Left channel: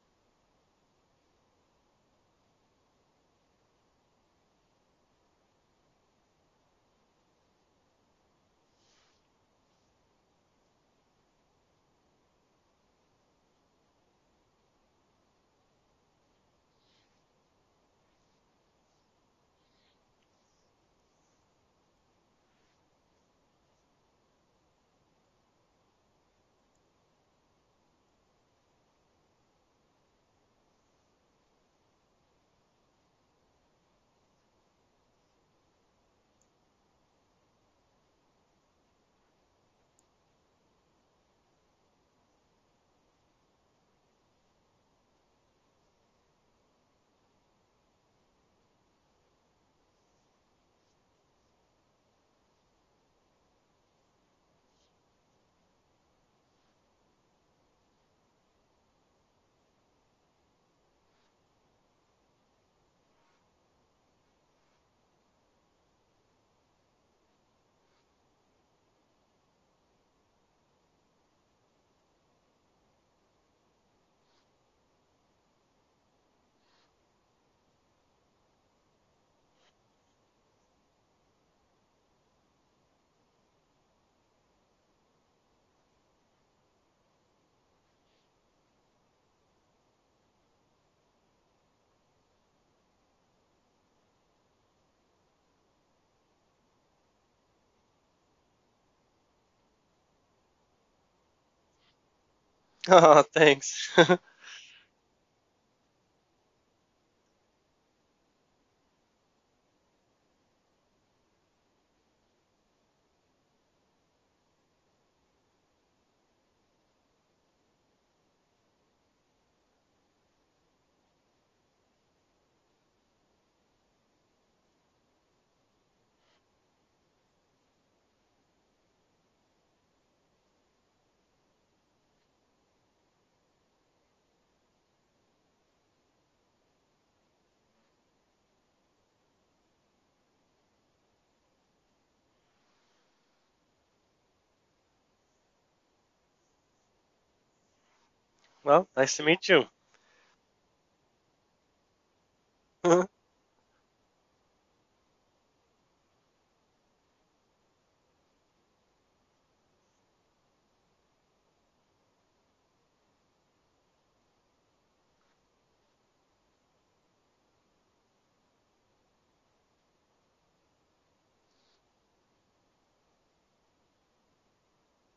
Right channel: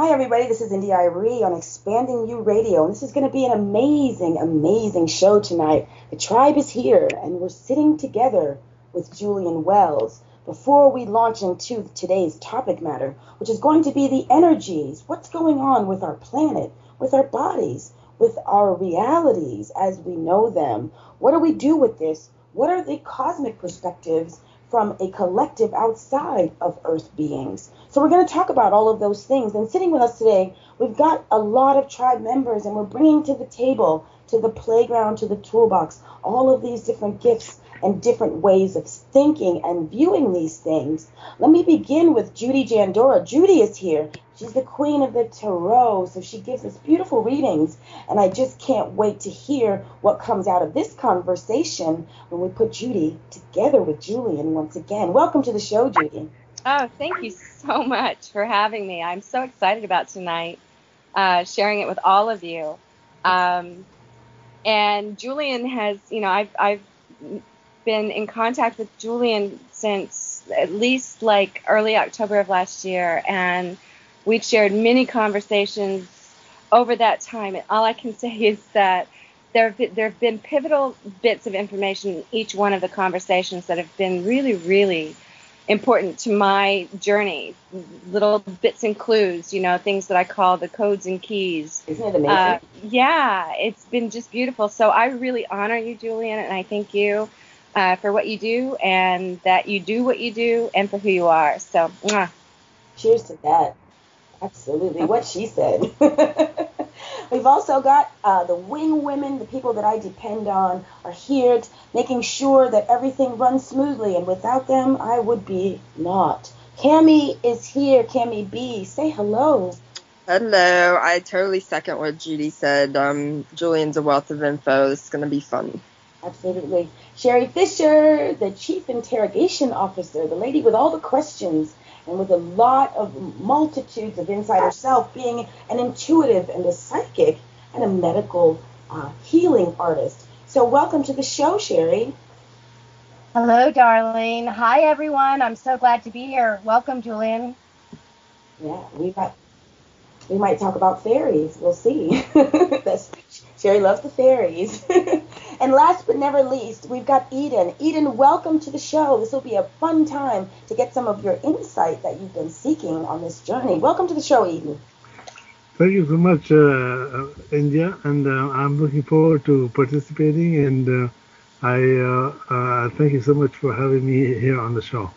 Hi, everybody. This is Irie on Expanding You Radio, and this is going to be an amazing, amazing show tonight. The tribe is here, and we're sitting together with Julien Wells before we launch into today's topic matter, which is going to be the energies. What's going on with our planet, with our bodies, with our realities as we know them? What do we do with this? What are the cosmic perspectives from a collective outside of Earth beings? So we're going to talk about all of those things. And sitting with us today, we've got a lot of tribe members, and we're bringing to the table, to the playground, to the toolbox, all of these different gifts and different ways of thinking and viewing these things. Let me begin with Judy Jandora. Judy is here. She's the queen of the tarot, so she gives us beautiful readings, and I just can't wait to hear what comes out of this conversation when we put Judy together with Julien once again. Welcome to the show, Judy. Oh, thank you so much for having me. I'm so excited about tonight, sharing it with all of you. And Julien has, I've been in contact with Julien since at least like early October of last year, and we've shared many conversations over that time. And all I can say is that there have been pivotal bits of information in each one of the conversations that have been really, really important to my journey. Little bits and clues, things that I call the codes and keys. Isn't it amazing? Yeah, it's been just beautiful. So I really honor you, Julien, and I thank you for what you do, and that you do what you do, and for who you are. So, mwah. Oh, thanks. Absolutely, what she said. We've also got the wing women, the people that I depend on, are here making sure that everything runs smoothly, and without them, I would be not. Kami is here. KamiBE, say hello. Hello. I totally second what Judy said. Julien's a wealth of info. This is going to be fun. Absolutely. Sherri Fischer, the Chief Interrogation Officer, the lady with all the questions and with a lot of multitudes of inside herself, being an intuitive and a psychic and a medical healing artist. So welcome to the show, Sherri. Hello, darling. Hi, everyone. I'm so glad to be here. Welcome, Julien. Well, nice to meet you. We might talk about fairies. We'll see. Sherri loves the fairies. And last but never least, we've got Eden. Eden, welcome to the show. This will be a fun time to get some of your insight that you've been seeking on this journey. Welcome to the show, Eden. Thank you so much, India, and I'm looking forward to participating, and I thank you so much for having me here on the show.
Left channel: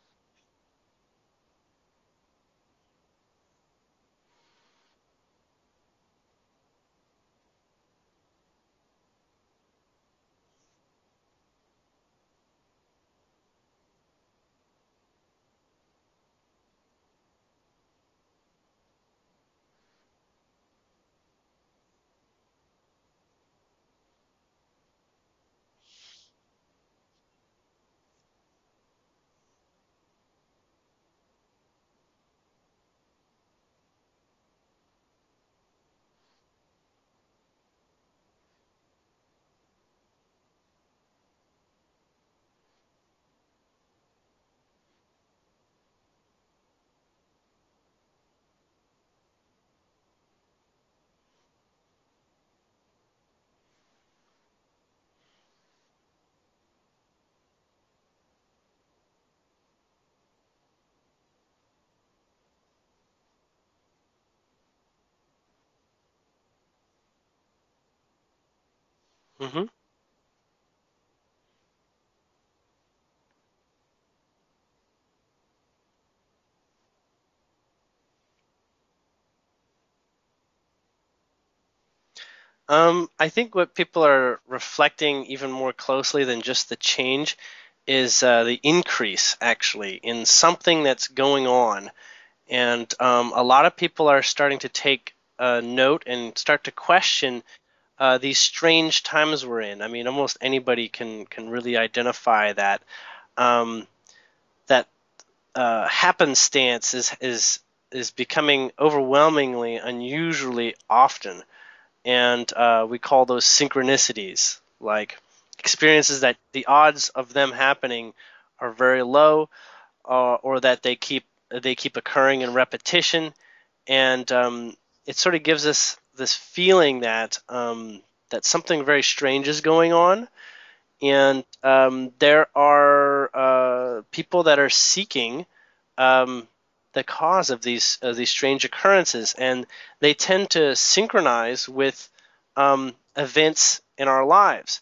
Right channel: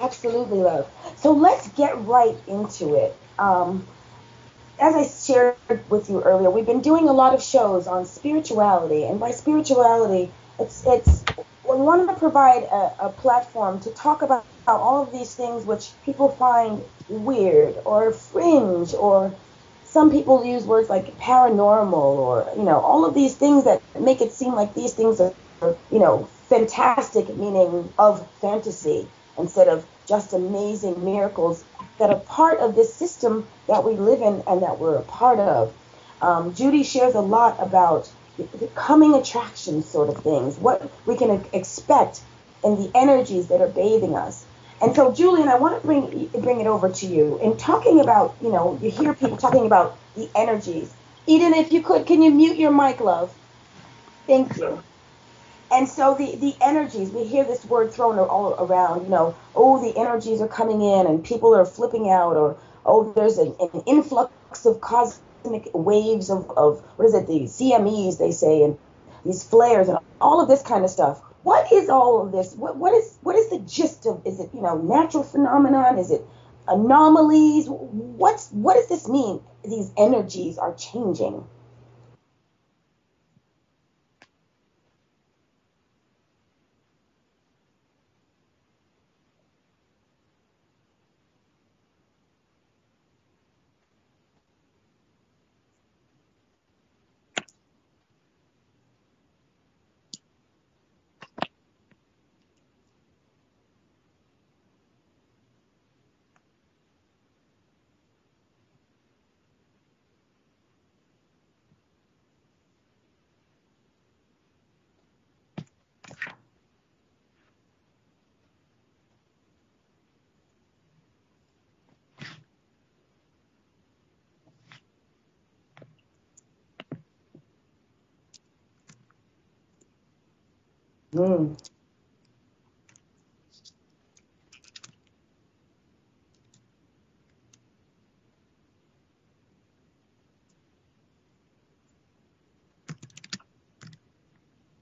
Absolutely, love. So let's get right into it. As I shared with you earlier, we've been doing a lot of shows on spirituality, and by spirituality, it's we want to provide a platform to talk about all of these things which people find weird or fringe, or some people use words like paranormal, or all of these things that make it seem like these things are fantastic, meaning of fantasy, instead of just amazing miracles that are part of this system that we live in and that we're a part of. Judy shares a lot about the coming attraction sort of things, what we can expect in the energies that are bathing us. And so, Julien, I want to bring it over to you. In talking about, you hear people talking about the energies. Eden, if you could, can you mute your mic, love? Thank you. And so the energies, we hear this word thrown all around, the energies are coming in and people are flipping out, or, there's an influx of cosmic waves of what is it, the CMEs, they say, and these flares and all of this kind of stuff. What is all of this? What is the gist of, is it, natural phenomenon? Is it anomalies? What does this mean? These energies are changing. I think what people are reflecting even more closely than just the change is the increase, actually, in something that's going on. And a lot of people are starting to take note and start to question these strange times we're in. I mean, almost anybody can really identify that happenstance is becoming overwhelmingly, unusually often. And we call those synchronicities, like experiences that the odds of them happening are very low, or that they keep occurring in repetition, and it sort of gives us this feeling that that something very strange is going on, and there are people that are seeking the cause of these strange occurrences, and they tend to synchronize with events in our lives,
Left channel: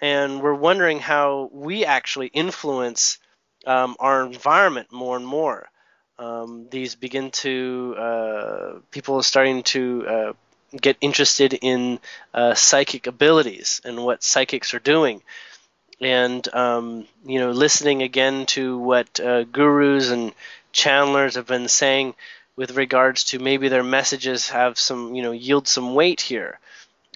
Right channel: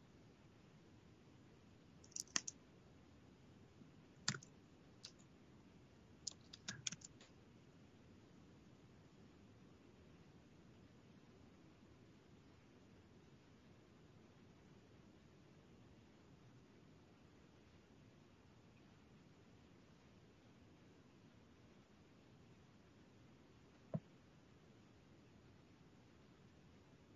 and we're wondering how we actually influence our environment more and more. These begin to people are starting to get interested in psychic abilities and what psychics are doing, and listening again to what gurus and channelers have been saying with regards to maybe their messages have some yield some weight here.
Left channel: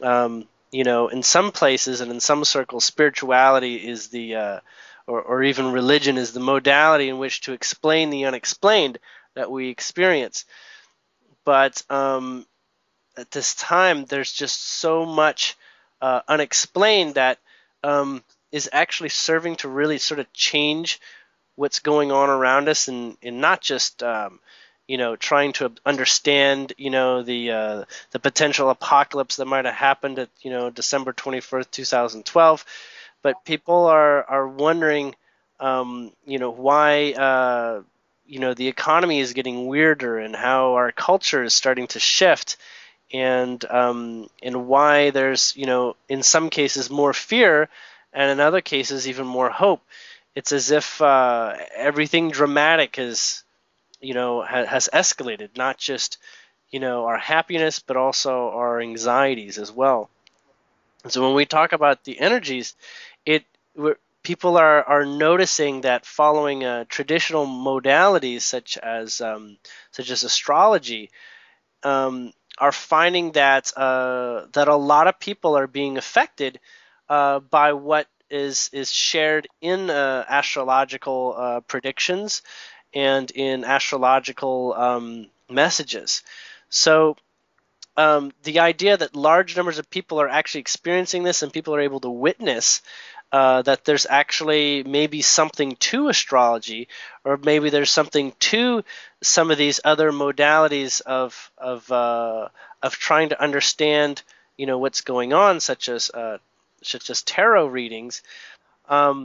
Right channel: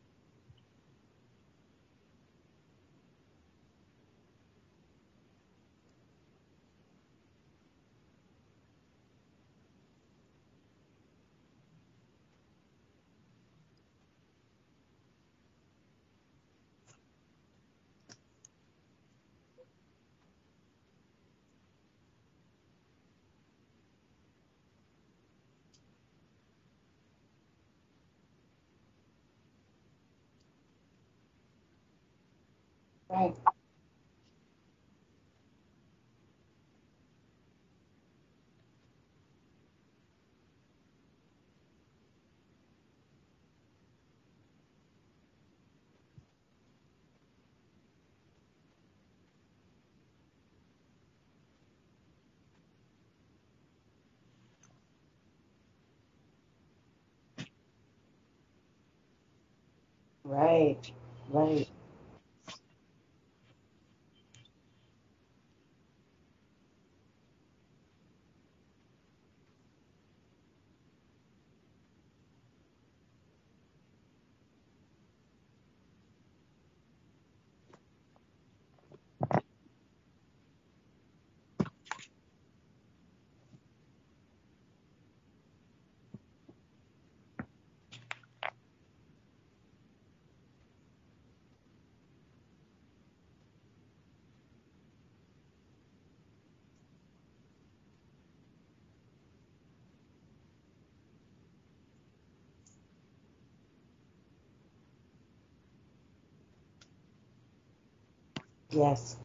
In some places and in some circles, spirituality is the or even religion is the modality in which to explain the unexplained that we experience. But at this time, there's just so much unexplained that is actually serving to really sort of change what's going on around us, and not just trying to understand the potential apocalypse that might have happened at December 21st, 2012. Right. But people are wondering why the economy is getting weirder, and how our culture is starting to shift, and why there's in some cases more fear, and in other cases even more hope. It's as if everything dramatic has escalated, not just our happiness, but also our anxieties as well. Right. So when we talk about the energies, people are noticing that following traditional modalities such as astrology, are finding that that a lot of people are being affected by what is shared in astrological predictions and in astrological messages. So the idea that large numbers of people are actually experiencing this, and people are able to witness that there's actually maybe something to astrology, or maybe there's something to some of these other modalities of trying to understand what's going on, such as tarot readings. Yes.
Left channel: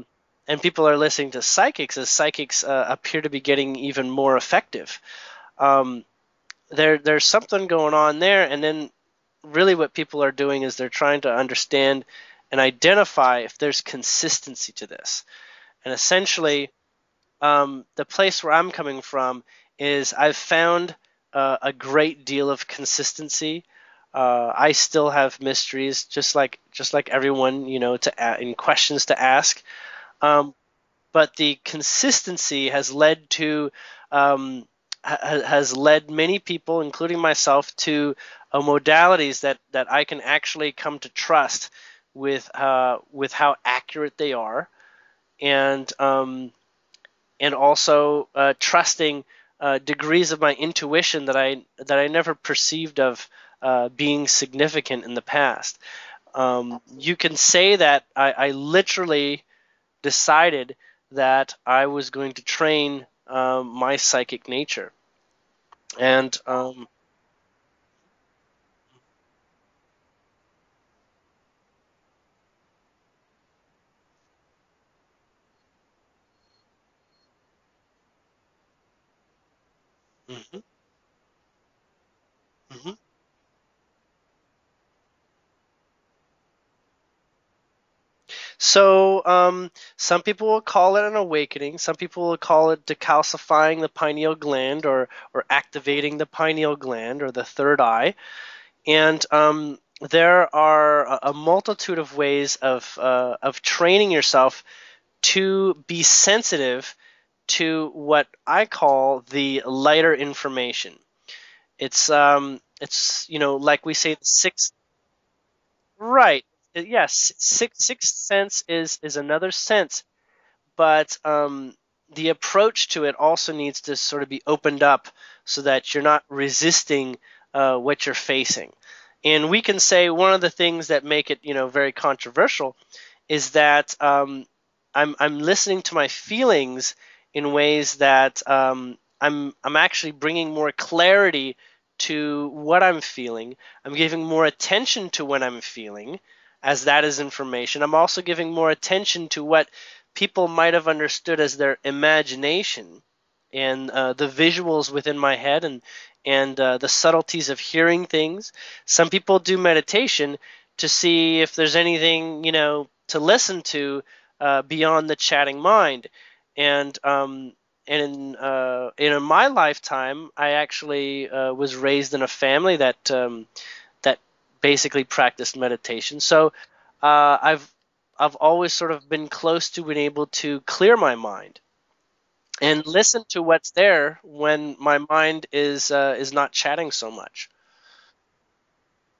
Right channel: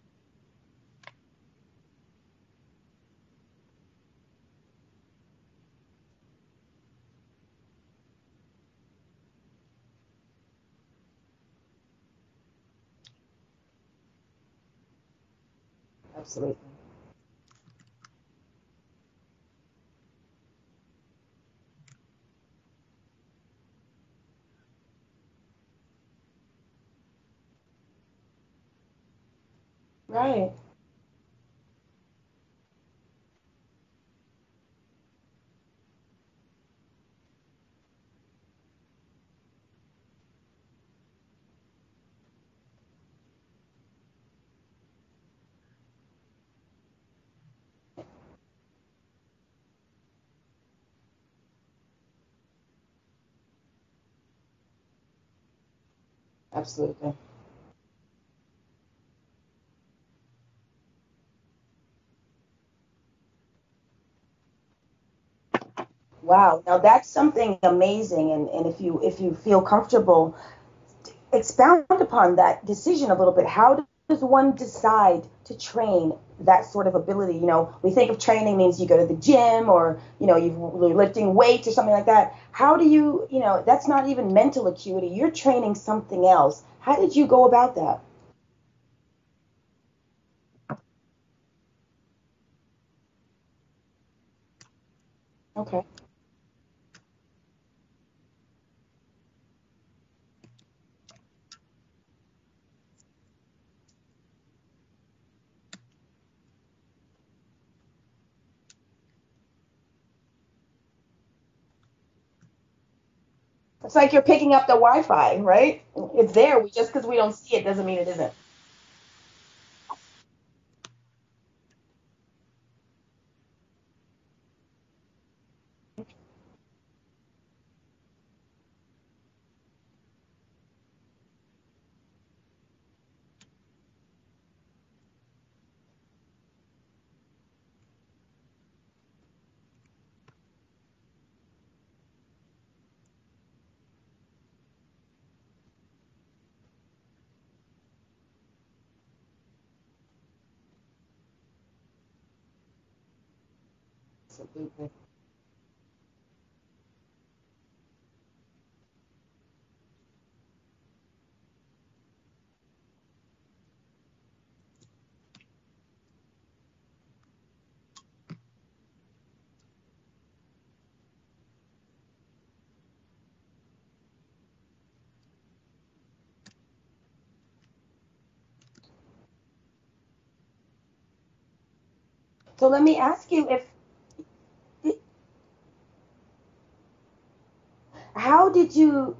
And people are listening to psychics, as psychics appear to be getting even more effective. There's something going on there, and then really what people are doing is they're trying to understand and identify if there's consistency to this. And essentially, the place where I'm coming from is I've found a great deal of consistency. I still have mysteries, just like everyone, in questions to ask. Right. But the consistency has led to has led many people, including myself, to modalities that I can actually come to trust with how accurate they are, and also trusting degrees of my intuition that I never perceived of being significant in the past. You can say that I literally decided that I was going to train my psychic nature. And wow, now that's something amazing, and if you feel comfortable, expound upon that decision a little bit. How does one decide to train that sort of ability? We think of training means you go to the gym, or you're lifting weights or something like that. How do you that's not even mental acuity, you're training something else. How did you go about that? So some people will call it an awakening. Some people will call it decalcifying the pineal gland, or activating the pineal gland, or the third eye. And there are a multitude of ways of training yourself to be sensitive to what I call the lighter information. It's like we say, you're picking up the Wi-Fi, right? Right. It's there. Just yes. we don't see it doesn't mean it isn't. Sixth sense is another sense, but the approach to it also needs to sort of be opened up so that you're not resisting what you're facing. And we can say one of the things that make it very controversial is that I'm listening to my feelings in ways that I'm actually bringing more clarity to what I'm feeling. I'm giving more attention to what I'm feeling, as that is information. I'm also giving more attention to what people might have understood as their imagination, and the visuals within my head, and the subtleties of hearing things. Some people do meditation to see if there's anything, to listen to beyond the chatting mind. And in my lifetime, I actually was raised in a family that basically practiced meditation. So I've always sort of been close to being able to clear my mind and listen to what's there when my mind is not chatting so much. How did you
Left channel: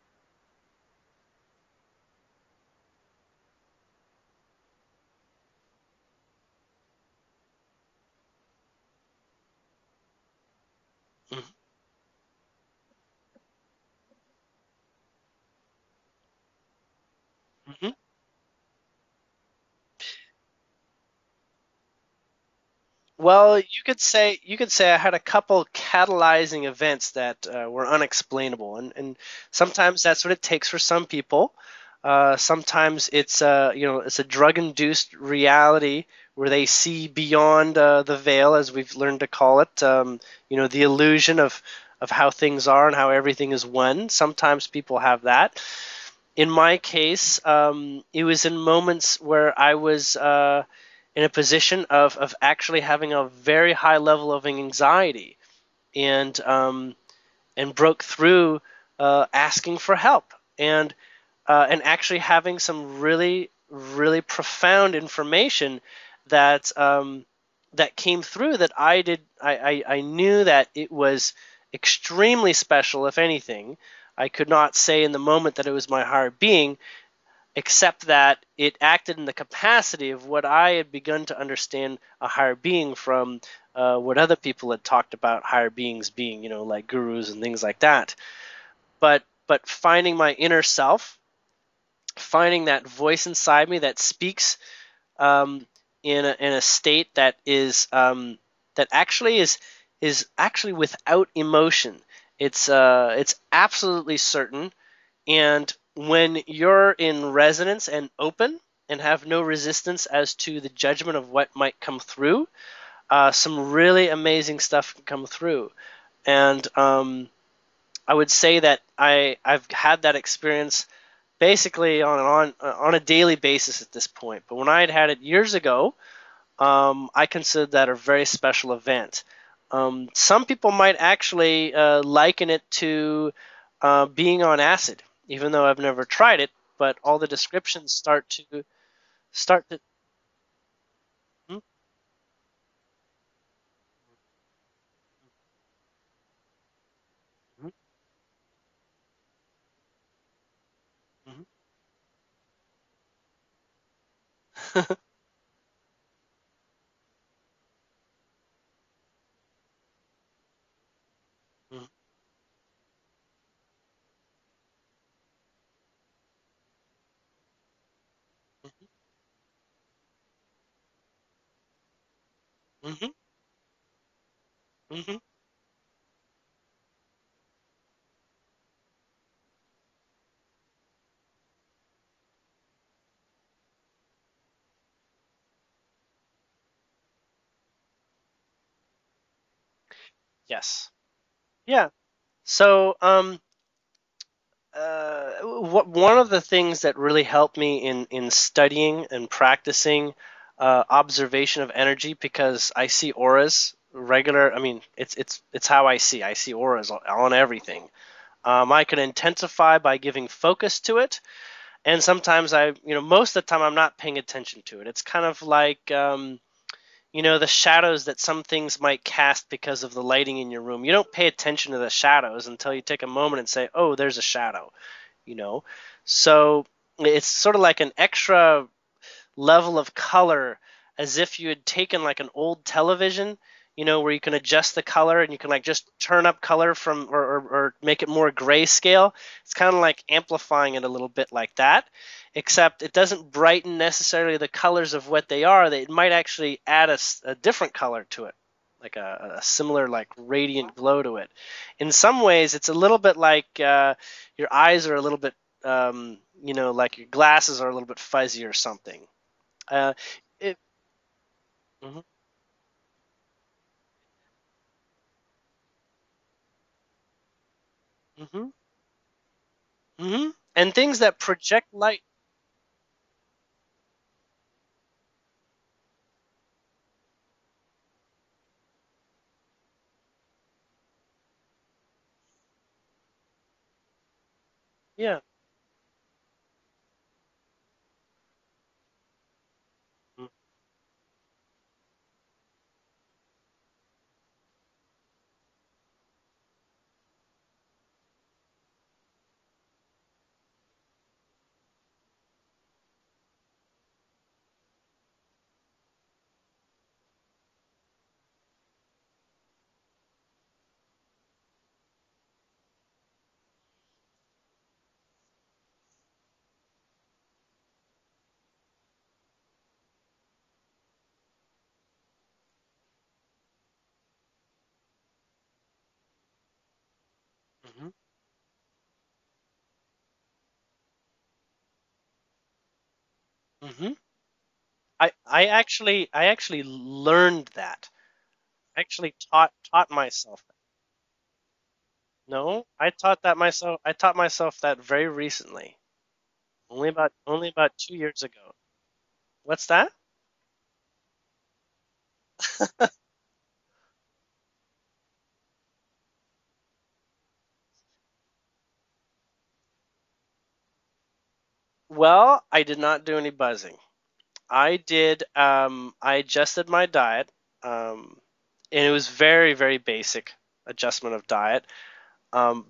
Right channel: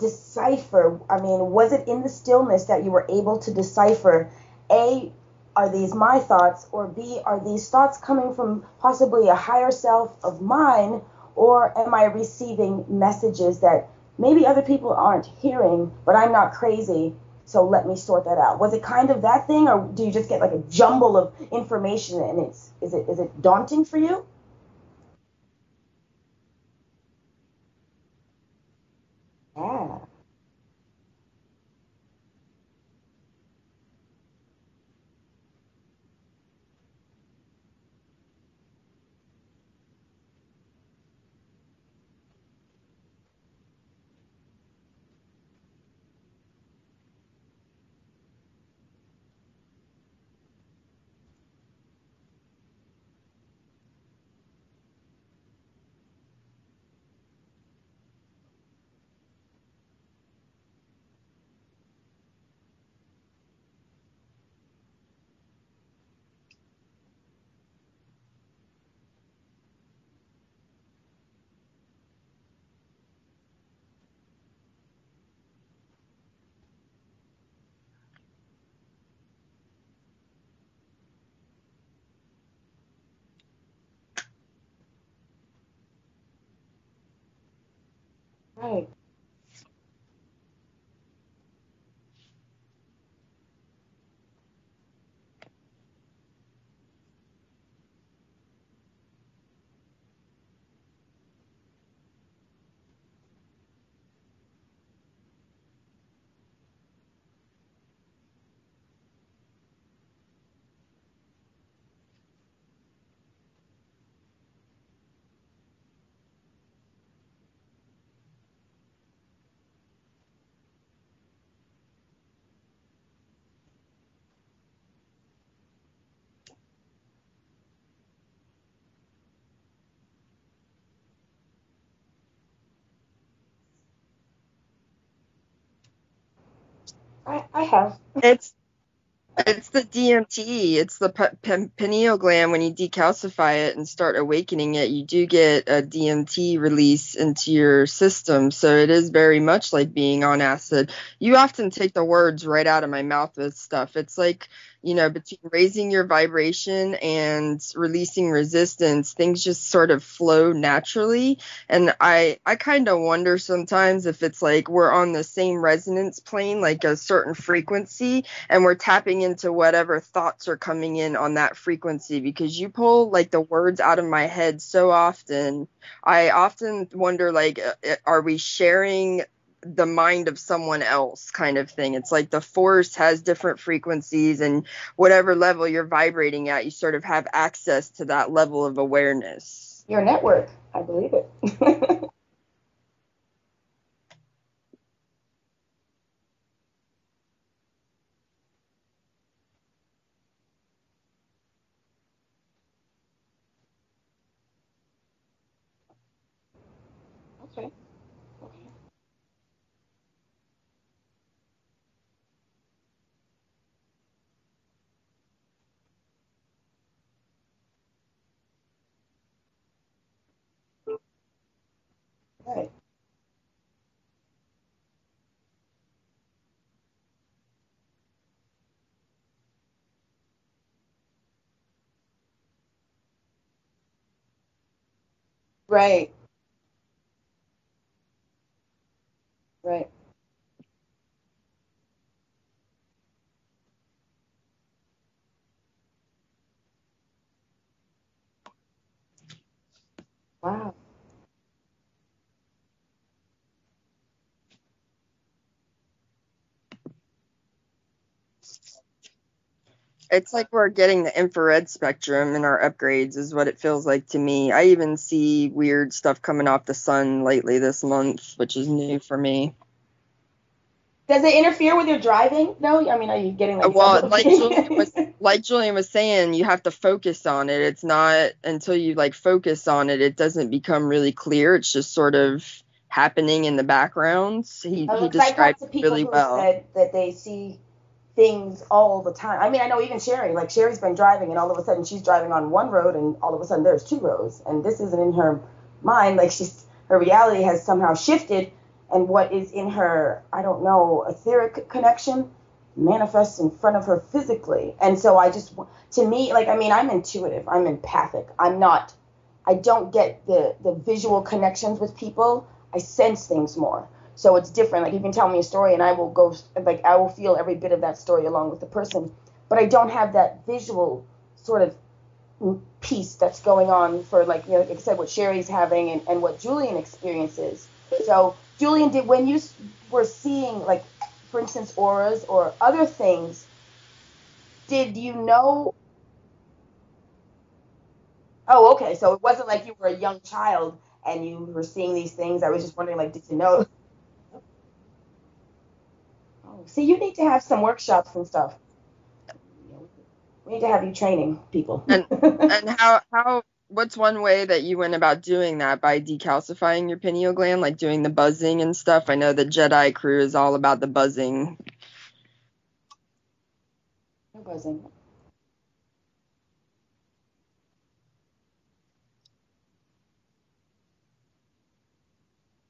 decipher? I mean, was it in the stillness that you were able to decipher, A, are these my thoughts, or B, are these thoughts coming from possibly a higher self of mine, or am I receiving messages that maybe other people aren't hearing, but I'm not crazy, so let me sort that out? Was it kind of that thing, or do you just get like a jumble of information and is it well, daunting you could for you? you could say I had a couple catalyzing events that were unexplainable, and sometimes that's what it takes for some people. Sometimes it's it's a drug-induced reality where they see beyond the veil, as we've learned to call it. The illusion of how things are and how everything is one. Sometimes people have that. In my case, it was in moments where I was in a position of actually having a very high level of anxiety, and broke through asking for help, and actually having some really, really profound information that that came through, that I knew that it was extremely special. If anything, I could not say in the moment that it was my higher being, except that it acted in the capacity of what I had begun to understand a higher being from what other people had talked about higher beings being, like gurus and things like that. Right. But finding my inner self, finding that voice inside me that speaks in a state that is that actually is actually without emotion. It's absolutely certain. And when you're in resonance and open and have no resistance as to the judgment of what might come through, some really amazing stuff can come through. And I would say that I've had that experience basically on a daily basis at this point. But when I had it years ago, I considered that a very special event. Some people might actually liken it to being on acid, even though I've never tried it. But all the descriptions start to. It's the DMT. It's the pineal gland. When you decalcify it and start awakening it, you do get a DMT release into your system. So it is very much like being on acid. You often take the words right out of my mouth with stuff. It's like, between raising your vibration and releasing resistance, things just sort of flow naturally. And I kind of wonder sometimes if it's like we're on the same resonance plane, like a certain frequency, and we're tapping into whatever thoughts are coming in on that frequency, because you pull like the words out of my head so often. I often wonder, like, are we sharing the mind of someone else, kind of thing? It's like the force has different frequencies, and whatever level you're vibrating at, you sort of have access to that level of awareness. Your network. Yes, I believe it. Yeah. So one of the things that really helped me in studying and practicing observation of energy, because I see auras regular. I mean, it's how I see auras on everything. I can intensify by giving focus to it, and sometimes most of the time I'm not paying attention to it. It's kind of like the shadows that some things might cast because of the lighting in your room. You don't pay attention to the shadows until you take a moment and say, oh, there's a shadow. So it's sort of like an extra level of color, as if you had taken like an old television, where you can adjust the color and you can like just turn up color from or make it more grayscale. It's kind of like amplifying it a little bit like that, except it doesn't brighten necessarily the colors of what they are. It might actually add a different color to it, a similar like radiant Wow. glow to it. In some ways, it's a little bit like your eyes are a little bit, like your glasses are a little bit fuzzy or something. It's like we're getting the infrared spectrum in our upgrades is what it feels like to me. I even see weird stuff coming off the sun lately this month, which is new for me. And things that Does it project interfere with light. your driving? No, I mean, are you getting like Well, double? like Julian was saying, you have to focus on it. It's not until you like focus on it, it doesn't become really clear. It's just sort of happening in the background. He I've described talked to it people really who well. said that they see things all the time. I mean, I know even Sherri, like Sherri's been driving and all of a sudden she's driving on one road and all of a sudden there's two roads. And this isn't in her mind. Like her reality has somehow shifted, and what is in her, I don't know, etheric connection manifests in front of her physically. And so to me, like, I mean, I'm intuitive, I'm empathic. I don't get the visual connections with people. I sense things more. So it's different. Like, you can tell me a story and I will feel every bit of that story along with the person, but I don't have that visual sort of piece that's going on for, like, like I said, what Sherri's having and what Julien experiences. So Julien, when you were seeing, like, for instance, auras or other things, did you know? I actually learned that. Oh, okay. So it wasn't like you were a young child and you were seeing these things. No, I was just wondering, I taught myself that very recently. So you need to have some workshops and stuff. What's that? We need to have you training people. And what's one way that you went about doing that? By decalcifying your pineal gland, like doing the buzzing and stuff? I know the Jedi crew is all about the buzzing. Well, I did not do any buzzing. I adjusted my diet, and it was very, very basic adjustment of diet.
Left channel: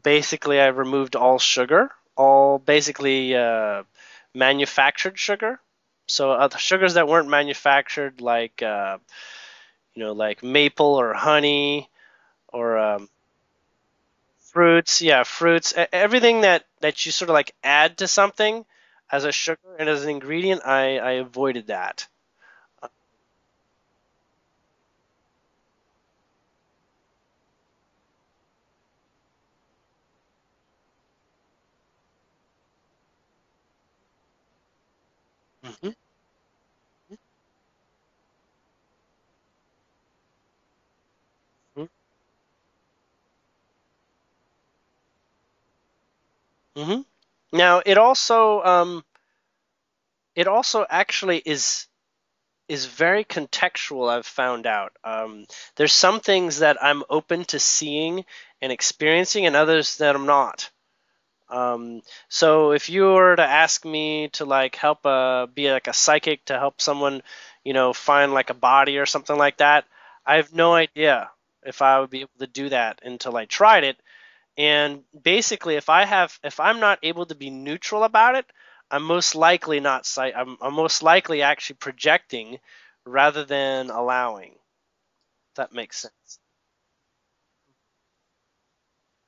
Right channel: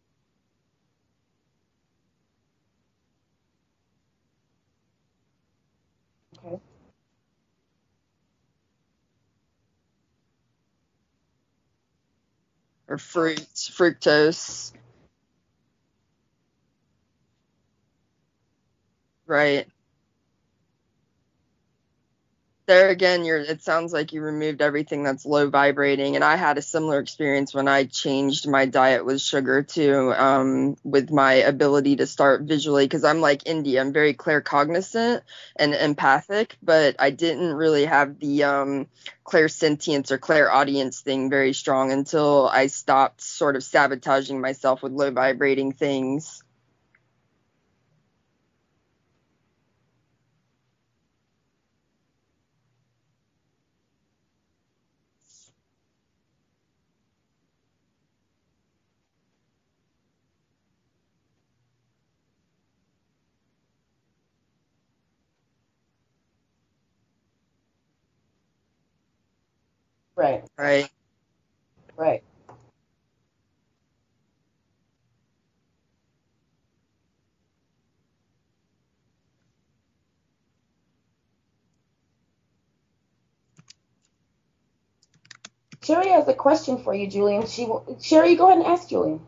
Basically, I removed all sugar, all basically manufactured sugar. So other sugars that weren't manufactured, like like maple or honey, or fructose. Fruits. Everything that you sort of like add to something as a sugar and as an ingredient, I avoided that. There again, it sounds like you removed everything that's low vibrating, and I had a similar experience when I changed my diet with sugar too, with my ability to start visually, because I'm like India, I'm very claircognizant and empathic, but I didn't really have the clairsentience or clairaudience thing very strong until I stopped sort of sabotaging myself with low vibrating things. Now, it also actually is very contextual, I've found out. There's some things that I'm open to seeing and experiencing and others that I'm not. So if you were to ask me to like help be like a psychic to help someone, find like a body or something like that, I have no idea if I would be able to do that until I tried it. And basically, if I'm not able to be neutral about it, I'm most likely not. I'm most likely actually projecting rather than allowing. If that makes sense. Sherri has a question for you, Julien. Sherri, go ahead and ask Julien.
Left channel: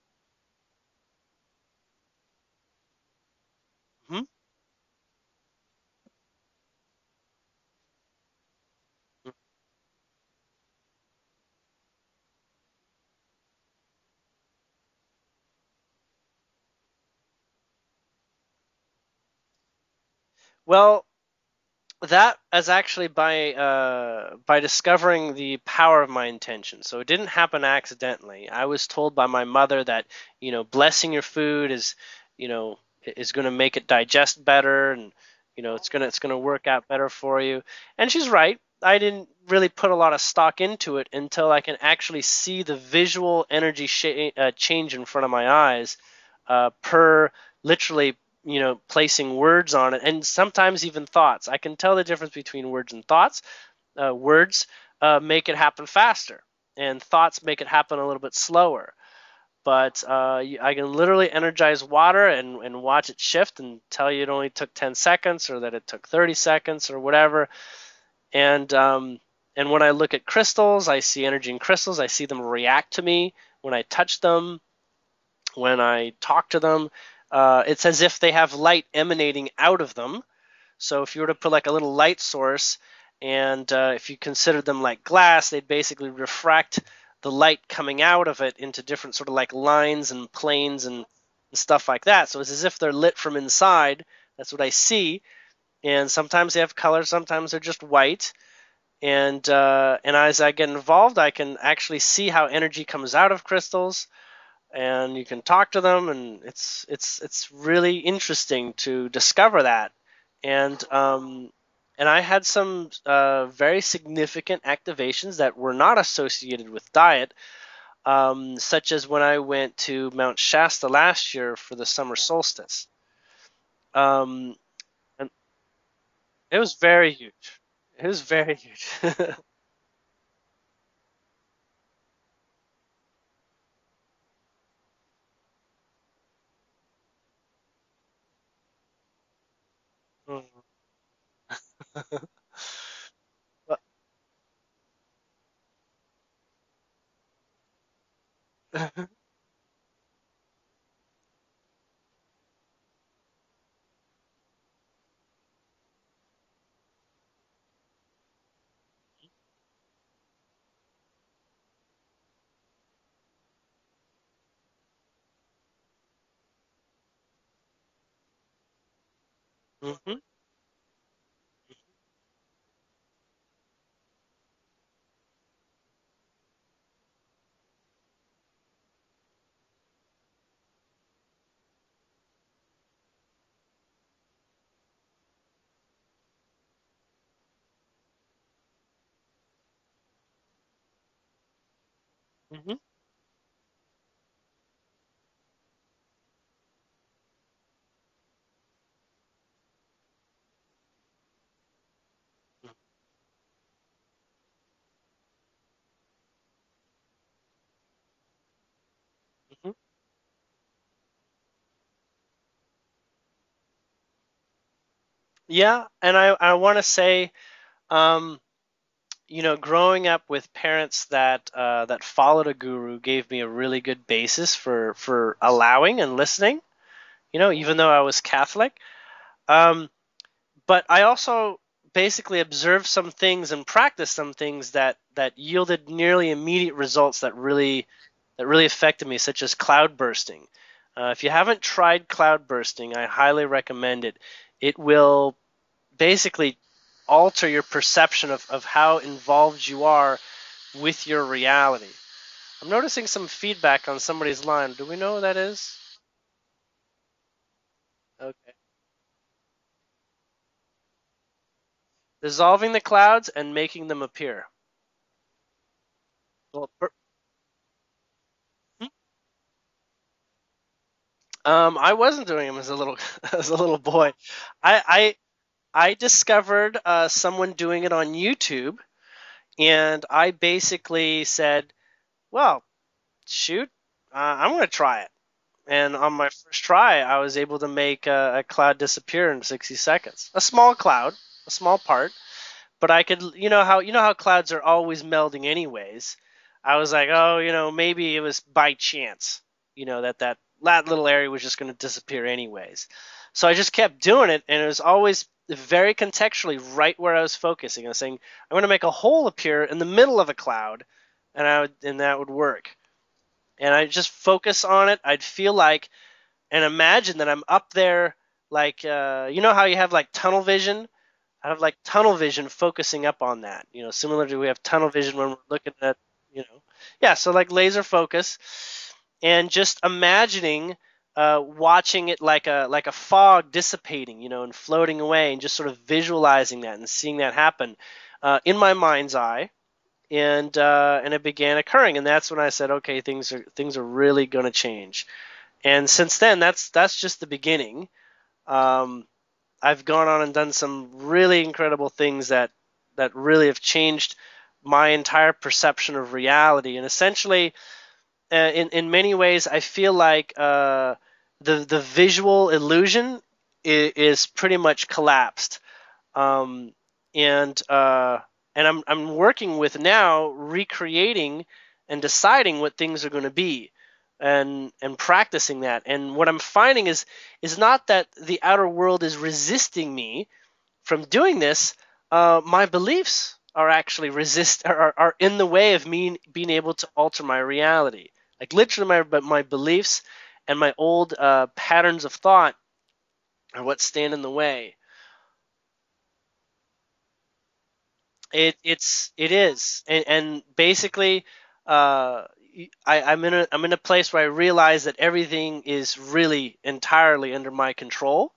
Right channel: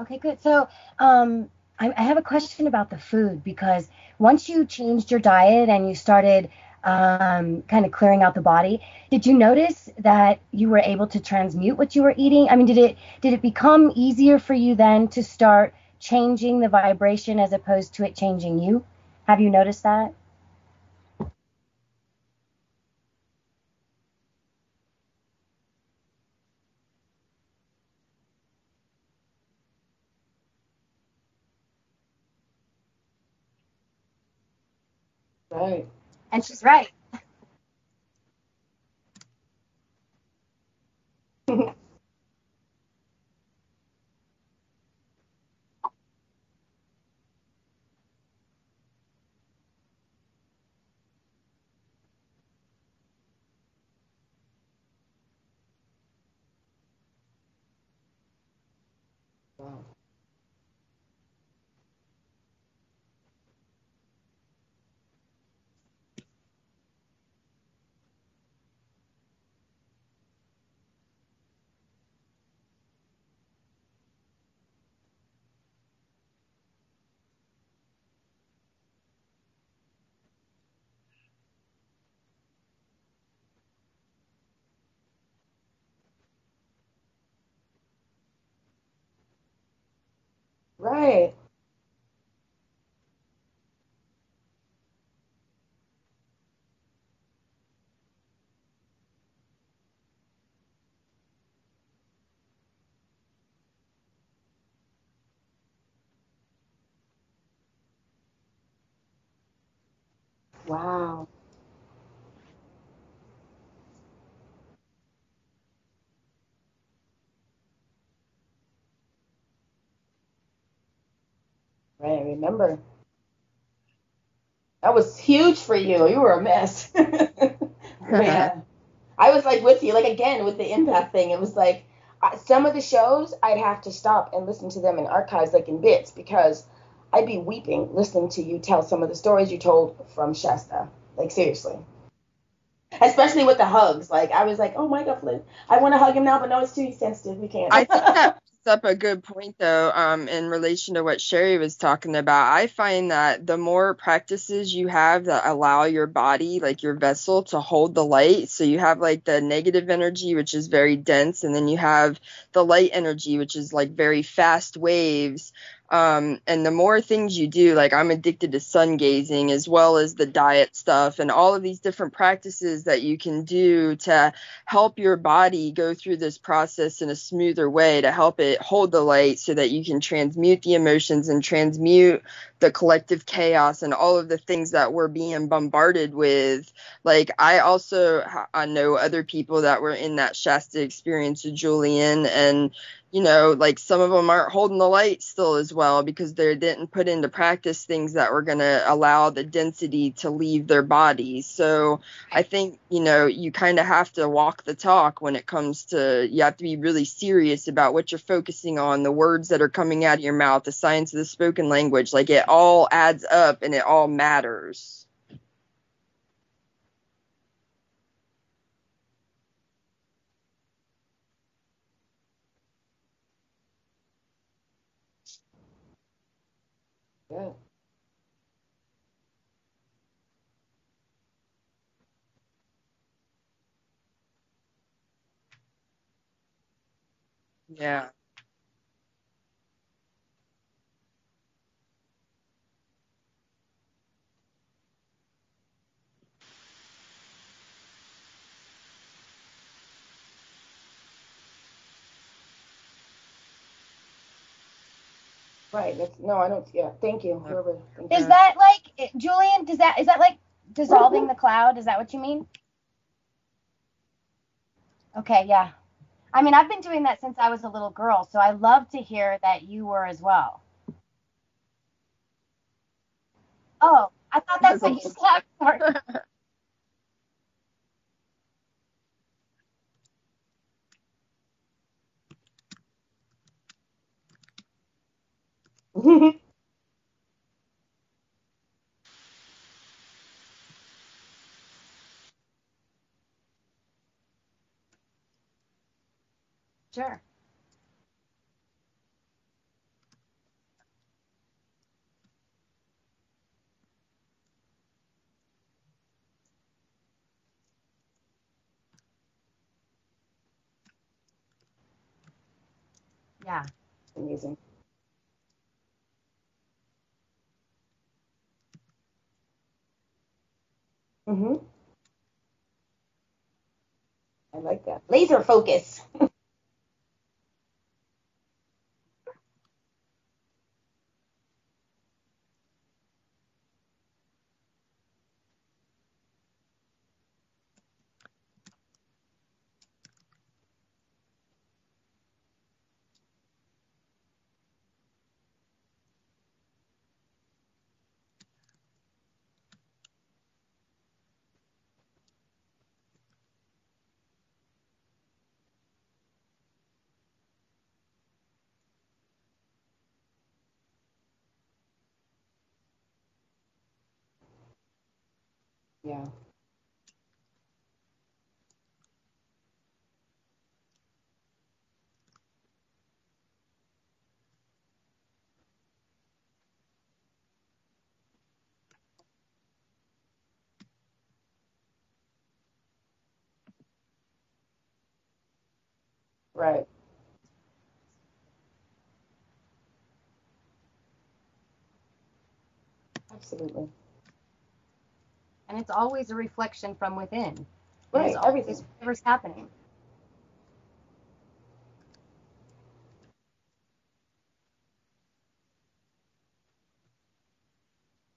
Okay, good. So I have a question about the food, because once you changed your diet and you started kind of clearing out the body, did you notice that you were able to transmute what you were eating? I mean, did it become easier for you then to start changing the vibration as opposed to it changing you? Have you noticed that? Well, that is actually by discovering the power of my intention. So it didn't happen accidentally. I was told by my mother that blessing your food is going to make it digest better, and it's gonna work out better for you. And she's right. I didn't really put a lot of stock into it until I can actually see the visual energy change in front of my eyes, per literally placing words on it, and sometimes even thoughts. I can tell the difference between words and thoughts. Words make it happen faster, and thoughts make it happen a little bit slower. But I can literally energize water and watch it shift and tell you it only took 10 seconds or that it took 30 seconds or whatever. And when I look at crystals, I see energy in crystals. I see them react to me when I touch them, when I talk to them. It's as if they have light emanating out of them. So if you were to put like a little light source And if you consider them like glass, they'd basically refract the light coming out of it into different sort of like lines and planes and stuff like that. So it's as if they're lit from inside. That's what I see. And sometimes they have color, sometimes they're just white. And as I get involved, I can actually see how energy comes out of crystals, and you can talk to them, and it's really interesting to discover that. And and I had some very significant activations that were not associated with diet, such as when I went to Mount Shasta last year for the summer solstice. That was huge for you. You were a mess. It was very huge. It was very huge. I was like with you, like again with the empath thing. It was like some of the shows I'd have to stop and listen to them in archives, like in bits, because I'd be weeping listening to you tell some of the stories you told from Shasta. Like seriously. Especially with the hugs. Like I was like, oh my God, Flynn, I want to hug him now, but no, it's too sensitive. We can't. I think that brings up a good point though, in relation to what Sherri was talking about. I find that the more practices you have that allow your body, like your vessel, to hold the light, so you have like the negative energy, which is very dense, and then you have the light energy, which is like very fast waves. And the more things you do, like I'm addicted to sun gazing as well as the diet stuff and all of these different practices that you can do to help your body go through this process in a smoother way, to help it hold the light so that you can transmute the emotions and transmute the collective chaos and all of the things that we're being bombarded with. Like I know other people that were in that Shasta experience with Julien, and you know, like some of them aren't holding the light still as well because they didn't put into practice things that were going to allow the density to leave their bodies. So I think, you know, you kind of have to walk the talk when it comes to, you have to be really serious about what you're focusing on, the words that are coming out of your mouth, the science of the spoken language. Like it all adds up and it all matters. Yeah. And I want to say, you know, growing up with parents that followed a guru gave me a really good basis for allowing and listening, you know, even though I was Catholic. But I also basically observed some things and practiced some things that yielded nearly immediate results that really affected me, such as cloud bursting. If you haven't tried cloud bursting, I highly recommend it. It will basically alter your perception of how involved you are with your reality. I'm noticing some feedback on somebody's line. Do we know who that is? Right. No, I don't. Yeah. Thank you. Is that like, Julien, is that like dissolving the cloud? Is that what you mean? Dissolving the clouds and making them appear. Okay, yeah. I mean, I've been doing that since I was a little girl, so I love to hear that you were as well. I wasn't doing them as a little boy. I thought that I discovered someone doing it on YouTube, and I basically said, well, shoot, I'm going to try it. And on my first try, I was able to make a cloud disappear in 60 seconds. A small cloud, a small part, but I could, you know how clouds are always melding anyways. I was like, oh, you know, maybe it was by chance, you know, that little area was just going to disappear anyways. So I just kept doing it, and it was always very contextually right where I was focusing. I was saying, I'm going to make a hole appear in the middle of a cloud, and that would work. Yeah. And I just focus on it. I'd feel like, and imagine that I'm up there, like, you know how you have like tunnel vision? I have like tunnel vision focusing up on that. You know, similar to we have tunnel vision. Laser focus. At, you know, yeah, so like laser focus. And just imagining watching it like a fog dissipating, you know, and floating away, and just sort of visualizing that and seeing that happen in my mind's eye, and it began occurring, and that's when I said, okay, things are really going to change. And since then, that's just the beginning. I've gone on and done some really incredible things that really have changed my entire perception of reality, and essentially. In many ways, I feel like the visual illusion is pretty much collapsed, and I'm working with now recreating and deciding what things are going to be, and practicing that. And what I'm finding is not that the outer world is resisting me from doing this. my beliefs are actually are in the way of me being able Right. to alter my reality. Like literally, my beliefs and my old patterns of thought are what Absolutely. stand in the way. And it's always a reflection from within. Right. It is, and basically, I'm in a place where I realize that everything is really entirely under my control.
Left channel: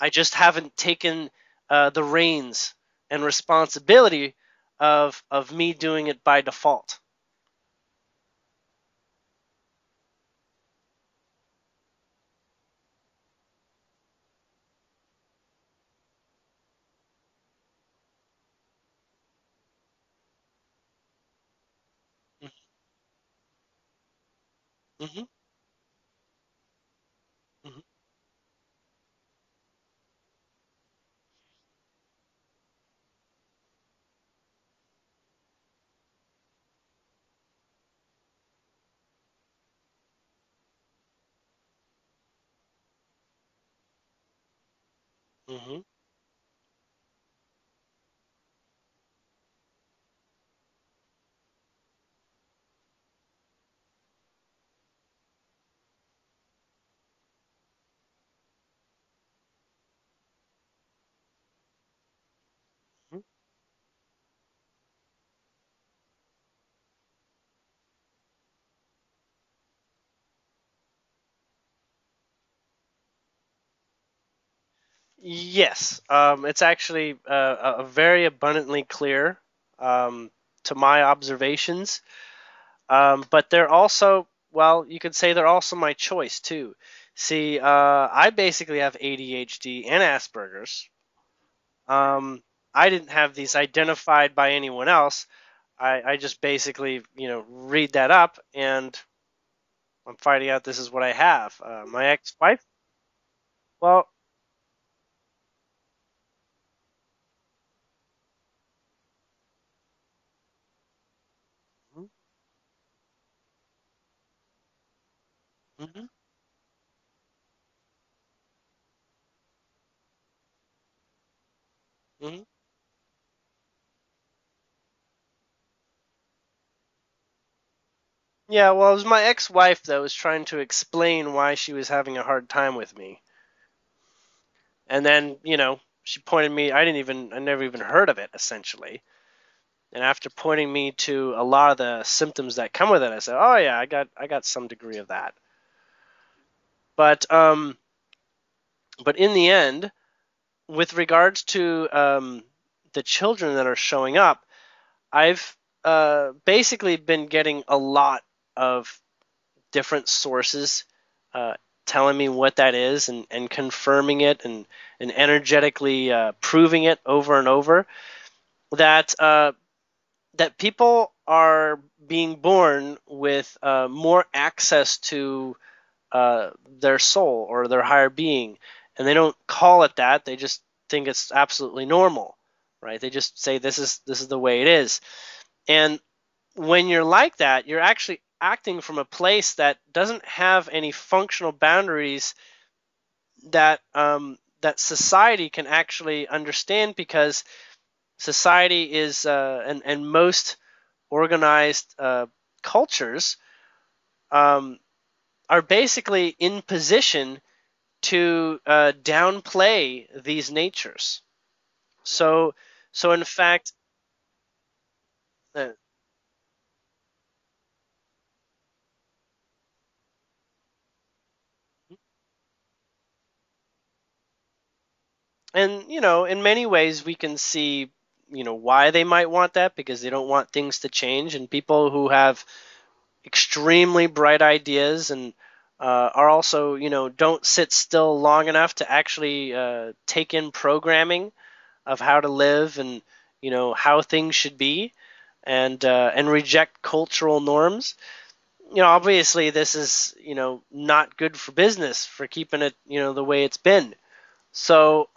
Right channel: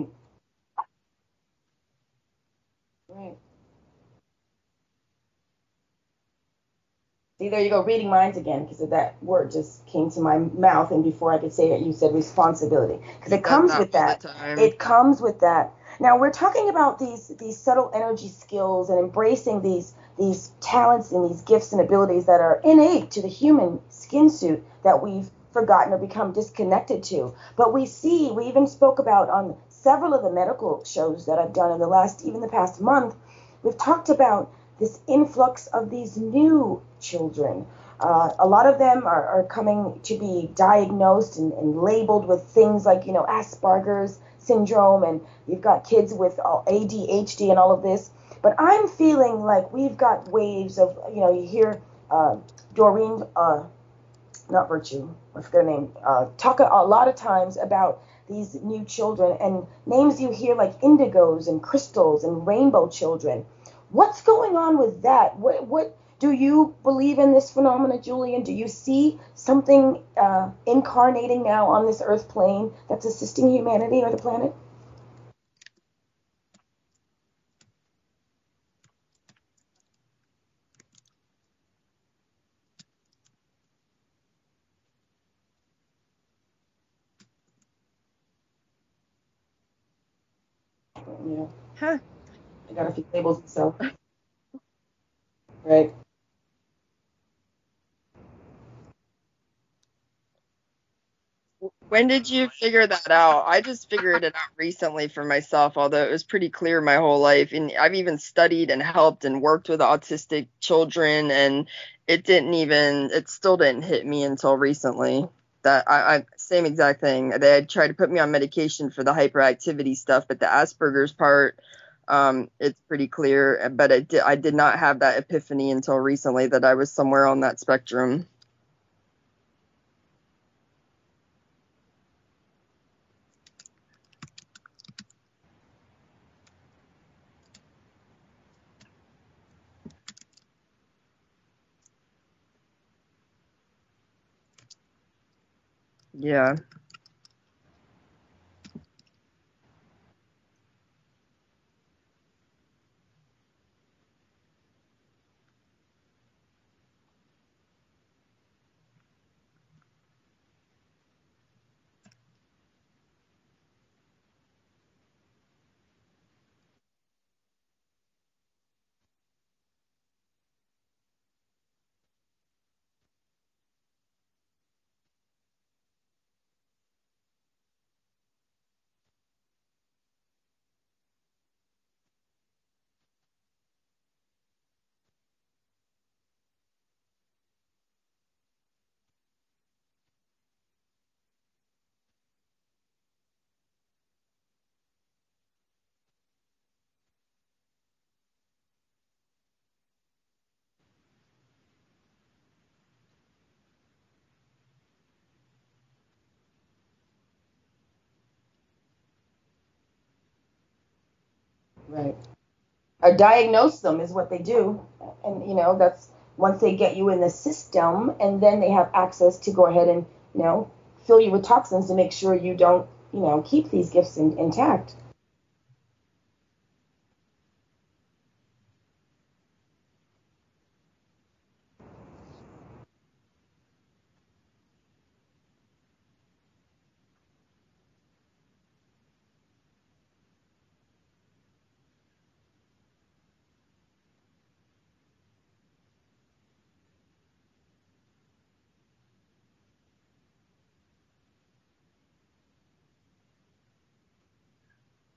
I just haven't taken the reins and responsibility of me doing it by default. See, there you go, reading minds again, because that word just came to my mouth, and before I could say it, you said responsibility, because it comes with that. It comes with that. Now we're talking about these subtle energy skills and embracing these talents and these gifts and abilities that are innate to the human skin suit that we've forgotten or become disconnected to. But we even spoke about on several of the medical shows that I've done in the past month, we've talked about this influx of these new children. A lot of them are coming to be diagnosed and labeled with things like, Aspergers syndrome, and you've got kids with ADHD and all of this. But I'm feeling like we've got waves of, you hear Doreen, not Virtue, I forget her name, talk a lot of times about these new children, and names you hear like indigos and crystals and rainbow children. What's going on with that? What do you believe in this phenomena, Julian? Do you see something incarnating now on this earth plane that's assisting humanity or the planet? Yes, it's actually very abundantly clear to my observations. But they're also, well, you could say they're also my choice too. See, I basically have ADHD and Asperger's. Yeah. I didn't have these identified by anyone else. Right. I just basically, read that up, and I'm finding out this is what I have. When did you figure that out? I just figured it out recently for myself, although it was pretty clear my whole life. And I've even studied and helped and worked with autistic children, and it still didn't hit me until recently. That I same exact thing. They had tried to put me on medication for the hyperactivity stuff, but the Asperger's part, it's pretty clear. But I did not have that epiphany until recently that I was somewhere on that spectrum. Yeah, well, it was my ex-wife that was trying to explain why she was having a hard time with me. And then, she pointed me, I never even heard of it, essentially. And after pointing me to a lot of the symptoms that come with it, I said, oh yeah, I got some degree of that. Yeah. But in the end, with regards to the children that are showing up, I've basically been getting a lot of different sources telling me what that is, and confirming it, and energetically proving it over and over, that people are being born with more access to their soul or their higher being, and they don't call it that. They just think it's absolutely normal, right? They just say this is the way it is. And when you're like that, you're actually acting from a place that doesn't have any functional boundaries that that society can actually understand, because society is and most organized cultures are basically in position to downplay these natures. Right. So in diagnose fact, them is what they do, and that's once they get you in the system, and then they have access to go ahead and fill you with toxins to make sure you don't keep these gifts intact. And in many ways we can see why they might want that, because they don't want things to change. And people who have extremely bright ideas and are also don't sit still long enough to actually take in programming of how to live, and how things should be, and reject cultural norms. Obviously this is not good for business, for keeping it the way it's been. So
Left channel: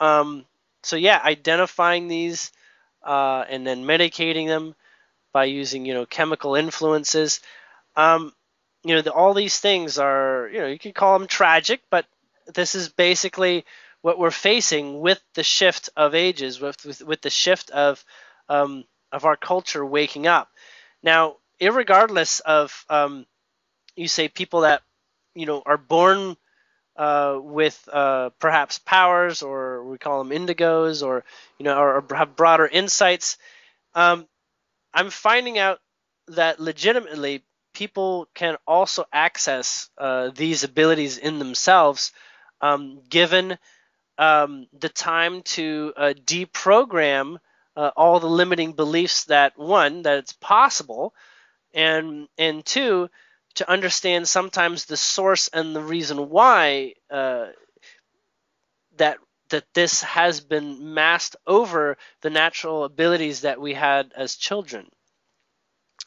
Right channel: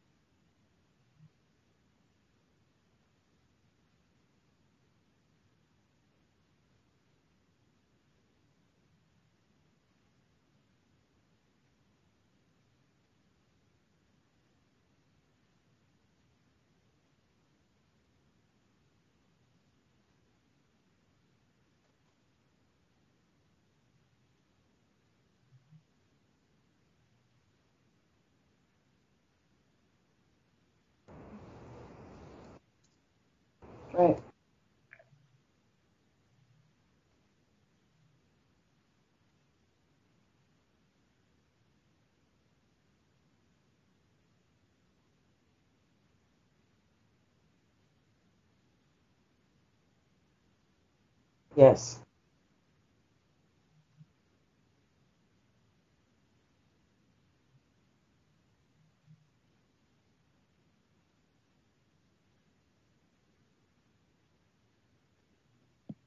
yeah, identifying these and then medicating them by using chemical influences. All these things are you can call them tragic, but this is basically we're facing with the shift of ages, with the shift of our culture waking up. Now, irregardless of you say people that are born with perhaps powers, or we call them indigos, or or have broader insights. I'm finding out that legitimately people can also access these abilities in themselves, given the time to deprogram all the limiting beliefs that it's possible, and two, to understand sometimes the source and the reason why that this has been masked over the natural abilities that we had as children.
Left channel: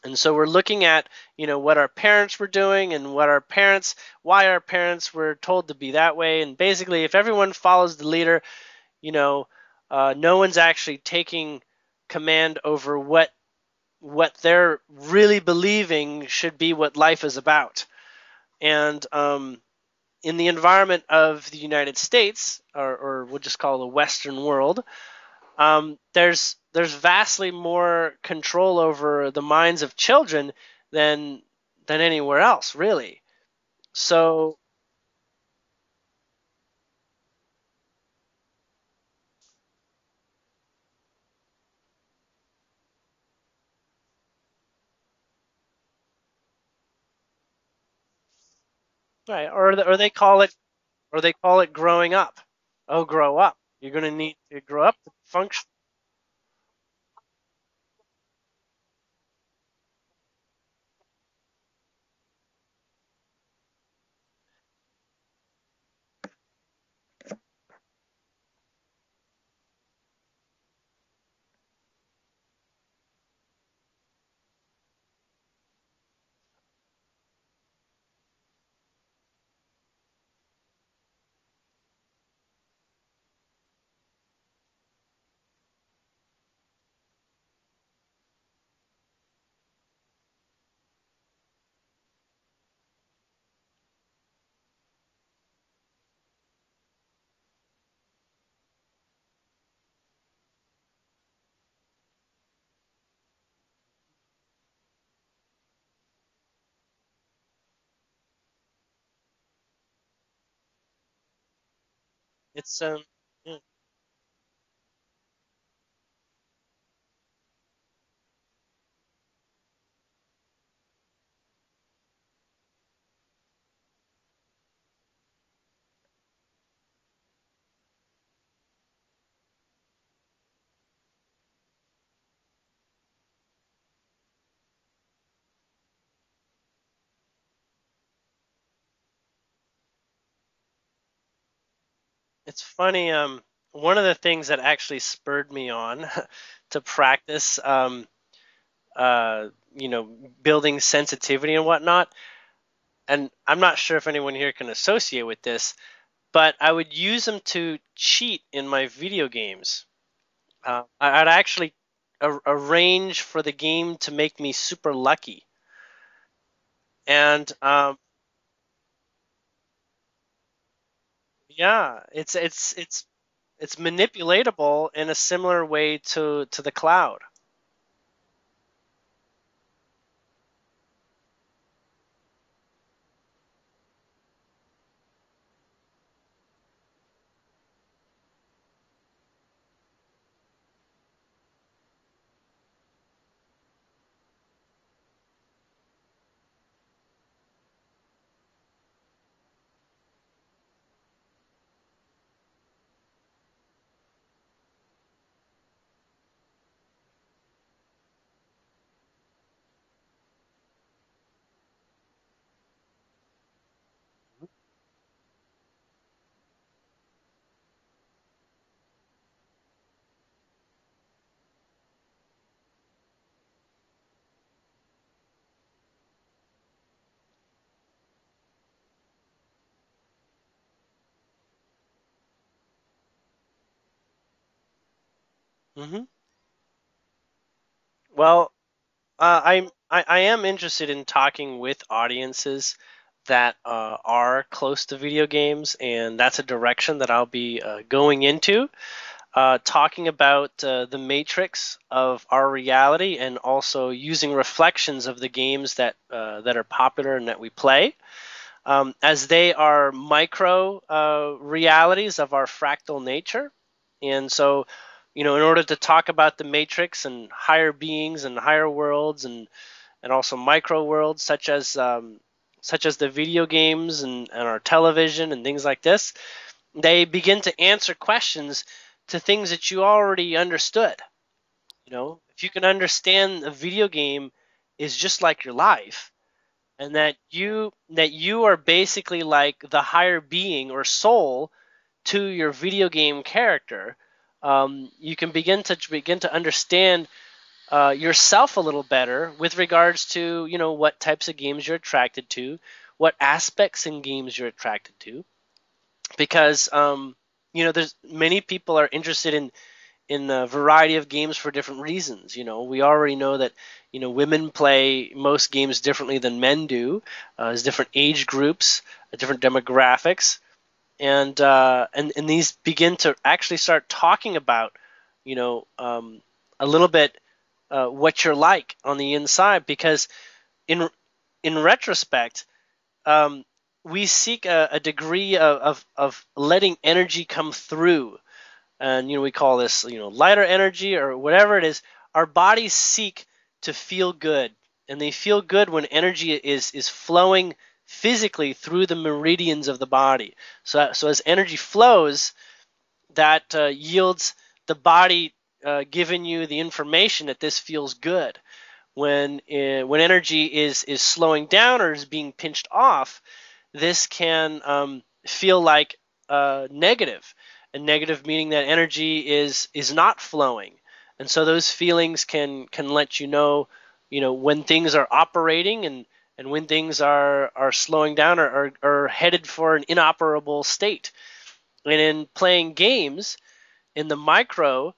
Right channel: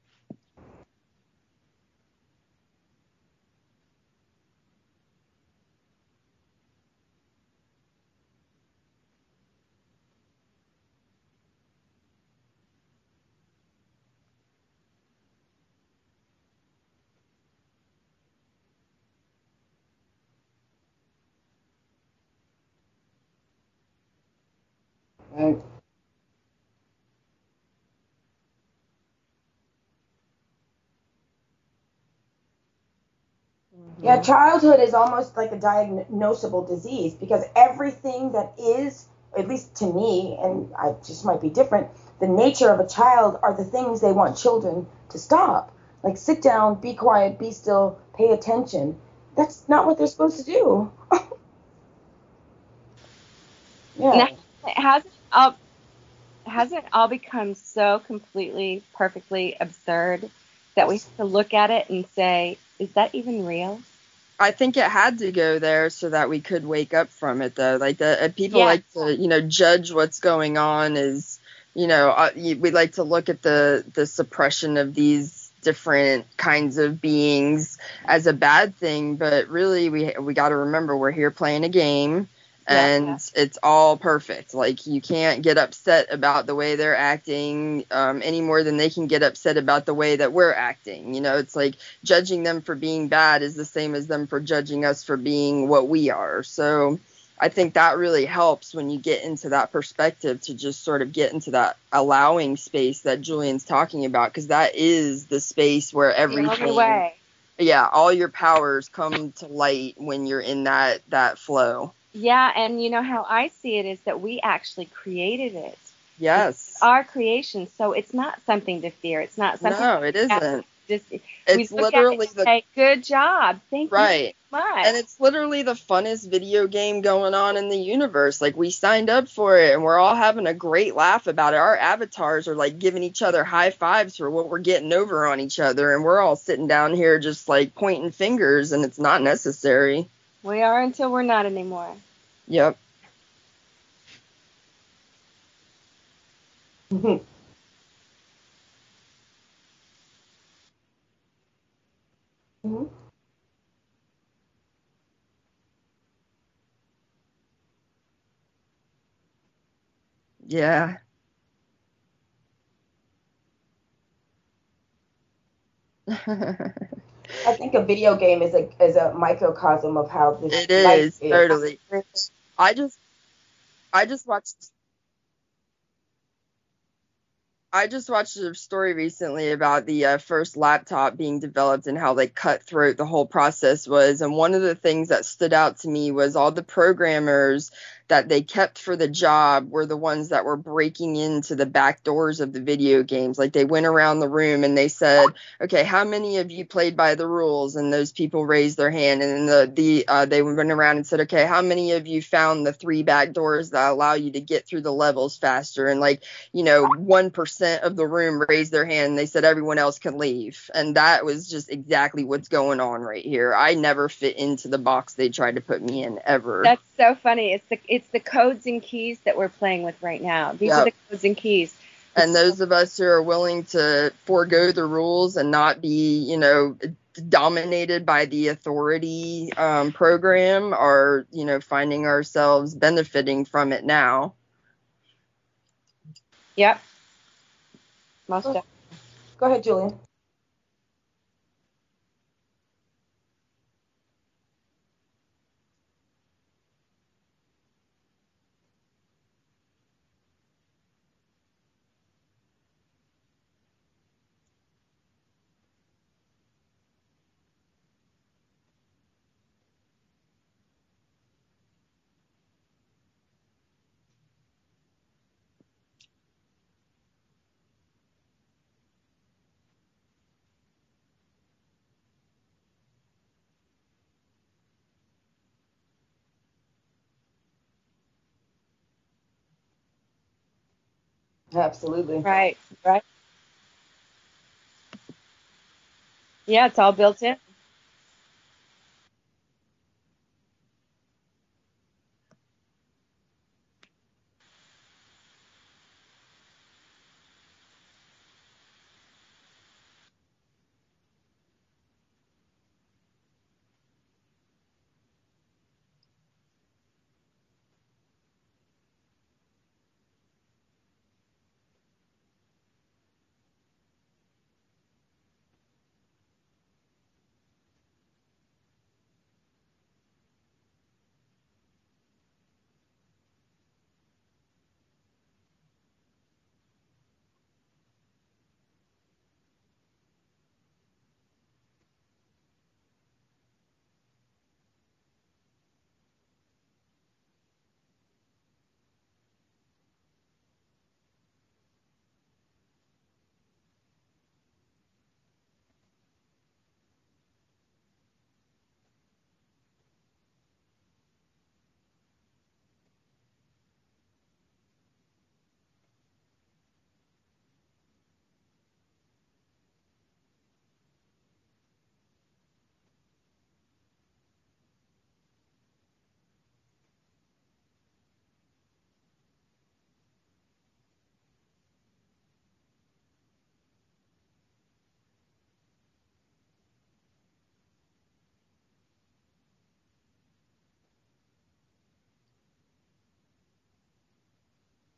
And so we're looking at, what our parents were doing and why our parents were told to be that way. And basically, if everyone follows the leader, no one's actually taking command over what they're really believing should be what life is about. And in the environment of the United States, or we'll just call it the Western world, there's vastly more control over the minds of children than anywhere else, really. Yeah, childhood is almost like a diagnosable disease, because everything that is, at least to me, and I just might be different, the nature of a child are the things they want children to stop. Like, sit down, be quiet, be still, pay attention. Right. That's not what they're supposed to do. Or they call it growing up. Oh, grow up. You're going to need to grow up. Hasn't it all become so completely, perfectly absurd that we have to look at it and say, is that even real? I think it had to go there so that we could wake up from it, though. Like, people like to, judge what's going on as, we like to look at the suppression of these different kinds of beings as a bad thing. But really, we got to remember we're here playing a game. And it's all perfect. Like, you can't get upset about the way they're acting any more than they can get upset about the way that we're acting. It's like judging them for being bad is the same as them for judging us for being what we are. So I think that really helps when you get into that perspective, to just sort of get into that allowing space that Julian's talking about, because that is the space where everything, all your powers come to light when you're in that flow. Yeah, and how I see it is that we actually created it. Yes. It's our creation, so it's not something to fear. It's not something. No, it isn't. It's literally good job. Thank you so much. And it's literally the funnest video game going on in the universe. Like, we signed up for it, and we're all having a great laugh about it. Our avatars are like giving each other high fives for what we're getting over on each other, and we're all sitting down here just like pointing fingers, and it's not necessary. We are until we're not anymore. It's funny. One of the things that actually spurred me on to practice, building sensitivity and whatnot, and I'm not sure if anyone here can associate with this, but I would use them to cheat in my video games. Yeah. I'd actually arrange for the game to make me super lucky. And I think the video game is a microcosm of how this life is. Totally. Yeah, it's manipulatable in a similar way to the cloud. I just watched a story recently about the first laptop being developed and how cutthroat the whole process was. And one of the things that stood out to me was all the programmers that they kept for the job were the ones that were breaking into the back doors of the video games. Like, they went around the room and they said, okay, how many of you played by the rules? And those people raised their hand. And then they went around and said, okay, how many of you found the 3 back doors that allow you to get through the levels faster? And 1% of the room raised their hand and they said everyone else can leave. And that was just exactly what's going on right here. I never fit into the box they tried to put me in, ever. That's so funny. It's the codes and keys that we're playing with right now. These are the codes and keys. And those of us who are willing to forego the rules and not be, dominated by the authority program are, finding ourselves benefiting from it now. Mm-hmm. Yep. Well, I am interested in talking with audiences that are close to video games, and that's a direction that I'll be going into, talking about the matrix of our reality, and also using reflections of the games that are popular and that we play, as they are micro realities of our fractal nature. And so, in order to talk about the matrix and higher beings and higher worlds, and also micro worlds such as the video games and our television and things like this, they begin to answer questions to things that you already understood. Absolutely. Right. You can understand a video game is just like your life. Yeah, it's all built in. That you are basically like the higher being or soul to your video game character. You can begin to understand yourself a little better with regards to what types of games you're attracted to, what aspects in games you're attracted to, because there's many people are interested in a variety of games for different reasons. We already know that women play most games differently than men do. There's different age groups, different demographics, and these begin to actually start talking about a little bit what you're like on the inside, because in retrospect, we seek a degree of letting energy come through, and we call this lighter energy or whatever it is. Our bodies seek to feel good, and they feel good when energy is flowing physically through the meridians of the body. So as energy flows, that yields the body giving you the information that this feels good. When energy is slowing down or is being pinched off, this can feel like negative. And negative meaning that energy is not flowing. And so those feelings can let you know when things are operating, and when things are slowing down or are headed for an inoperable state. And in playing games in the micro,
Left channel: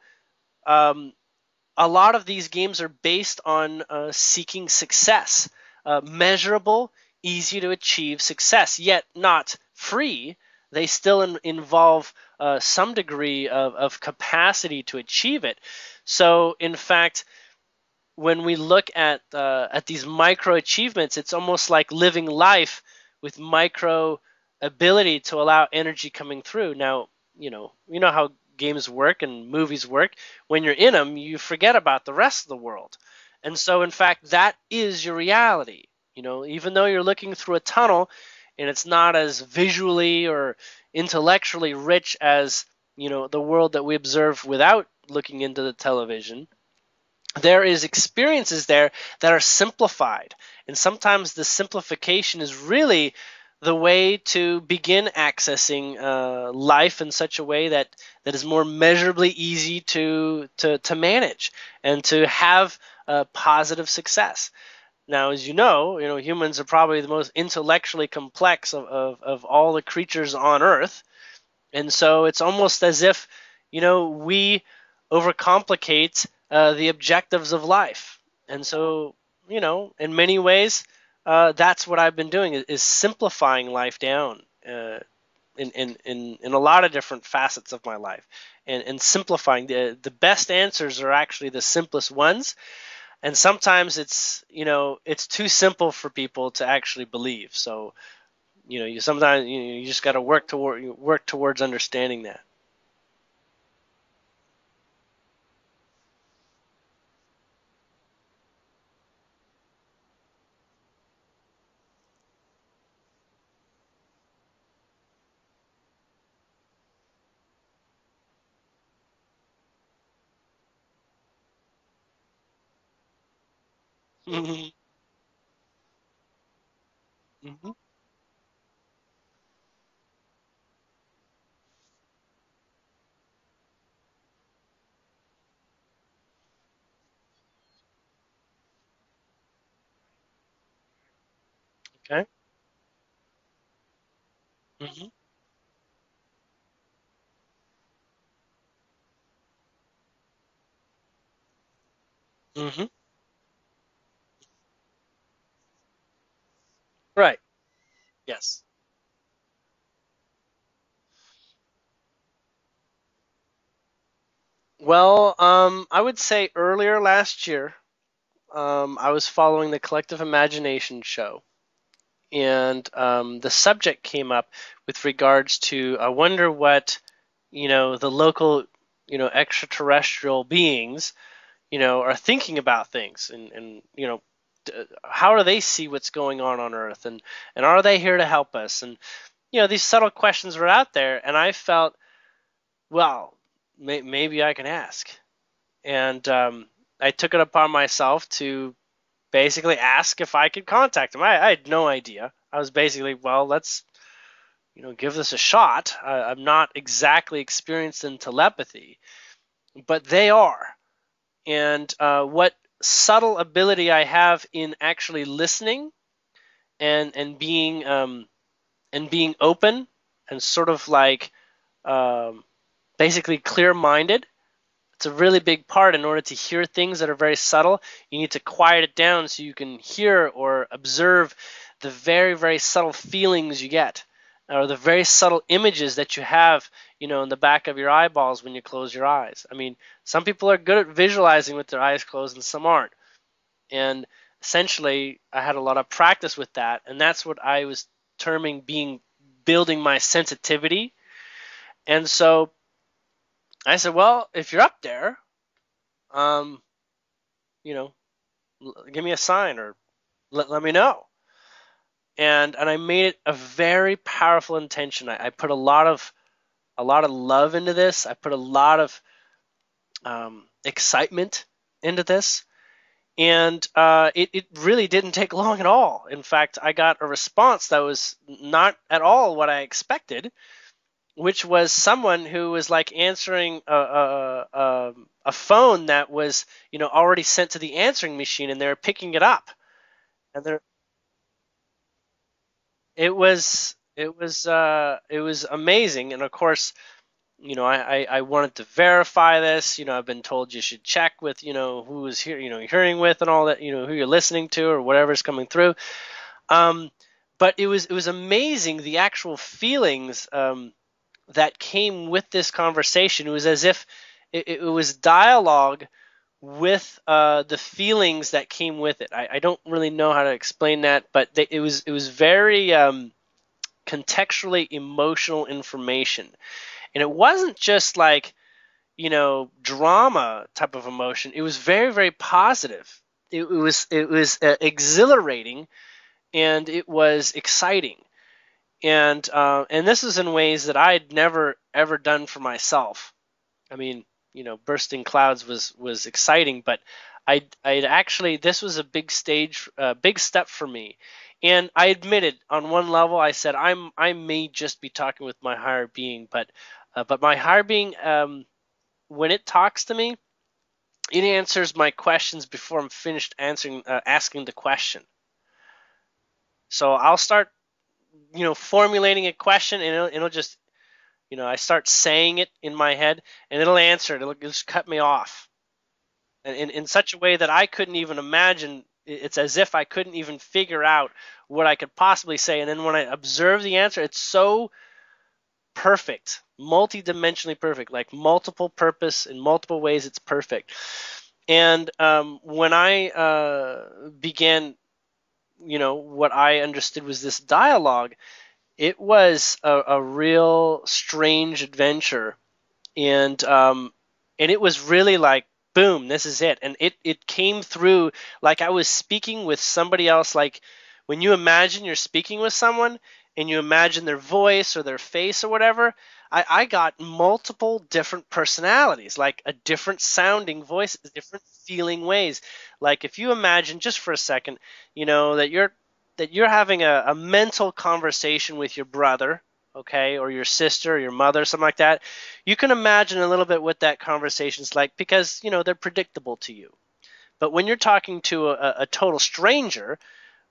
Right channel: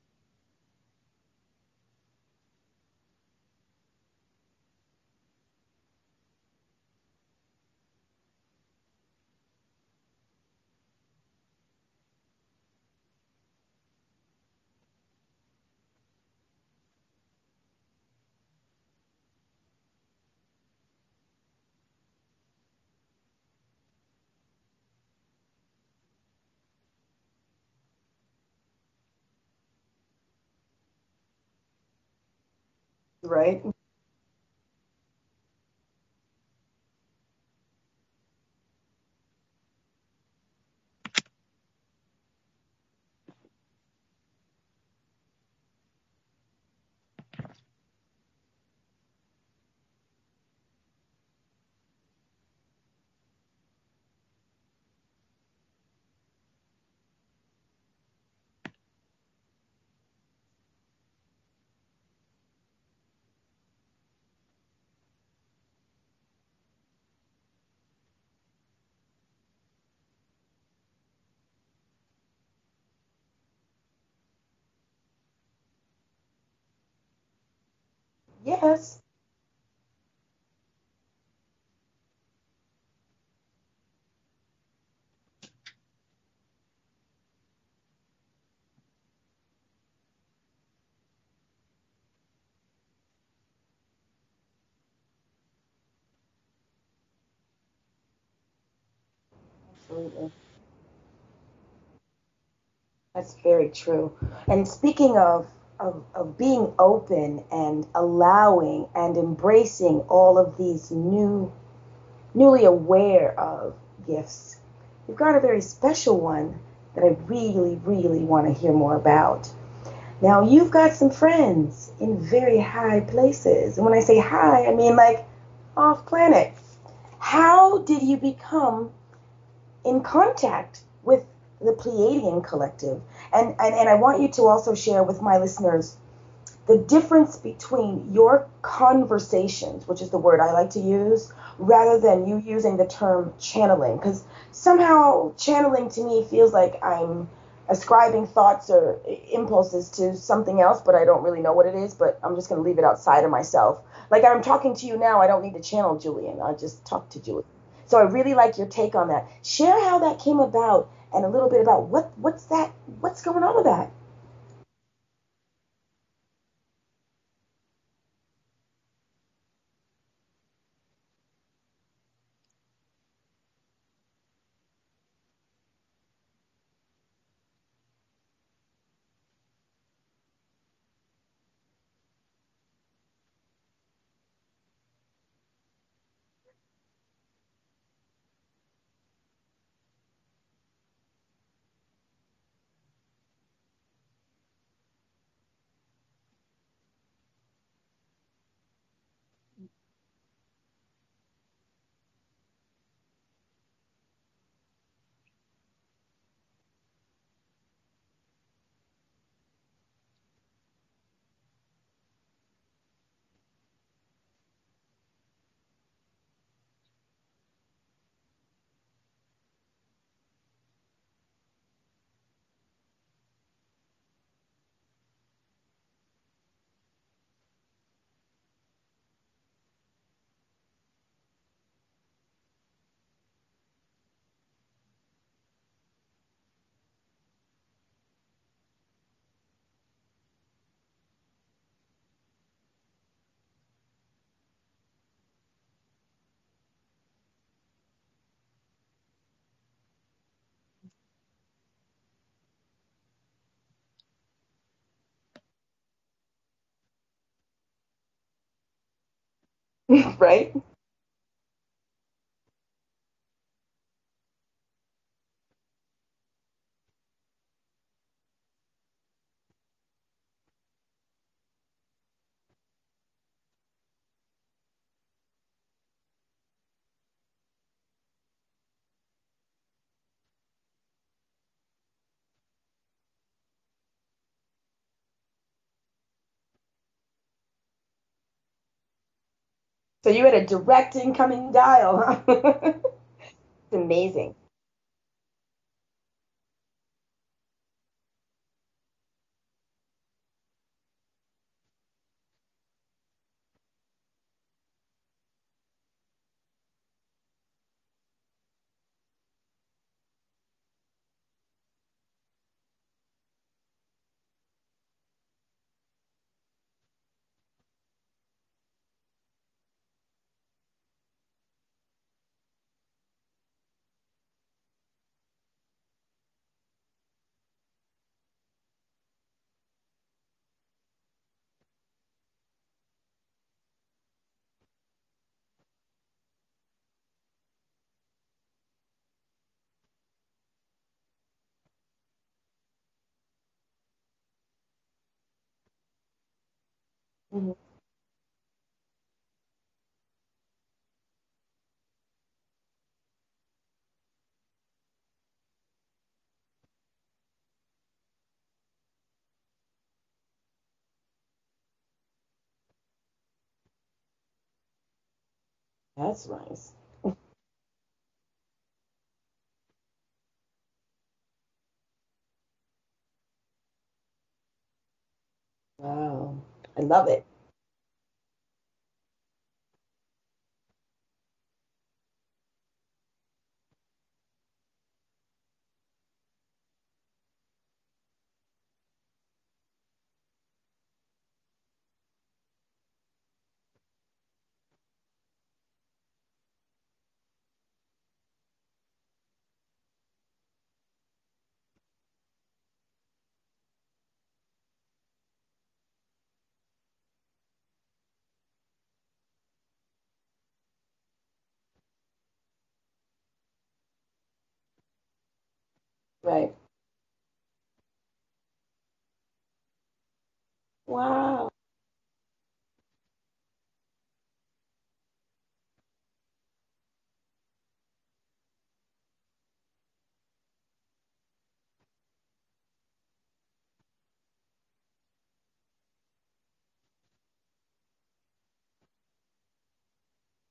a lot of these games are based on seeking success, measurable, easy to achieve success, yet not free. They still involve some degree of capacity to achieve it. So, in fact, when we look at these micro achievements, it's almost like living life with micro ability to allow energy coming through. Now, you know how games work and movies work. When you're in them, you forget about the rest of the world. Right. And so, in fact, that is your reality. Even though you're looking through a tunnel and it's not as visually or intellectually rich as, the world that we observe without looking into the television, there is experiences there that are simplified. And sometimes the simplification is really the way to begin accessing life in such a way that is more measurably easy to manage and to have positive success. Now, as you know, humans are probably the most intellectually complex of all the creatures on Earth. And so it's almost as if, we overcomplicate the objectives of life. Yes. And so, in many ways, that's what I've been doing is simplifying life down in a lot of different facets of my life, and simplifying. The best answers are actually the simplest ones. And sometimes it's too simple for people to actually believe. So, you sometimes you just got to work towards understanding that. That's very true. And speaking of being open and allowing and embracing all of these newly aware of gifts, you've got a very special one that I really, really want to hear more about. Now, you've got some friends in very high places. And when I say high, I mean like off planet. How did you become in contact with the Pleiadian collective? And I want you to also share with my listeners the difference between your conversations, which is the word I like to use, rather than you using the term channeling. Because somehow channeling to me feels like I'm ascribing thoughts or impulses to something else, but I don't really know what it is, but I'm just going to leave it outside of myself. Like I'm talking to you now, I don't need to channel Julien. I just talk to Julien. So I really Yes. like your take on that. Share how that came about and a little bit about what's going on with that. Well, I would say earlier last year, I was following the Collective Imagination show, and the subject came up with regards to, I wonder what, the local, extraterrestrial beings, are thinking about things, and how do they see what's going on Earth, and are they here to help us? And these subtle questions were out there, and I felt, well, maybe I can ask. And I took it upon myself to basically ask if I could contact them. I had no idea. I was basically, well, let's give this a shot. I'm not exactly experienced in telepathy, but they are. And what subtle ability I have in actually listening and being open and sort of like basically clear-minded. It's a really big part. In order to hear things that are very subtle, you need to quiet it down so you can hear or observe the very, very subtle feelings you get, or the very subtle images that you have, in the back of your eyeballs when you close your eyes. I mean, some people are good at visualizing with their eyes closed and some aren't. And essentially, I had a lot of practice with that, and that's what I was terming building my sensitivity. And so I said, well, if you're up there, give me a sign or Right. let me know. And I made it a very powerful intention. I put a lot of love into this. I put a lot of excitement into this, and it really didn't take long at all. In fact, I got a response that was not at all what I expected, which was someone who was like answering a phone that was already sent to the answering machine, and they were picking it up. So you had a direct incoming dial, huh? It was amazing. It was amazing, and of course, I wanted to verify this. I've been told you should check with who is here, hearing with, and all that, who you're listening to or whatever's coming through. But it was amazing, the actual feelings that came with this conversation. It was as if it was dialogue with the feelings that came with it. I don't really know how to explain that, but it was very contextually emotional information, and it wasn't just like drama type of emotion. It was very, very positive. It was exhilarating, and it was exciting. And this is in ways that I'd never ever done for myself. I mean, bursting clouds was exciting, but I'd actually, this was a big step for me. And I admitted on one level, I said I may just be talking with my higher being, but my higher being, when it talks to me, it answers my questions before I'm finished asking the question. That's nice. So I'll start formulating a question, and it'll just, I start saying it in my head, and it'll answer it. It'll just cut me off. Wow. And in such a way that I couldn't even imagine. It's as if I couldn't even figure out what I could possibly say. And then when I observe the answer, it's so perfect, multi-dimensionally perfect, like multiple purpose in multiple ways. It's perfect. And when I began, what I understood was this dialogue, it was a real strange adventure, and it was really like, boom, this is it. And it came through like I was speaking with somebody else. Like when you imagine you're speaking with someone and you imagine their voice or their face or whatever, Right. I got multiple different personalities, like a different sounding voice, Wow. different feeling ways. Like if you imagine just for a second, that you're having a mental conversation with your brother, okay, or your sister or your mother, something like that. You can imagine a little bit what that conversation's like, because they're predictable to you. But when you're talking to a total stranger,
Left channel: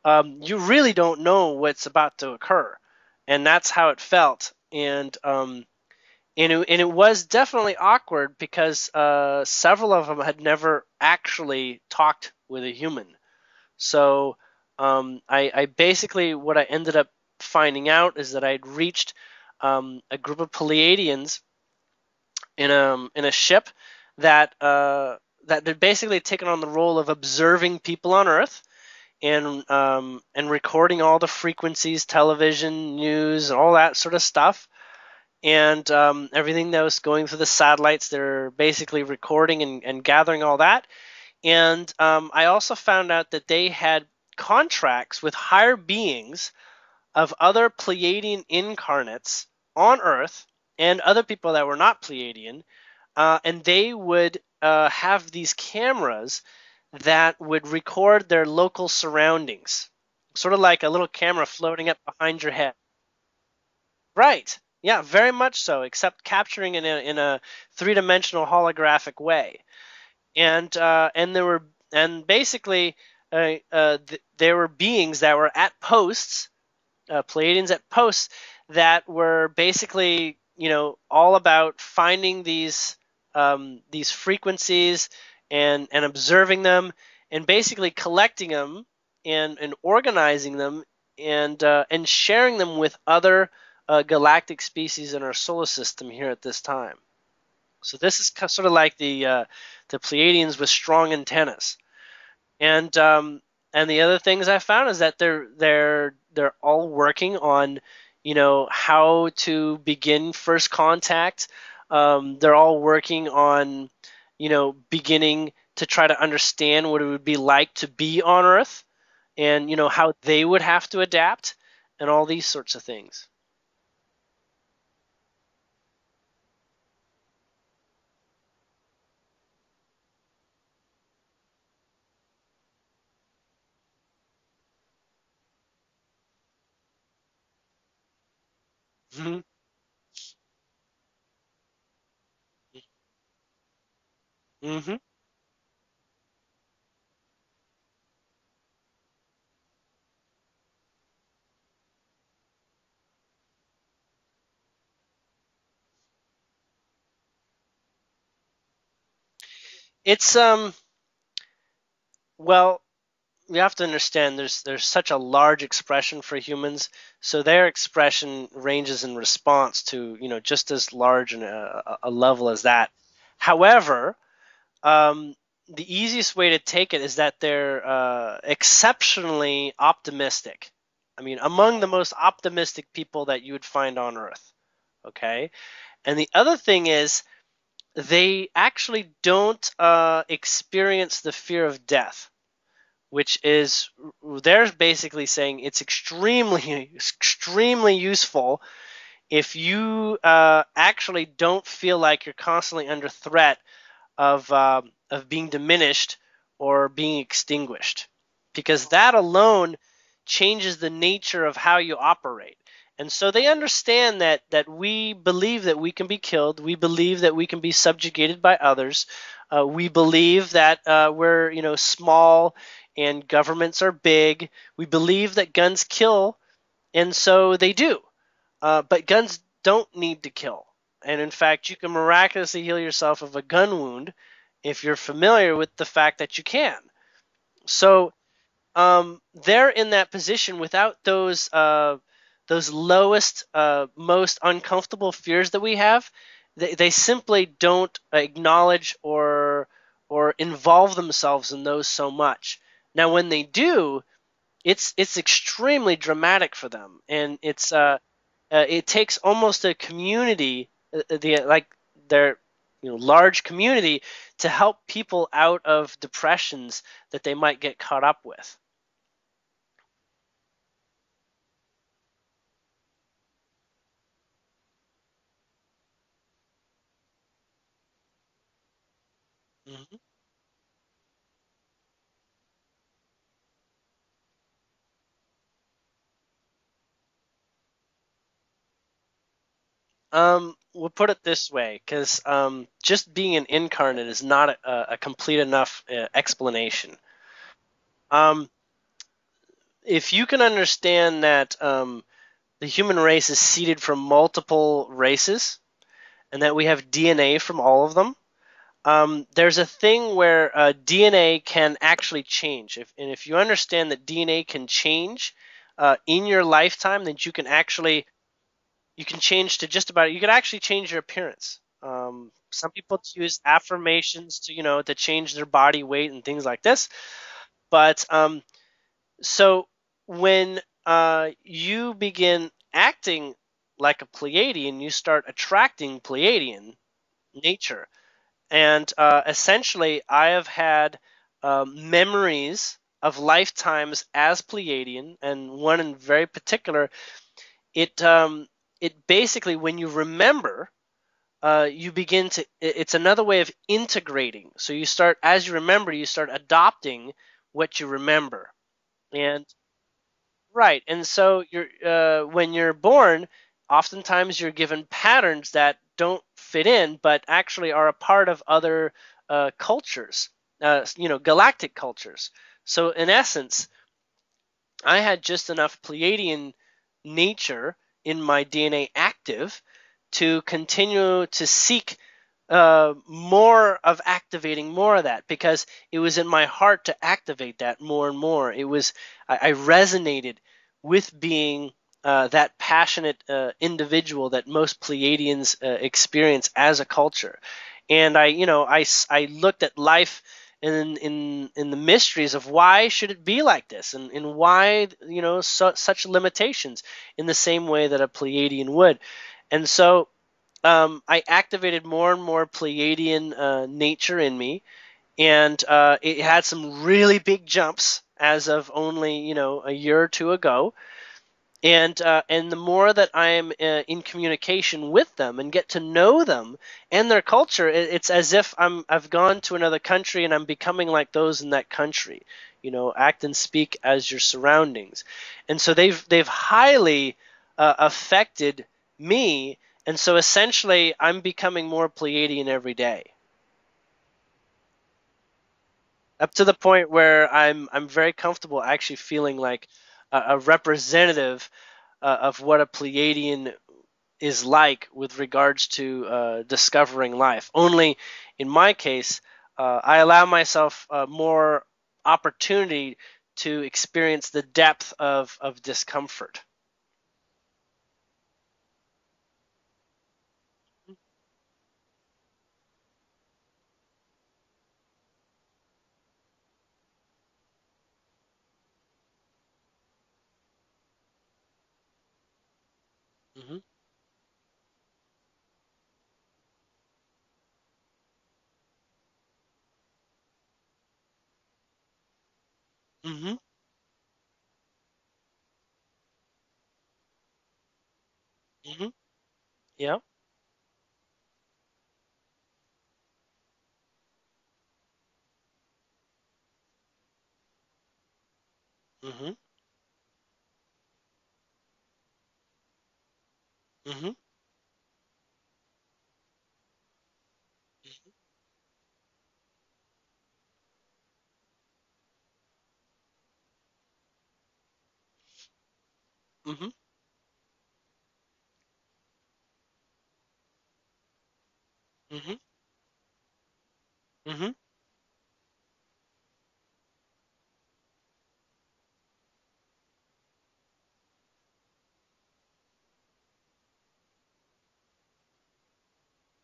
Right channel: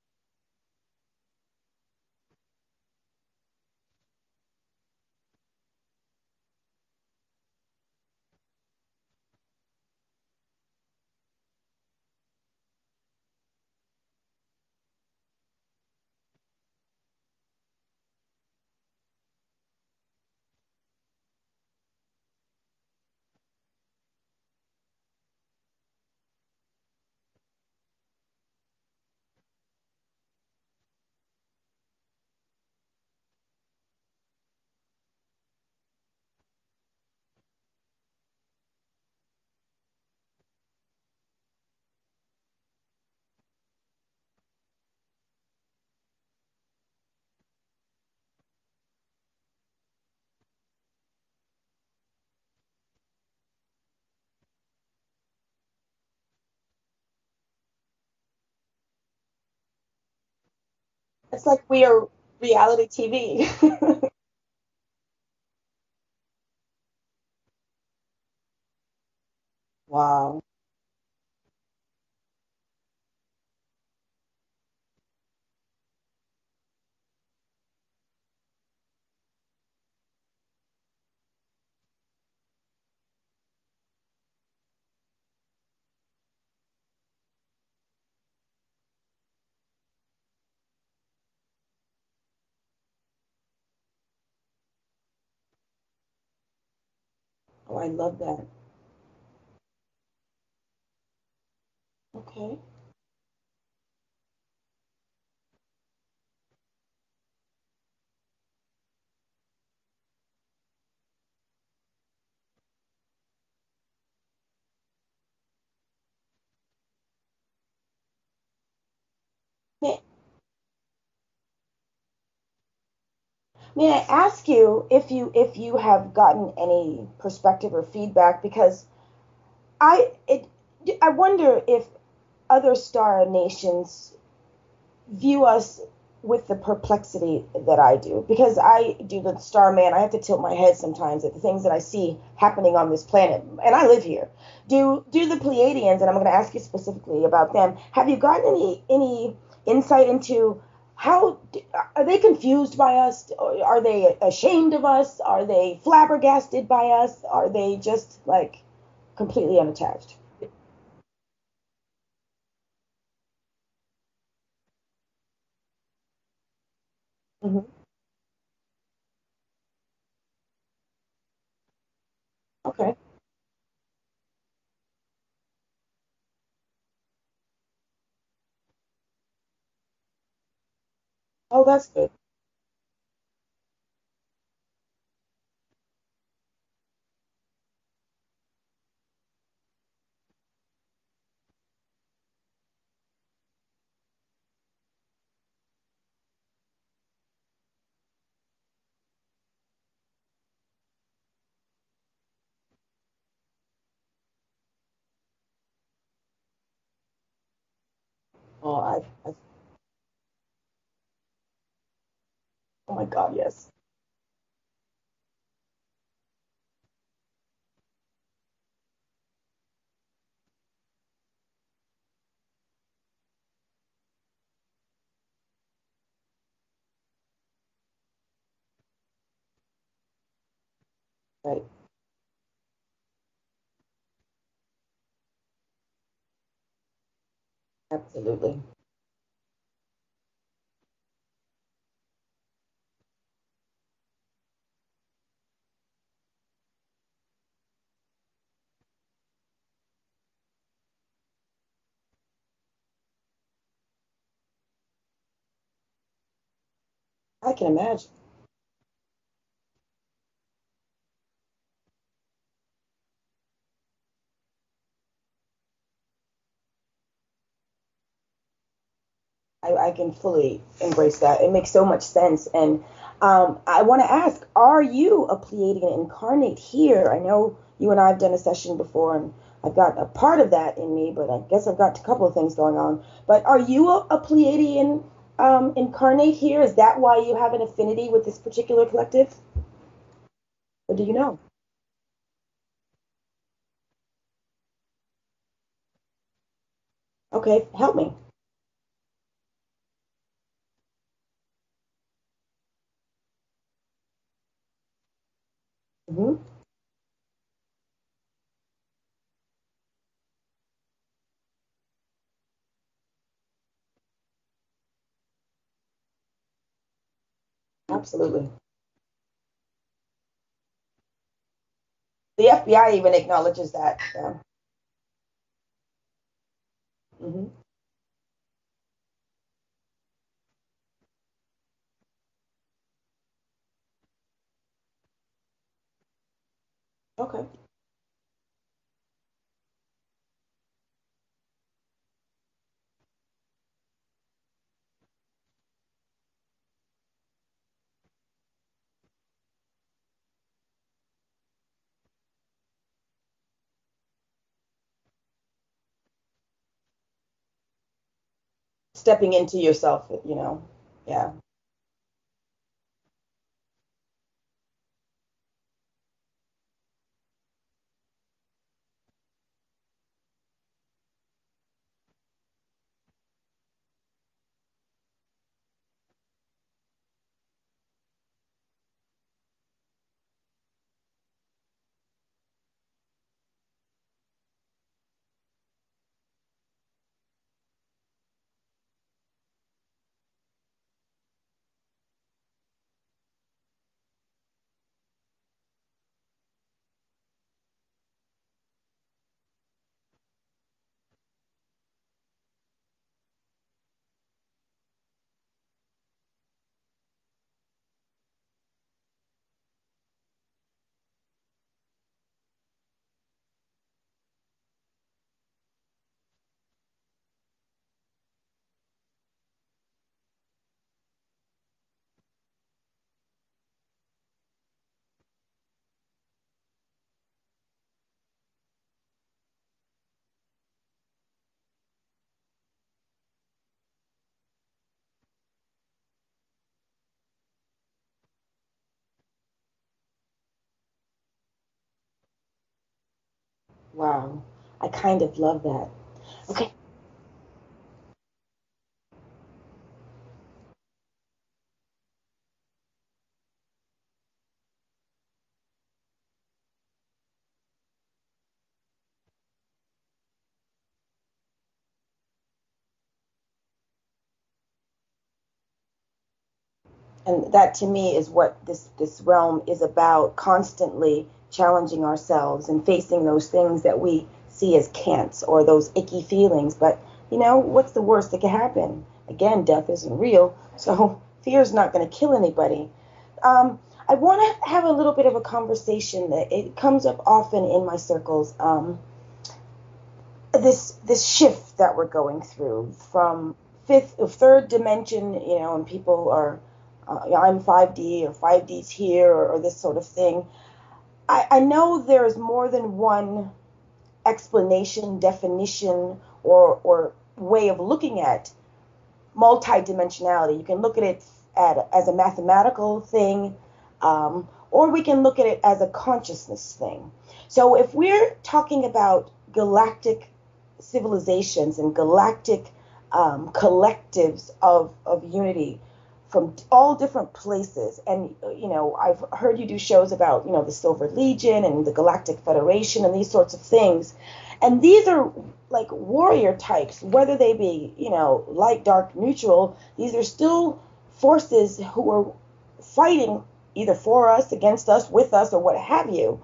you really don't know what's about to occur, and that's how it felt. And it was definitely awkward, because several of them had never actually talked with a human. So I basically, what I ended up up finding out is that I'd reached a group of Pleiadians in a ship that had basically taken on the role of observing people on Earth and recording all the frequencies, television, news, and all that sort of stuff. And everything that was going through the satellites, they're basically recording and gathering all that. And I also found out that they had contracts with higher beings of other Pleiadian incarnates on Earth and other people that were not Pleiadian, and they would have these cameras that would record their local surroundings, sort of like a little camera It's like floating up behind your head. reality TV. Right. Yeah, very much so, except capturing in a three-dimensional holographic way. Wow. And basically there were beings that were at posts, Pleiadians at posts, that were basically, all about finding these frequencies and observing them and basically collecting them and organizing them and sharing them with other galactic species in our solar system here at this time. Oh, So this is sort of like the Pleiadians with strong antennas. Okay. And the other things I found is that they're all working on, how to begin first contact. They're all working on, beginning to try to understand what it would be like to be on Earth, and how they would have to adapt, and all these sorts of things. May I ask you if you have gotten any perspective or feedback, because I wonder if other star nations view us with the perplexity that I do, because I do the Starman. I have to tilt my head sometimes at the things that I see happening on this planet, and I live here. Do the Pleiadians, and I'm going to ask you specifically about them, have you gotten any insight into how are they confused by us? Are they ashamed of us? Are they flabbergasted by us? Are they just like completely unattached? It's well, you have to understand there's such a large expression for humans, so their expression ranges in response to just as large a level as that. Okay. However, the easiest way to take it is that they're exceptionally optimistic. I mean, among the most optimistic people that you would find on Earth. Okay, and the other thing is they actually don't experience the fear of death, which is, they're basically saying it's extremely useful if you actually don't feel like you're constantly under threat of being diminished or being extinguished, because that alone changes the nature of how you operate. So they understand that we believe that we can be killed. We believe that we can be subjugated by others. We believe that we're small and governments are big. We believe that guns kill, and so they do. But guns don't need to kill. And in fact, you can miraculously heal yourself of a gun wound if you're familiar with the fact that you can. So they're in that position without those lowest, most uncomfortable fears that we have. They simply don't acknowledge or involve themselves in those so much. Now, when they do, it's extremely dramatic for them, and it takes almost a community, their large community, to help people out of depressions that they might get caught up with. I can fully embrace that. It makes so much sense. And I want to ask, are you a Pleiadian incarnate here? I know you and I have done a session before, and I've got a part of that in me, but I guess I've got a couple of things going on. But are you a Pleiadian incarnate here? Is that why you have an affinity with this particular collective? We'll put it this way, because just being an incarnate is not a complete enough explanation. Okay, help me. If you can understand that the human race is seeded from multiple races, and that we have DNA from all of them, there's a thing where DNA can actually change. If you understand that DNA can change, in your lifetime that you can actually Absolutely. you can change to just about. You can actually change your appearance. The Some FBI people even use acknowledges that. affirmations to change their body weight and things like this. Mm-hmm. But so when you begin acting like a Pleiadian, you start attracting Pleiadian nature. And essentially, I have had memories of lifetimes as Pleiadian, and one in very particular. It basically, when you remember, you begin to. It's another way of integrating. So you start, as you remember, you start adopting what you remember. Stepping into yourself, Right, and so you're when you're born, oftentimes you're given patterns that don't fit in, but actually are a part of other cultures, galactic cultures. So in essence, I had just enough Pleiadian nature in my DNA active to continue to seek more of activating more of that, because it was in my heart to activate that more and more. I resonated with being that passionate individual that most Pleiadians experience as a culture. And I looked at life in the mysteries of why should it be like this, and why such limitations, in the same way that a Pleiadian would. And so I activated more and more Pleiadian nature in me, and it had some really big jumps as of only a year or two ago. And the more that I am in communication with them and get to know them and their culture, it's as if I've gone to another country and I'm becoming like those in that country. Act and speak as your surroundings, and so they've highly affected me. And so essentially, I'm becoming more Pleiadian every day. Wow, I kind of love that. Up to the point where I'm very comfortable actually feeling like a representative of what a Pleiadian is like with regards to discovering life. Only in my case, I allow myself more opportunity to experience the depth of discomfort. And that, to me, is what this realm is about: constantly challenging ourselves and facing those things that we see as can'ts, or those icky feelings. But what's the worst that could happen? Again, death isn't real, so fear is not going to kill anybody. I want to have a little bit of a conversation that it comes up often in my circles. This shift that we're going through from third dimension, and people are, I'm 5D, or 5D's here, or this sort of thing. I know there's more than one explanation, definition, or way of looking at multidimensionality. You can look at it as a mathematical thing, or we can look at it as a consciousness thing. So if we're talking about galactic civilizations and galactic collectives of unity from all different places, and I've heard you do shows about the Silver Legion and the Galactic Federation and these sorts of things, and these are like warrior types, whether they be light, dark, neutral. These are still forces who are fighting either for us, against us, with us, or what have you.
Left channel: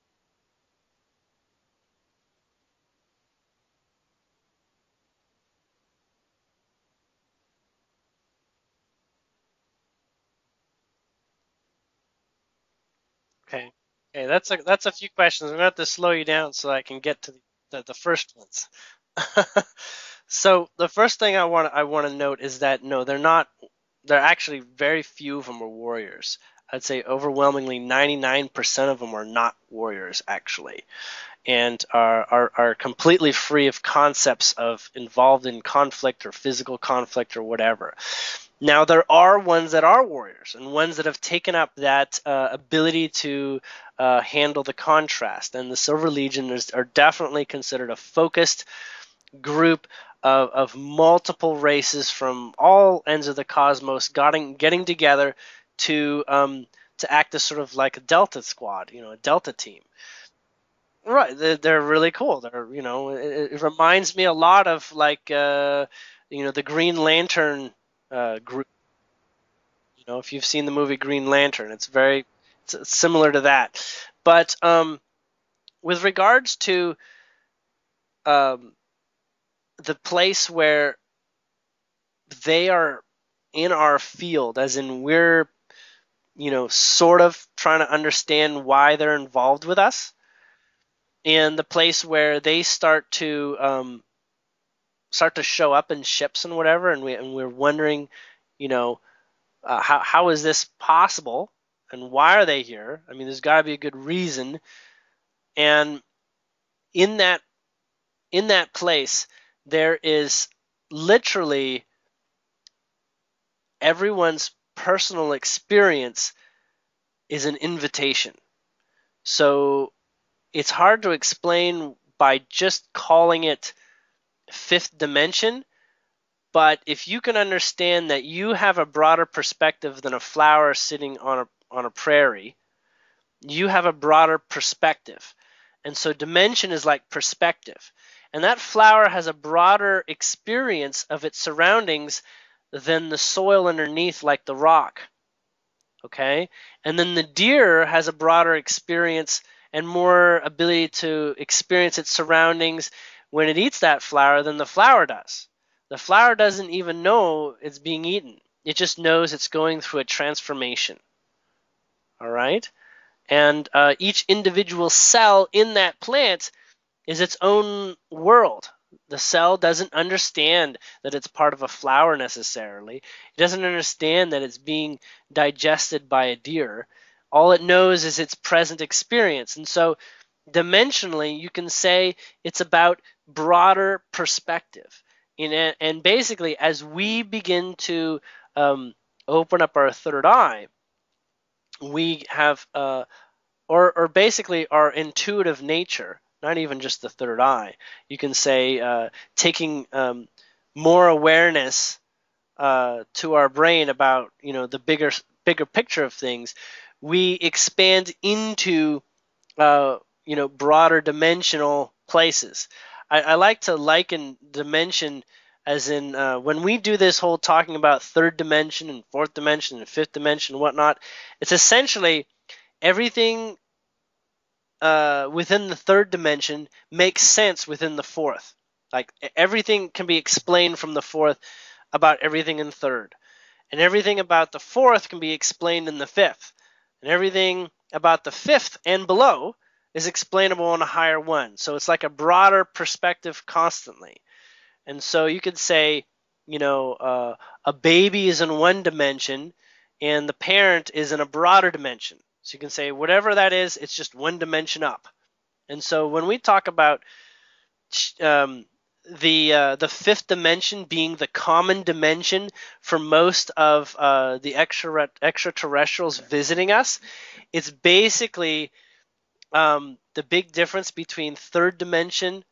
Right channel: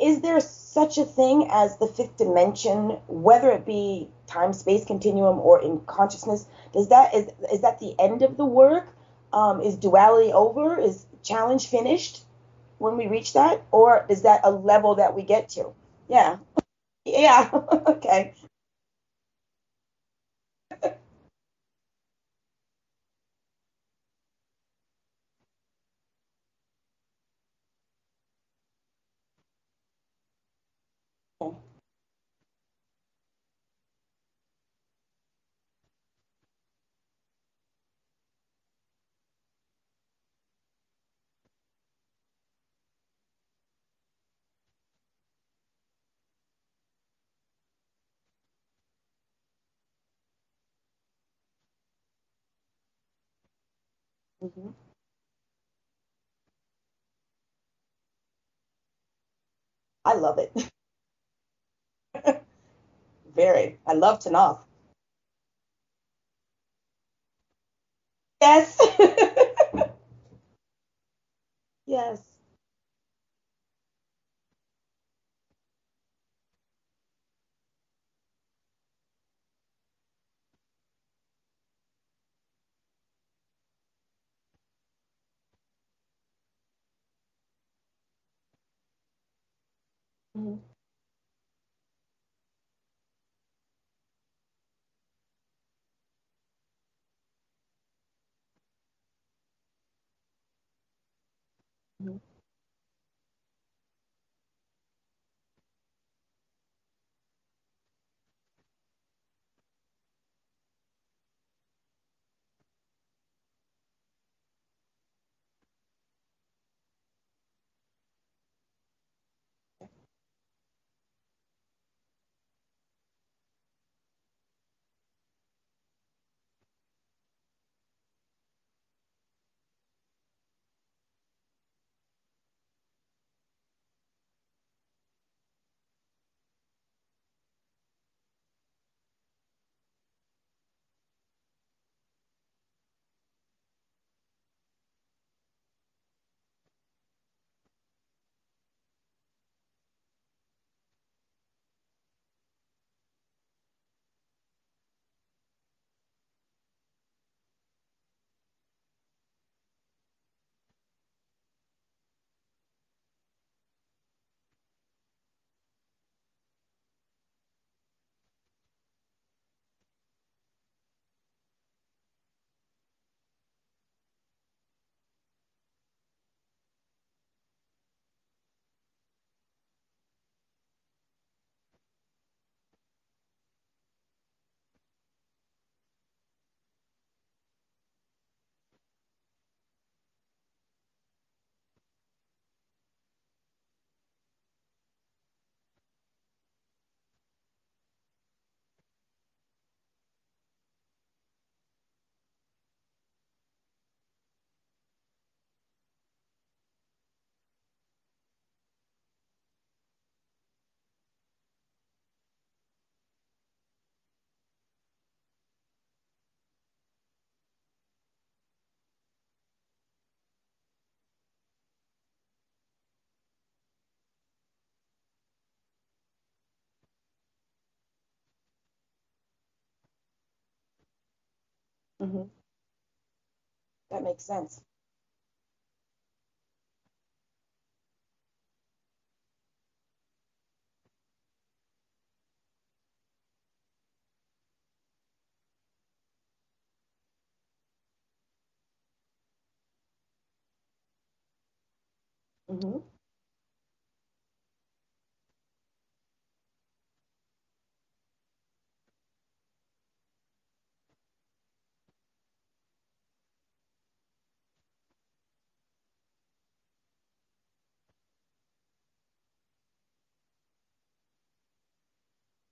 Is there such a thing as the fifth dimension, whether it be time space continuum or in consciousness? Is that the end of the work? Is duality over? Is challenge finished when we reach that? Okay. Or is that a level that we get to? I'm going to have to slow you down so I can get to the first ones. So the first thing I want to note is that no, they're not. They're actually, very few of them are warriors. I'd say overwhelmingly 99% of them are not warriors, actually, and are completely free of concepts of involved in conflict or physical conflict or whatever. Now, there are ones that are warriors, and ones that have taken up that ability to handle the contrast. And the Silver Legion are definitely considered a focused group of multiple races from all ends of the cosmos getting together to act as sort of like a Delta squad, a Delta team. I love it. Right, they're really cool. They're it reminds me a lot of like the Green Lantern. Yes. If you've seen the movie Green Lantern, it's Yes. it's similar to that. But with regards to the place where they are in our field, as in we're, sort of trying to understand why they're involved with us, and the place where they start to show up in ships and whatever, and we're wondering, how is this possible, and why are they here? I mean, there's got to be a good reason. And in that place, there is literally everyone's personal experience is an invitation. So it's hard to explain by just calling it fifth dimension, but if you can understand that you have a broader perspective than a flower sitting on a prairie, you have a broader perspective. And so dimension is like perspective. And that flower has a broader experience of its surroundings than the soil underneath, like the rock. Okay? And then the deer has a broader experience and more ability to experience its surroundings when it eats that flower than the flower does. The flower doesn't even know it's being eaten. It just knows it's going through a transformation. All right? And each individual cell in that plant is its own world. The cell doesn't understand that it's part of a flower necessarily. It doesn't understand that it's being digested by a deer. All it knows is its present experience. And so dimensionally, you can say it's about broader perspective. And basically, as we begin to open up our third eye, we have or basically our intuitive nature, not even just the third eye. You can say taking more awareness to our brain about the bigger picture of things. We expand into broader dimensional places. I like to liken dimension as in when we do this whole talking about third dimension and fourth dimension and fifth dimension and whatnot, it's essentially everything within the third dimension makes sense within the fourth. Like everything can be explained from the fourth about everything in third. And everything about the fourth can be explained in the fifth. And everything about the fifth and below is explainable in a higher one. So it's like a broader perspective constantly. And so you could say, a baby is in one dimension and the parent is in a broader dimension. So you can say whatever that is, it's just one dimension up. And so when we talk about the fifth dimension being the common dimension for most of the extraterrestrials visiting us, it's basically the big difference between third dimension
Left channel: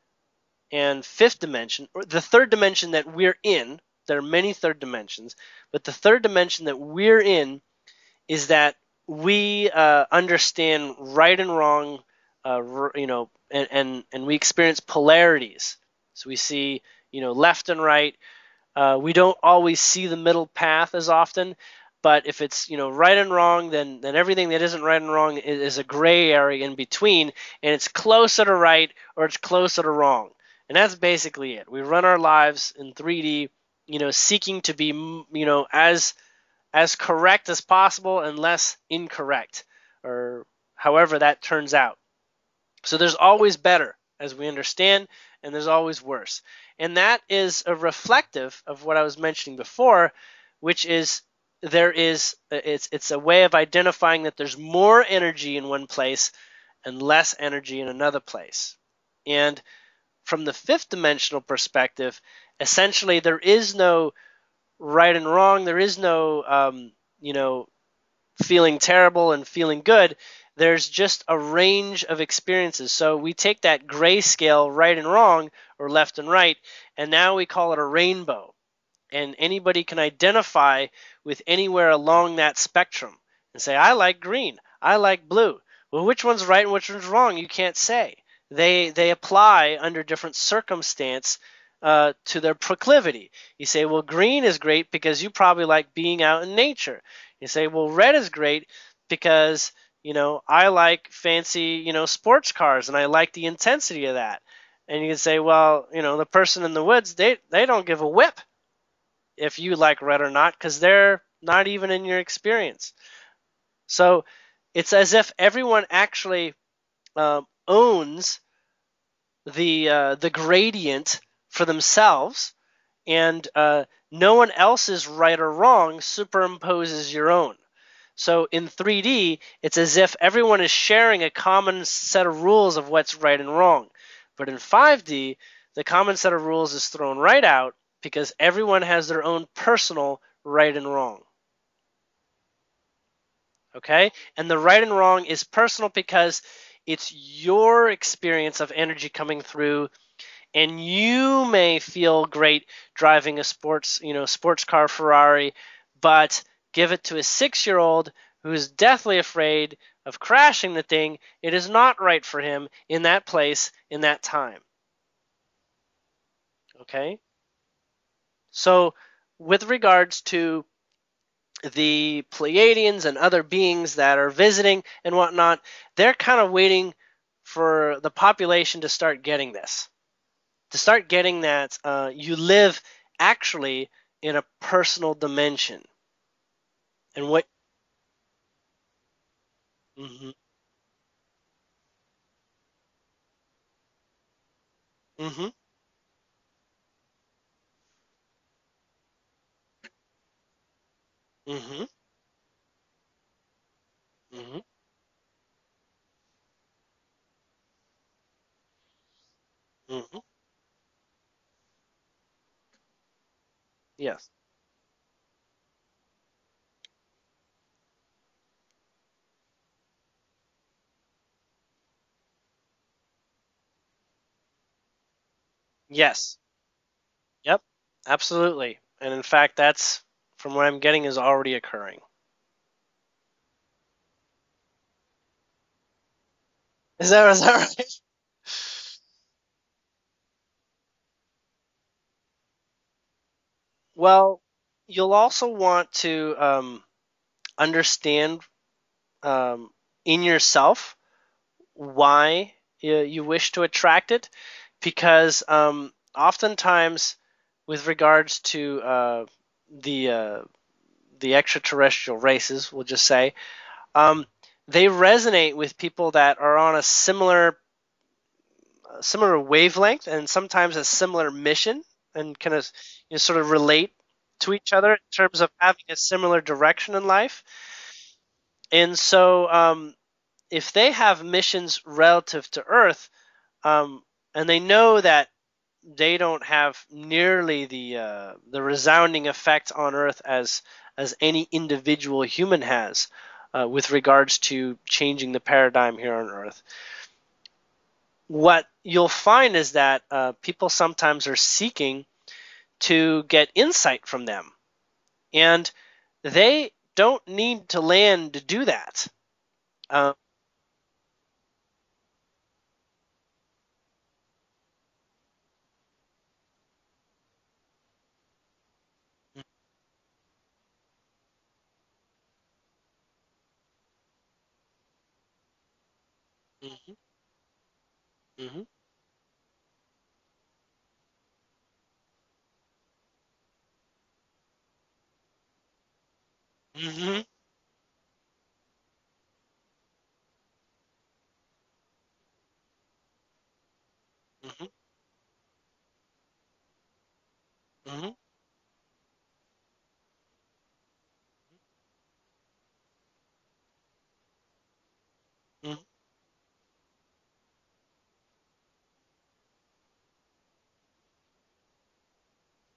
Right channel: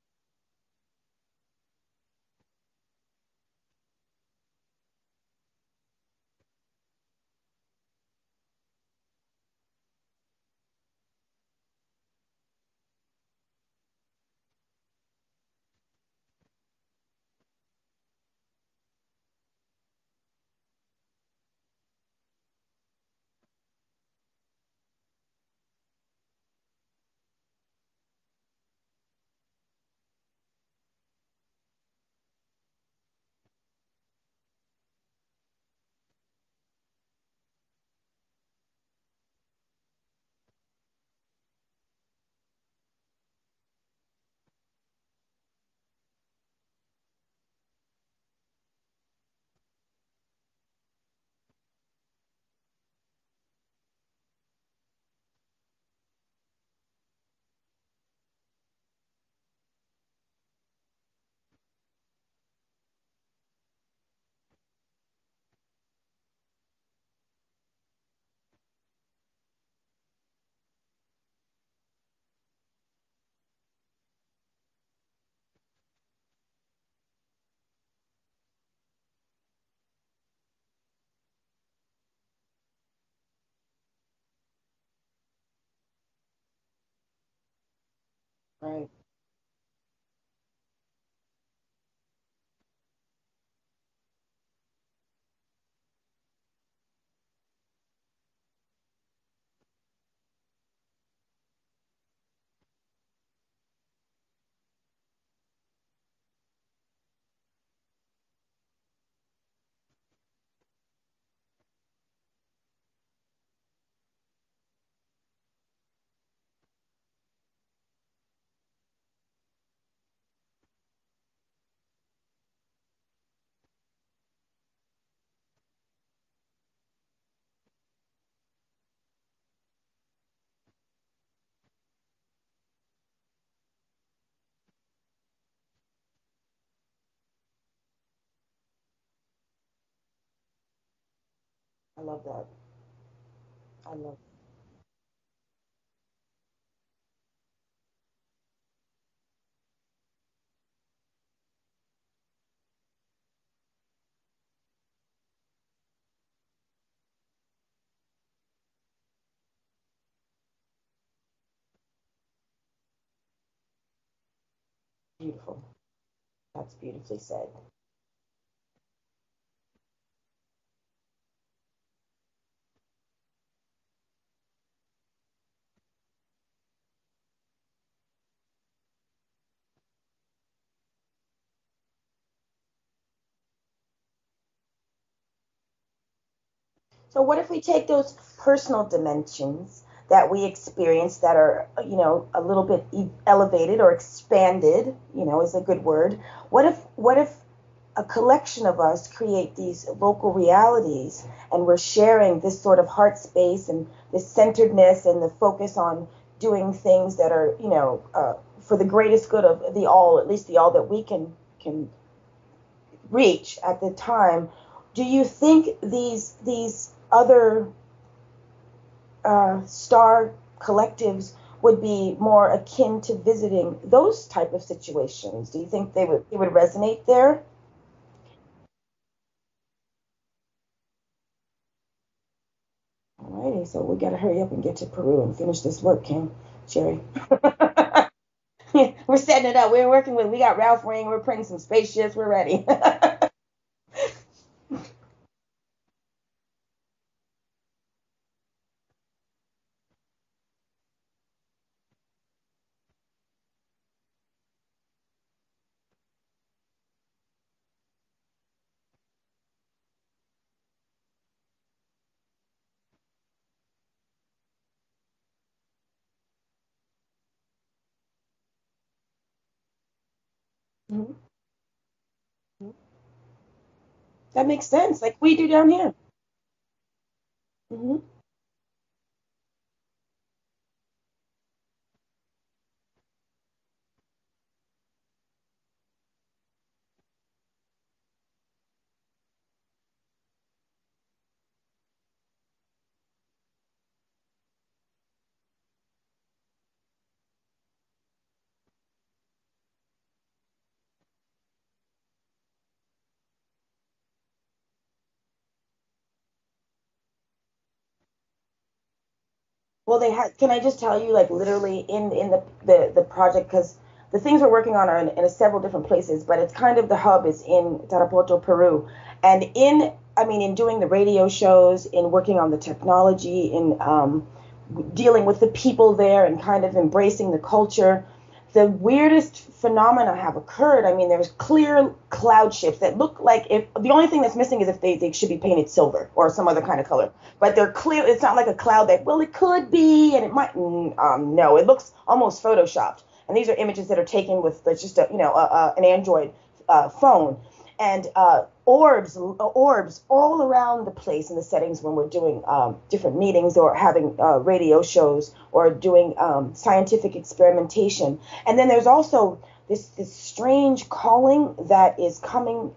and fifth dimension, or the third dimension that we're in. There are many third dimensions, but the third dimension that we're in is that we understand right and wrong, and we experience polarities. So we see, left and right. We don't always see the middle path as often, but if it's, right and wrong, then everything that isn't right and wrong is a gray area in between, and it's closer to right or it's closer to wrong. And that's basically it. We run our lives in 3D, seeking to be, as correct as possible and less incorrect, or however that turns out. So there's always better, as we understand, and there's always worse. And that is a reflective of what I was mentioning before, which is it's a way of identifying that there's more energy in one place and less energy in another place. And from the fifth dimensional perspective, essentially there is no right and wrong. There is no, feeling terrible and feeling good. There's just a range of experiences. So we take that grayscale, right and wrong, or left and right, and now we call it a rainbow. And anybody can identify with anywhere along that spectrum and say, I like green, I like blue. Well, which one's right and which one's wrong? You can't say. They apply under different circumstance to their proclivity. You say, well, green is great because you probably like being out in nature. You say, well, red is great because, I like fancy, sports cars, and I like the intensity of that. And you can say, well, the person in the woods, they don't give a whip if you like red or not, because they're not even in your experience. So it's as if everyone actually owns the gradient for themselves, and no one else's right or wrong superimposes your own. So in 3D, it's as if everyone is sharing a common set of rules of what's right and wrong. But in 5D, the common set of rules is thrown right out because everyone has their own personal right and wrong. I love that. Okay? And the right and wrong is personal because it's your experience of energy coming through, and you may feel great driving a sports car Ferrari, but give it to a 6-year-old who is deathly afraid of crashing the thing. It is not right for him in that place, in that time. Beautiful. That's Okay? beautifully said. So with regards to the Pleiadians and other beings that are visiting and whatnot, they're kind of waiting for the population to start getting this. To start getting that you live actually in a personal dimension. So what if we take those personal dimensions that we experience that are, a little bit elevated or expanded, is a good word. What if a collection of us create these local realities and we're sharing this sort of heart space and this centeredness and the focus on doing things that are, for the greatest good of the all, at least the all that we can reach at the time. Yes. Do you think these other star collectives would be more akin to visiting those type of situations? Do you think they would resonate there? Yep, absolutely. And in fact, that's, from what I'm getting, is already occurring. Alrighty, so we got to hurry up and get to Peru and finish this work, Sherri. Is that right? We're setting it up. We got Ralph Ring. We're printing some spaceships. We're ready. Well, you'll also want to understand in yourself why you wish to attract it, because oftentimes with regards to the extraterrestrial races, we'll just say, they resonate with people that are on a similar wavelength and sometimes a similar mission, and kind of sort of relate to each other in terms of having a similar direction in life. And so if they have missions relative to Earth, and they know that they don't have nearly the resounding effect on Earth as any individual human has with regards to changing the paradigm here on Earth, what you'll find is that people sometimes are seeking to get insight from them, and they don't need to land to do that. Well, can I just tell you, like, literally in the project, because the things we're working on are in several different places, but it's kind of the hub is in Tarapoto, Peru, and in doing the radio shows, in working on the technology, in dealing with the people there, and kind of embracing the culture. The weirdest phenomena have occurred. There's clear cloud shapes that look like the only thing that's missing is if they should be painted silver or some other kind of color. But they're clear. It's not like a cloud that, well, it could be, and it might. No, it looks almost photoshopped. And these are images that are taken with just an Android phone, and orbs all around the place in the settings when we're doing different meetings or having radio shows or doing scientific experimentation. And then there's also this strange calling that is coming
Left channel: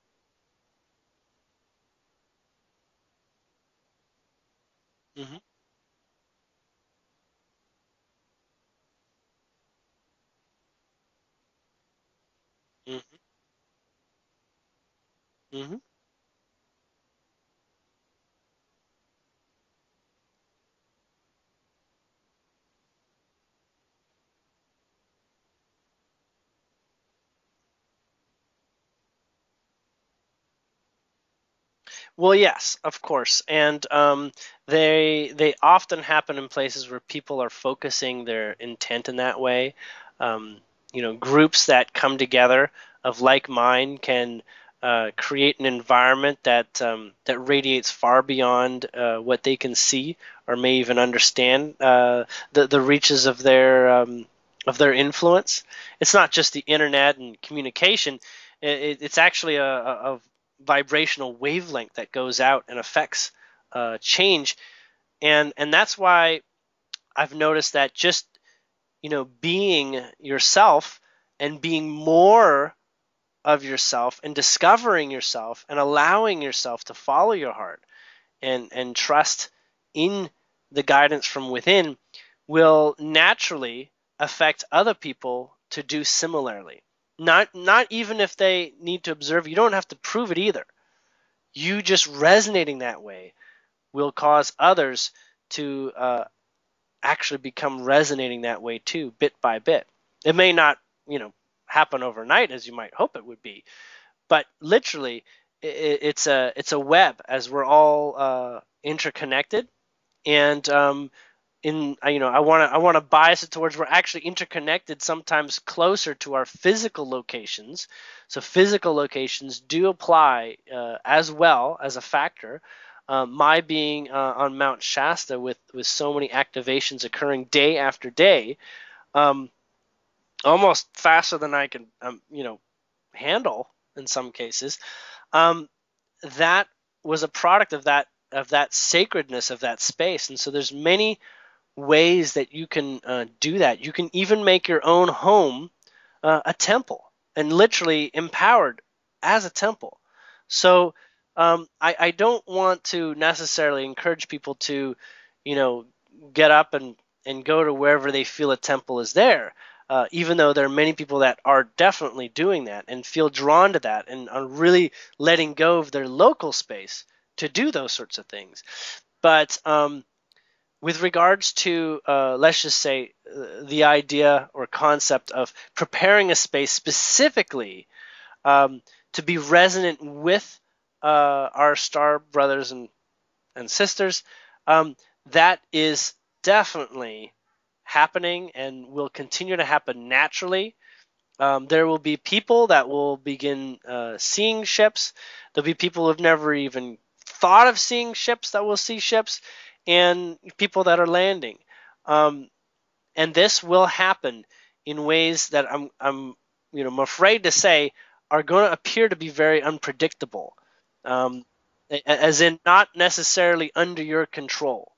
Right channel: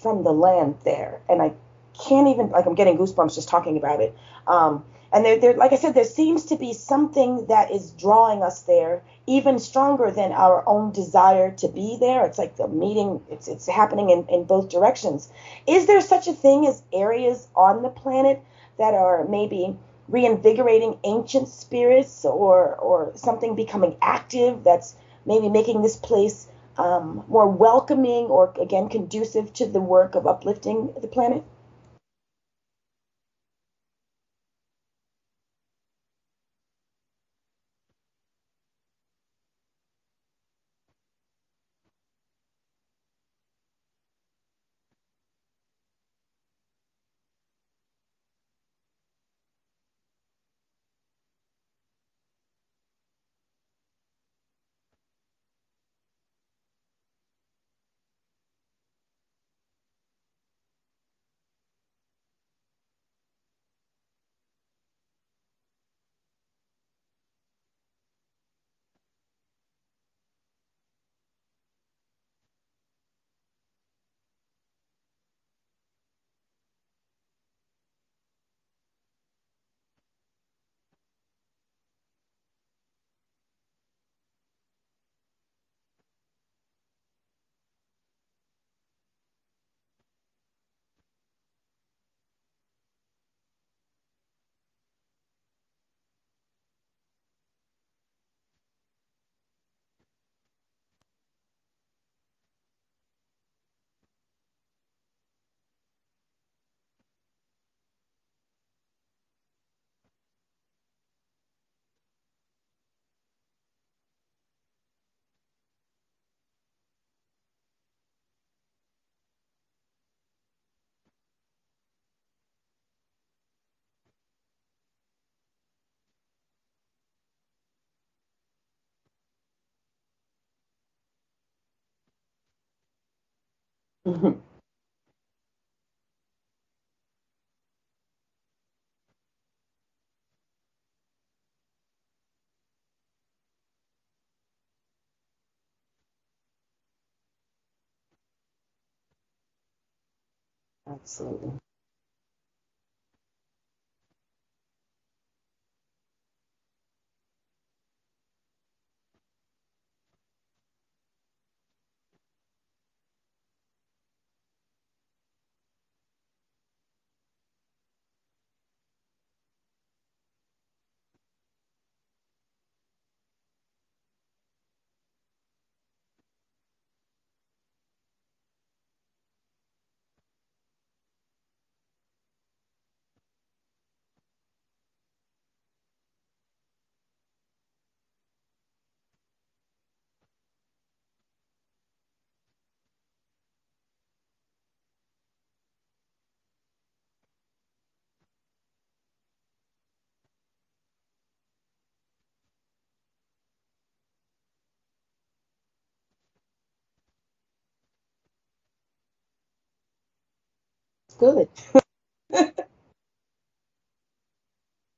from the land there, and I can't even, I'm getting goosebumps just talking about it. And there, like I said, there seems to be something that is drawing us there, even stronger than our own desire to be there. It's like the meeting, it's happening in both directions. Is there such a thing as areas on the planet that are maybe reinvigorating ancient spirits, or something becoming active that's maybe making this place more welcoming or, again, conducive to the work of uplifting the planet? Well, yes, of course, and they often happen in places where people are focusing their intent in that way. Groups that come together of like mind can create an environment that radiates far beyond what they can see or may even understand the reaches of their influence. It's not just the internet and communication. It's actually a vibrational wavelength that goes out and affects change, and that's why I've noticed that just being yourself and being more of yourself and discovering yourself and allowing yourself to follow your heart and trust in the guidance from within will naturally affect other people to do similarly. Not even if they need to observe. You don't have to prove it either. You just resonating that way will cause others to actually become resonating that way too, bit by bit. It may not, happen overnight as you might hope it would be, but literally, it's a web, as we're all interconnected, and I want to bias it towards we're actually interconnected, sometimes closer to our physical locations. So physical locations do apply as well as a factor. My being on Mount Shasta with so many activations occurring day after day, almost faster than I can handle in some cases. That was a product of that sacredness of that space, and so there's many ways that you can do that. You can even make your own home a temple, and literally empowered as a temple. So I don't want to necessarily encourage people to, get up and go to wherever they feel a temple is there, even though there are many people that are definitely doing that and feel drawn to that and are really letting go of their local space to do those sorts of things. But with regards to, let's just say, the idea or concept of preparing a space specifically to be resonant with our star brothers and sisters, that is definitely happening and will continue to happen naturally. There will be people that will begin seeing ships. There'll be people who've never even thought of seeing ships that will see ships, and people that are landing. And this will happen in ways that I'm afraid to say are going to appear to be very unpredictable, as in not necessarily under your control.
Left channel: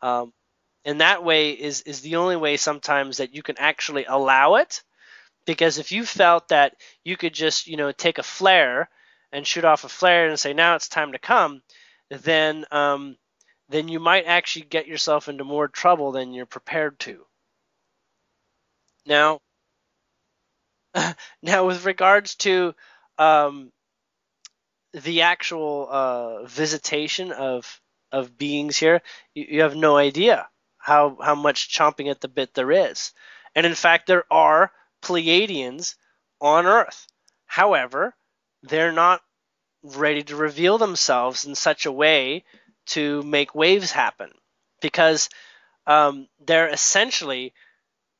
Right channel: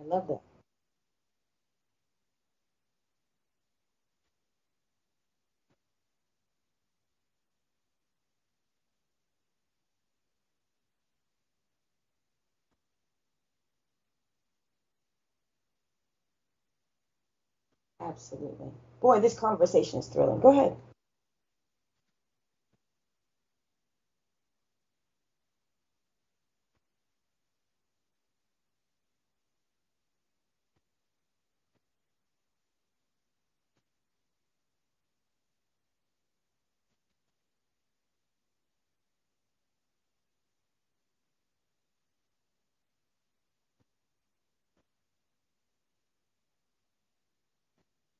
And that way is the only way sometimes that you can actually allow it, because if you felt that you could just take a flare and shoot off a flare and say now it's time to come, then you might actually get yourself into more trouble than you're prepared to. Absolutely. Boy, this conversation is thrilling. Go ahead. Now, with regards to the actual visitation of beings here, you have no idea how much chomping at the bit there is. And in fact, there are Pleiadians on Earth. However, they're not ready to reveal themselves in such a way to make waves happen, because they're essentially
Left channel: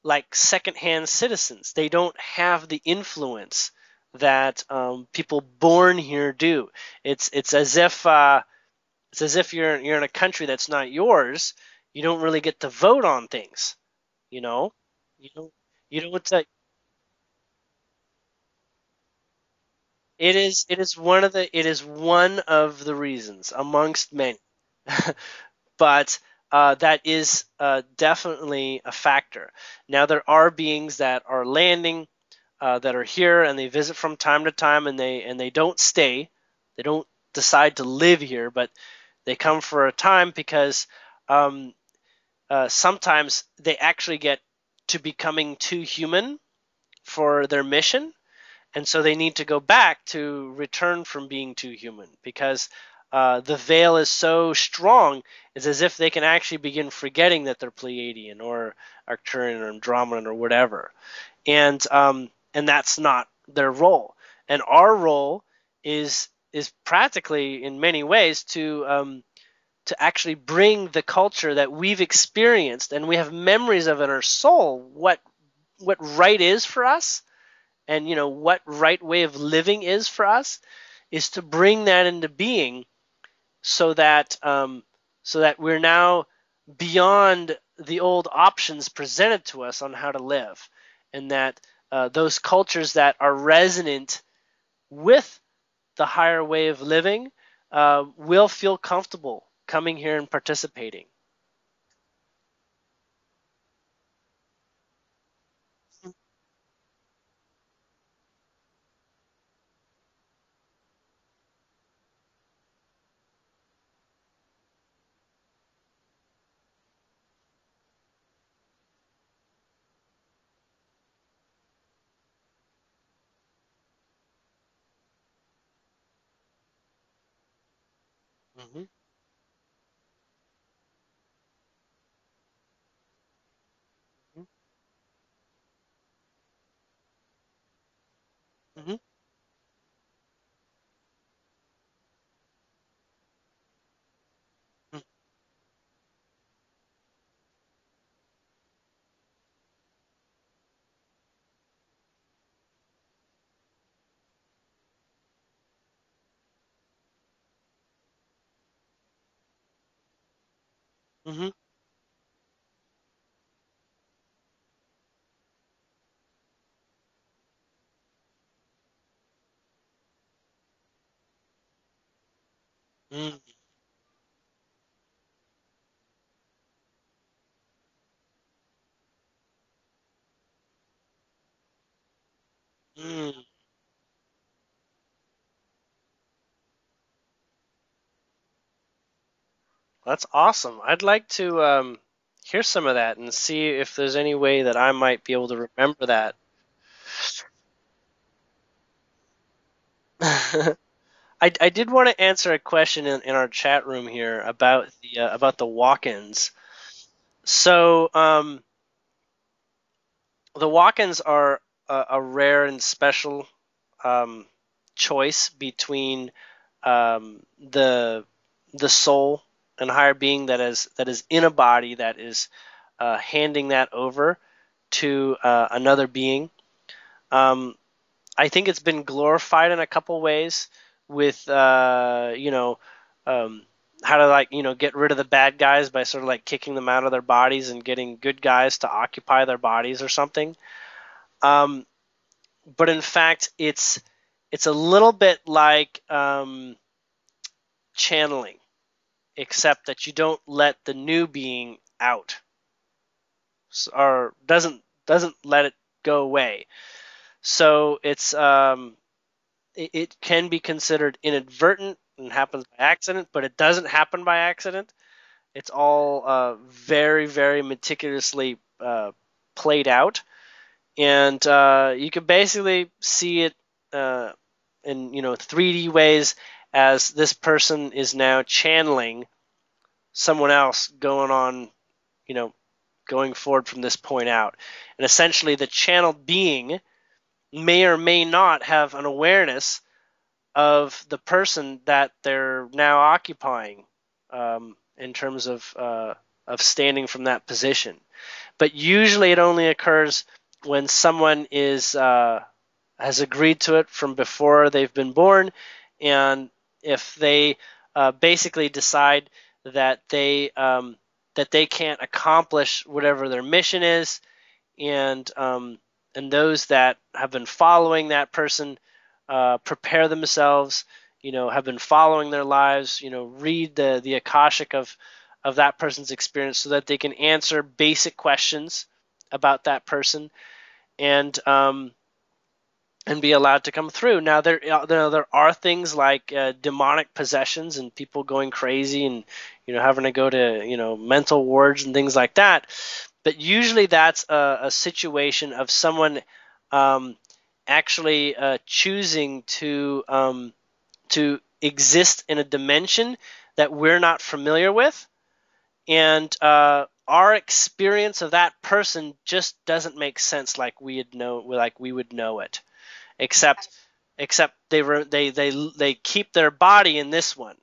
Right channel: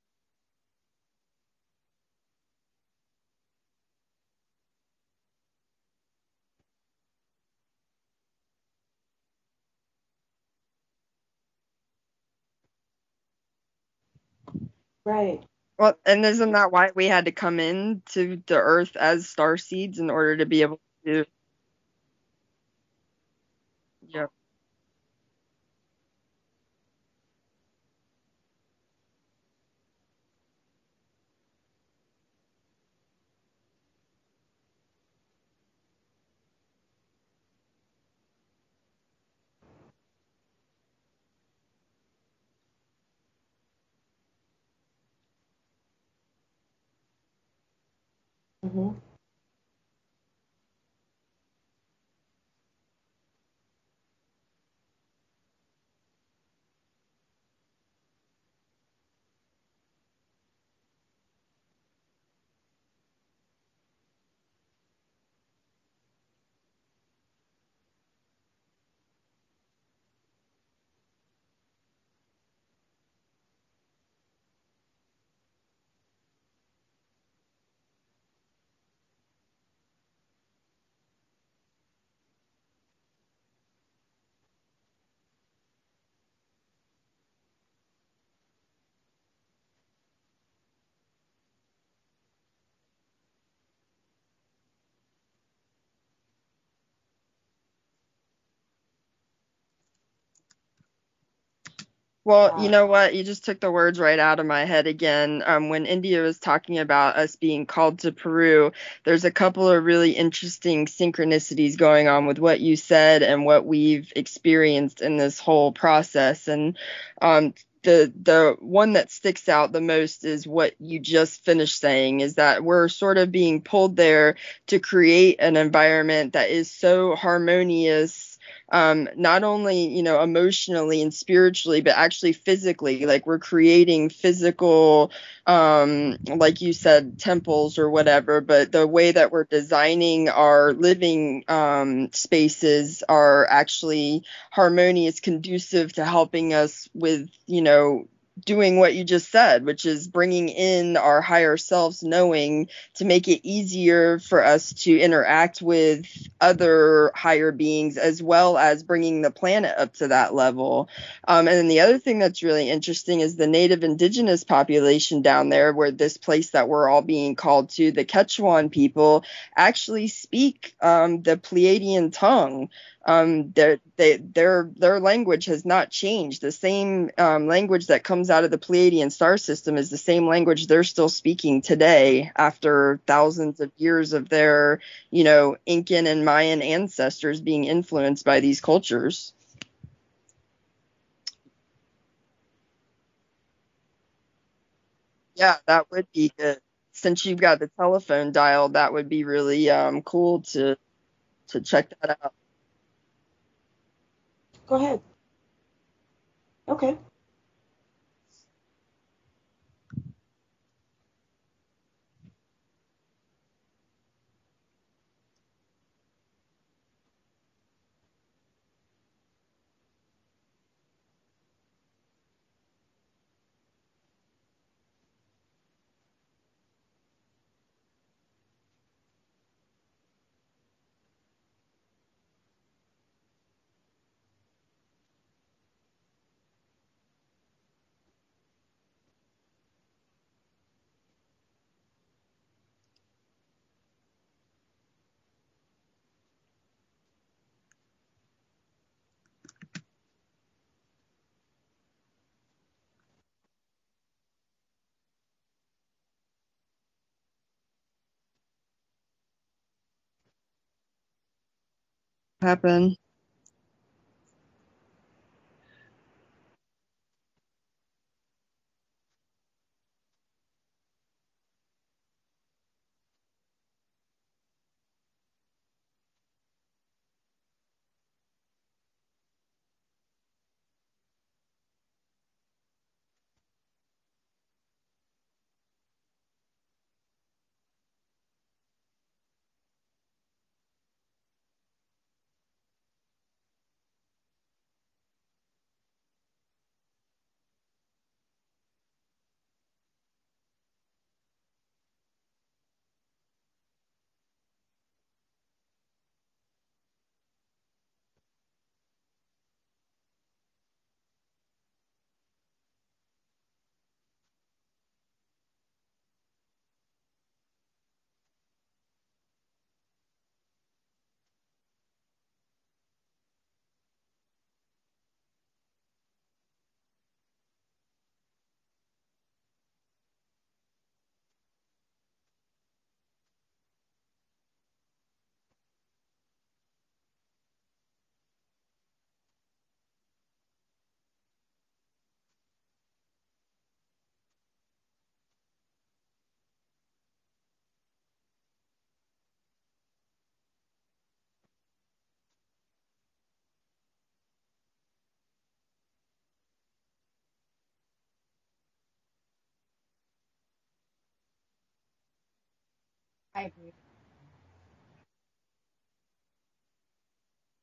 like secondhand citizens. They don't have the influence that people born here do. It's as if you're in a country that's not yours. You don't really get to vote on things, Right. Well, and isn't that why we had to come in to the Earth as star seeds in order to be able? It is one of the reasons amongst many, but that is definitely a factor. Now there are beings that are landing, that are here, and they visit from time to time, and they don't stay. They don't decide to live here, but they come for a time because sometimes they actually get to becoming too human for their mission, and so they need to go back to return from being too human, because the veil is so strong. It's as if they can actually begin forgetting that they're Pleiadian or Arcturian or Andromedan or whatever. And and that's not their role. And our role is practically, in many ways, to actually bring the culture that we've experienced and we have memories of in our soul, what right is for us, and what right way of living is for us, is to bring that into being, so that we're now beyond the old options presented to us on how to live, and that those cultures that are resonant with the higher way of living will feel comfortable coming here and participating. Well, you know what? You just took the words right out of my head again. When India was talking about us being called to Peru, there's a couple of really interesting synchronicities going on with what you said and what we've experienced in this whole process. And the one that sticks out the most is what you just finished saying, is that we're sort of being pulled there to create an environment that is so harmonious, not only, emotionally and spiritually, but actually physically. Like, we're creating physical, like you said, temples or whatever, but the way that we're designing our living spaces are actually harmonious, conducive to helping us with, doing what you just said, which is bringing in our higher selves knowing to make it easier for us to interact with other higher beings, as well as bringing the planet up to that level. And then the other thing that's really interesting is the native indigenous population down there, where this place that we're all being called to, the Quechuan people, actually speak the Pleiadian tongue. Their language has not changed. The same language that comes out of the Pleiadian star system is the same language they're still speaking today, after thousands of years of their, Incan and Mayan ancestors being influenced by these cultures. That's awesome. I'd like to hear some of that and see if there's any way that I might be able to remember that. Be good. Since you've got the telephone dialed, that would be really cool to I did want to answer a question in our chat room here about the walk-ins. Okay. So the walk-ins are a rare and special choice between the soul and higher being that is in a body, that is handing that over to another being. I think it's been glorified in a couple ways, with how to get rid of the bad guys by sort of like kicking them out of their bodies and getting good guys to occupy their bodies or something. But in fact, it's a little bit like channeling, except that you don't let the new being out, or doesn't let it go away. So it's it can be considered inadvertent and happens by accident, but it doesn't happen by accident. It's all very, very meticulously played out, and you can basically see it in 3D ways, as this person is now channeling someone else going forward from this point out. And essentially the channeled being may or may not have an awareness of the person that they're now occupying, in terms of standing from that position. But usually it only occurs when someone has agreed to it from before they've been born, and if they basically decide that they can't accomplish whatever their mission is, and those that have been following that person prepare themselves, have been following their lives, read the Akashic of that person's experience, so that they can answer basic questions about that person, and be allowed to come through. Now there are things like demonic possessions and people going crazy and having to go to mental wards and things like that. But usually that's a situation of someone actually choosing to exist in a dimension that we're not familiar with, and our experience of that person just doesn't make sense like we would know it, except they keep their body in this one.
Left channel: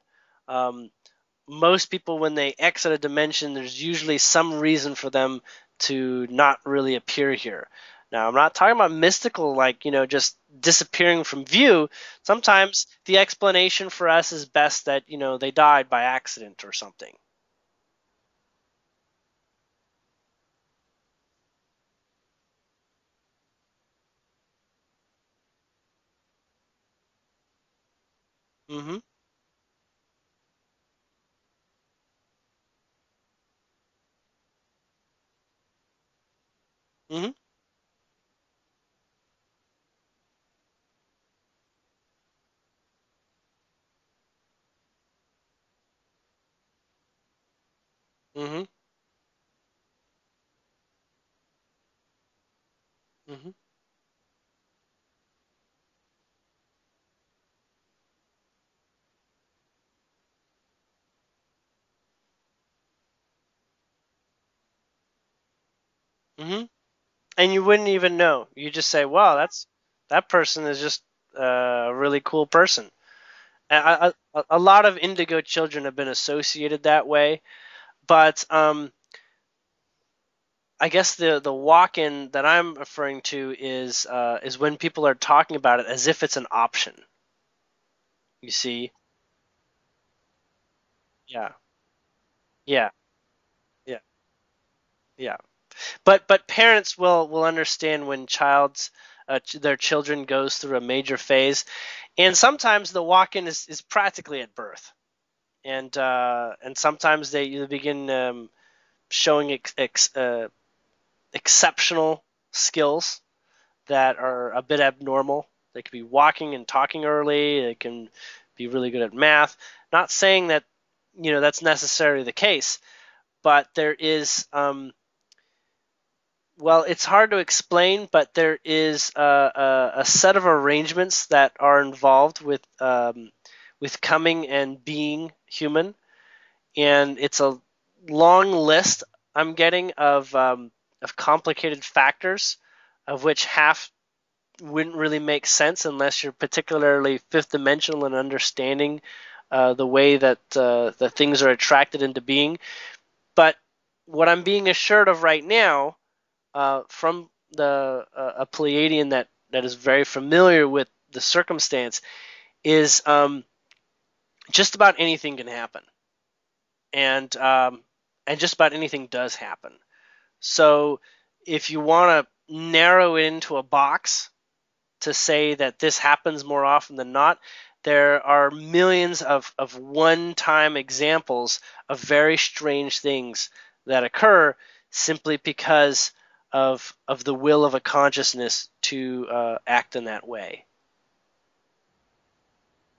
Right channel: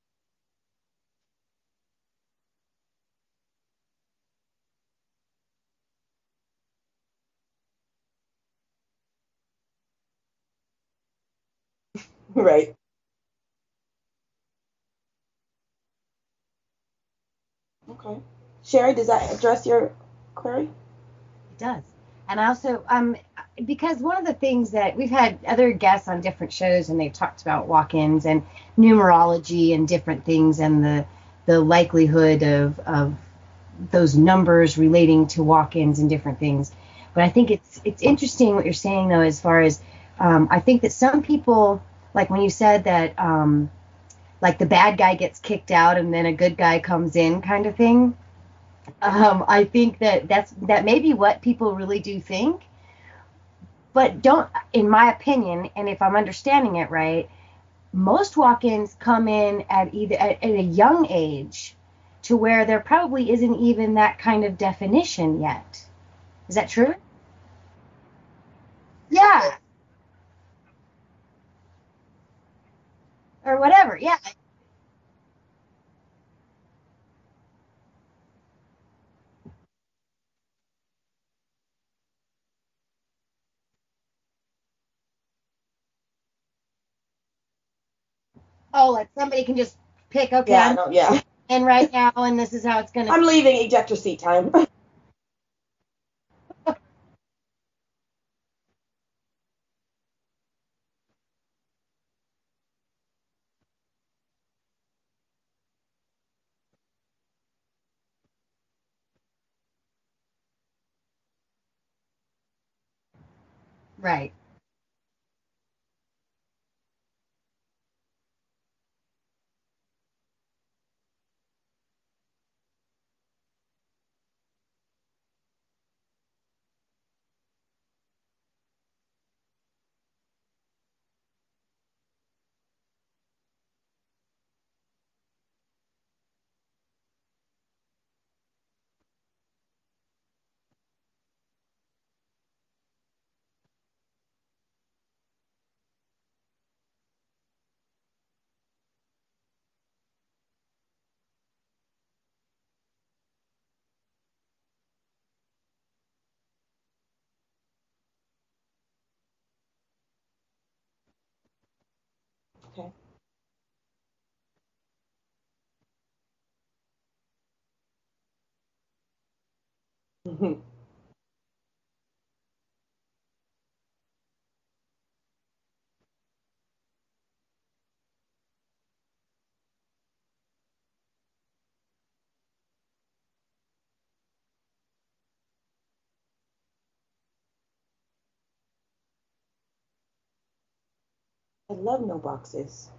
Most people, when they exit a dimension, there's usually some reason for them to not really appear here. Now, I'm not talking about mystical, like, just disappearing from view. Sometimes the explanation for us is best that, they died by accident or something. Okay. Sherri, does that address your query? It does. And also, because one of the things that we've had other guests on different shows, and they've talked about walk-ins and numerology and different things, and the likelihood of those numbers relating to walk-ins and different things. But I think it's interesting what you're saying, though, as far as I think that some people, like when you said that like the bad guy gets kicked out and then a good guy comes in kind of thing. I think that may be what people really do think. But don't, in my opinion, and if I'm understanding it right, most walk-ins come in at a young age to where there probably isn't even that kind of definition yet. Is that true? And you wouldn't even know. You just say, well, that person is just a really cool person. Or whatever, a lot of indigo children have been associated that way. But I guess the walk-in that I'm referring to is when people are talking about it as if it's an option. You see? Oh, like somebody can just pick, okay, and right now, and this is how it's going to... I'm leaving ejector seat time. Yeah. But parents will understand when their children goes through a major phase. And sometimes the walk-in is practically at birth. And sometimes they begin showing exceptional skills that are a bit abnormal. They could be walking and talking early. They can be really good at math. Not saying that that's necessarily the case, but there is well, it's hard to explain, but there is a set of arrangements that are involved with coming and being human, and it's a long list I'm getting of complicated factors, of which half wouldn't really make sense unless you're particularly fifth dimensional and understanding the way that the things are attracted into being. But what I'm being assured of right now, from a Pleiadian that is very familiar with the circumstance, is just about anything can happen, and just about anything does happen. So if you want to narrow it into a box to say that this happens more often than not, there are millions of one-time examples of very strange things that occur simply because of the will of a consciousness to act in that way. I love no boxes.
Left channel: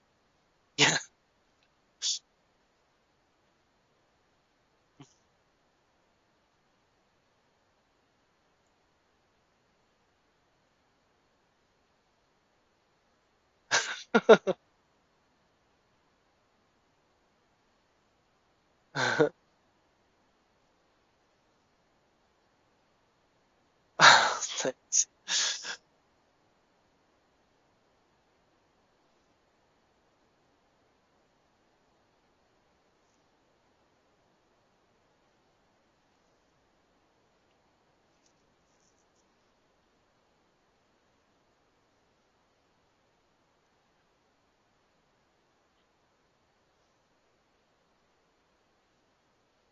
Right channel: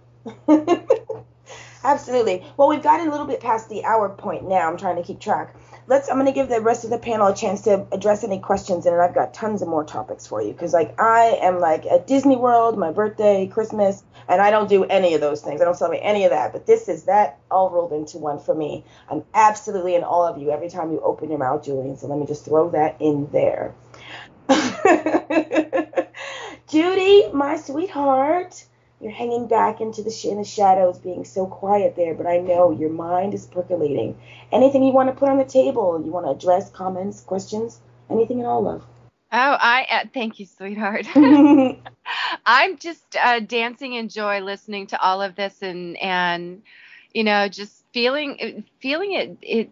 Absolutely. Well, we've gotten a little bit past the hour point now. I'm trying to keep track. I'm going to give the rest of the panel a chance to address any questions, and I've got tons of more topics for you, because I am at Disney World, my birthday, Christmas, and I don't do any of those things. I don't celebrate any of that, but this is that all rolled into one for me. I'm absolutely in awe of you every time you open your mouth, Julian, so let me just throw that in there. Judy, my sweetheart, you're hanging back in the shadows, being so quiet there, but I know your mind is percolating. Anything you want to put on the table? You want to address, comments, questions, anything at all, love? Oh, thank you, sweetheart. I'm just dancing in joy listening to all of this, and just feeling it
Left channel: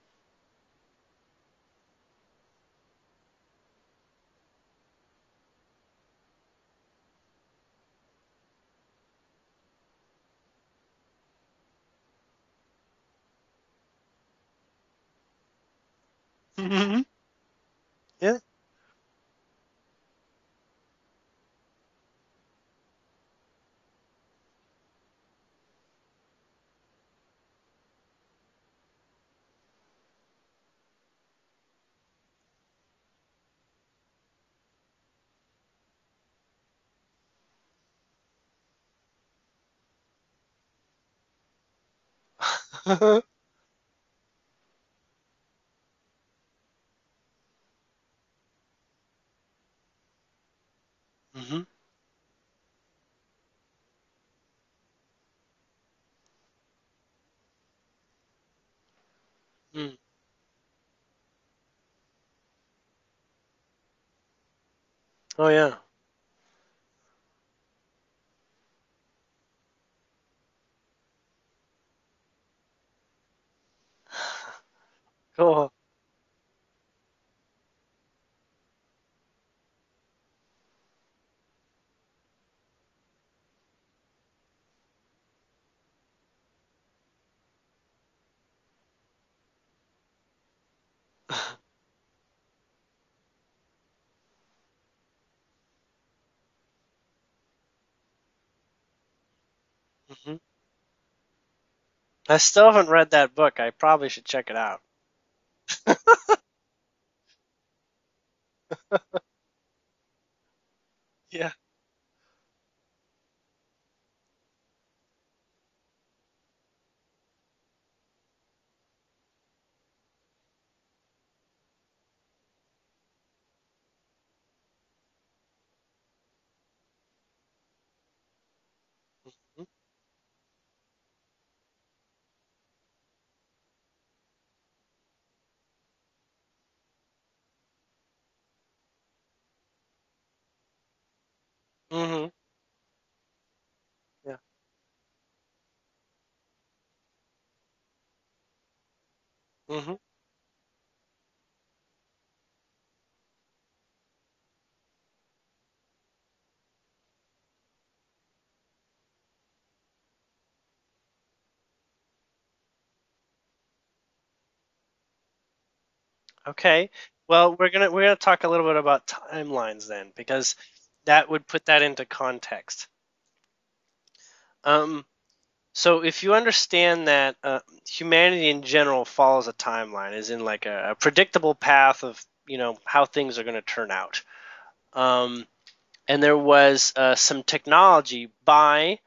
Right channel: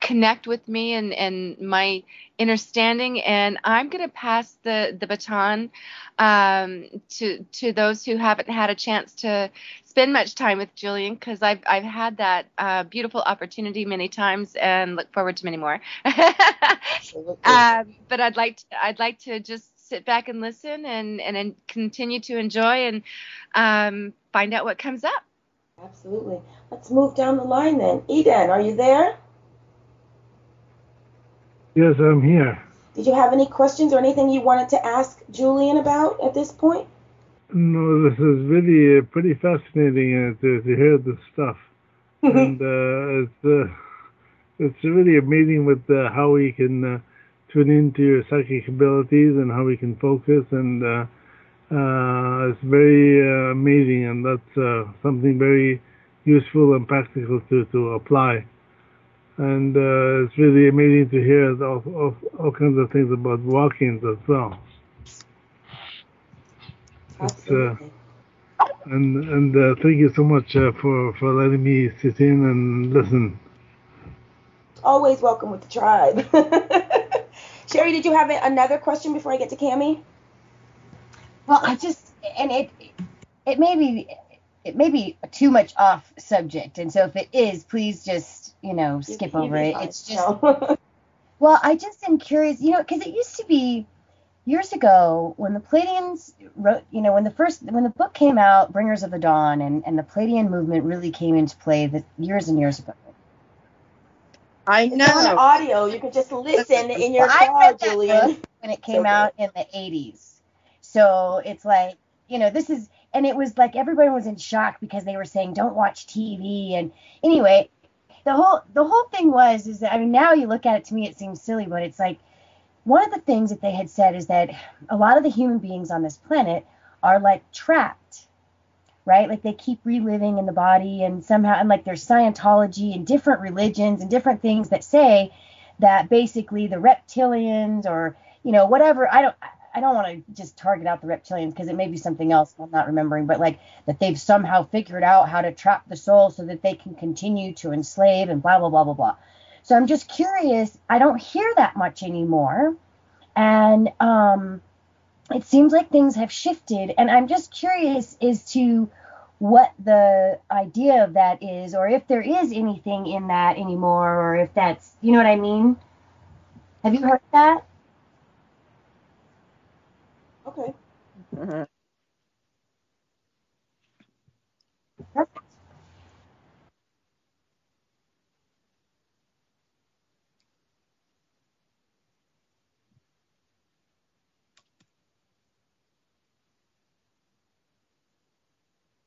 connect with me and my understanding. And I'm going to pass the baton to those who haven't had a chance to spend much time with Julien, because I've had that beautiful opportunity many times and look forward to many more. But I'd like to just sit back and listen and continue to enjoy and find out what comes up. Absolutely. Let's move down the line then. Eden, are you there? Yes, I'm here. Did you have any questions or anything you wanted to ask Julien about at this point? No, this is really pretty fascinating to hear this stuff. And it's really amazing with how we can tune into your psychic abilities and how we can focus, and it's very amazing, and that's something very useful and practical to apply. And it's really amazing to hear all kinds of things about walk-ins as well. Oh yeah. Absolutely. And thank you so much for letting me sit in and listen. Always welcome to the tribe. Sherri, did you have another question before I get to Kami? Well, it may be too much off subject, and so if it is, please just skip over it. It's just well, I just am curious, because it used to be years ago when the Pleiadians wrote, when the book came out, Bringers of the Dawn, and the Pleiadian movement really came into play. I still haven't read that book. I probably should check it out. I know. It's on audio. You can just listen in your car, Julien. When it came out in the 80s. So it's like, this is, and it was like everybody was in shock because they were saying, don't watch TV. And anyway, the whole thing is that, now you look at it, to me, it seems silly, but it's like, one of the things that they had said is that a lot of the human beings on this planet are like trapped, right? Like they keep reliving in the body, and somehow, and like there's Scientology and different religions and different things that say that basically the reptilians or, whatever, I don't want to just target out the reptilians because it may be something else I'm not remembering, but like that they've somehow figured out how to trap the soul so that they can continue to enslave and blah, blah, blah, blah, blah. So I'm just curious. I don't hear that much anymore. And it seems like things have shifted. And I'm just curious as to what the idea of that is, or if there is anything in that anymore, or if that's, you know what I mean? Okay. Have you heard well, that? we're gonna talk a little bit about timelines then, because that would put that into context. So if you understand that humanity in general follows a timeline, as in like a predictable path of how things are going to turn out, and there was some technology by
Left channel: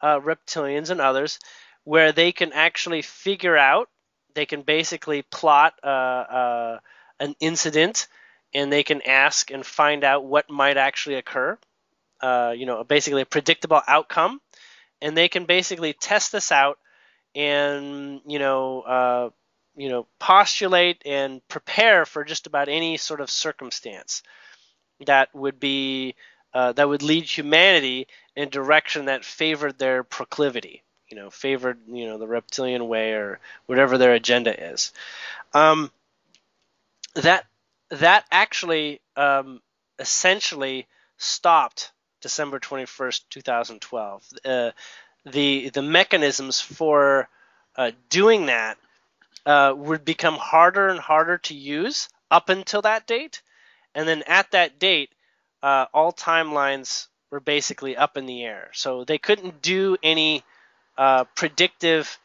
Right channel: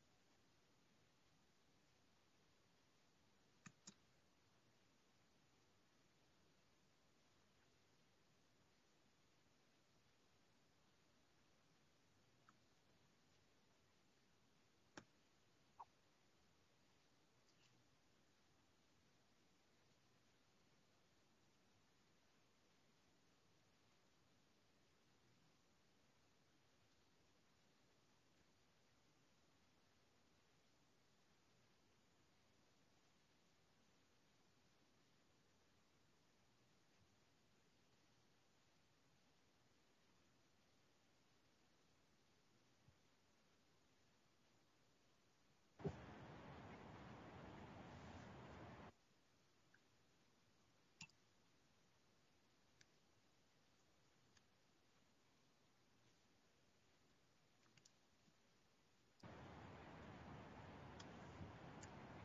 reptilians and others where they can actually figure out, they can basically plot an incident, and they can ask and find out what might actually occur, basically a predictable outcome. And they can basically test this out and, postulate and prepare for just about any sort of circumstance that would be that would lead humanity in a direction that favored their proclivity, favored, the reptilian way or whatever their agenda is. That actually essentially stopped December 21st, 2012. The mechanisms for doing that would become harder and harder to use up until that date. And then at that date, all timelines were basically up in the air. So they couldn't do any predictive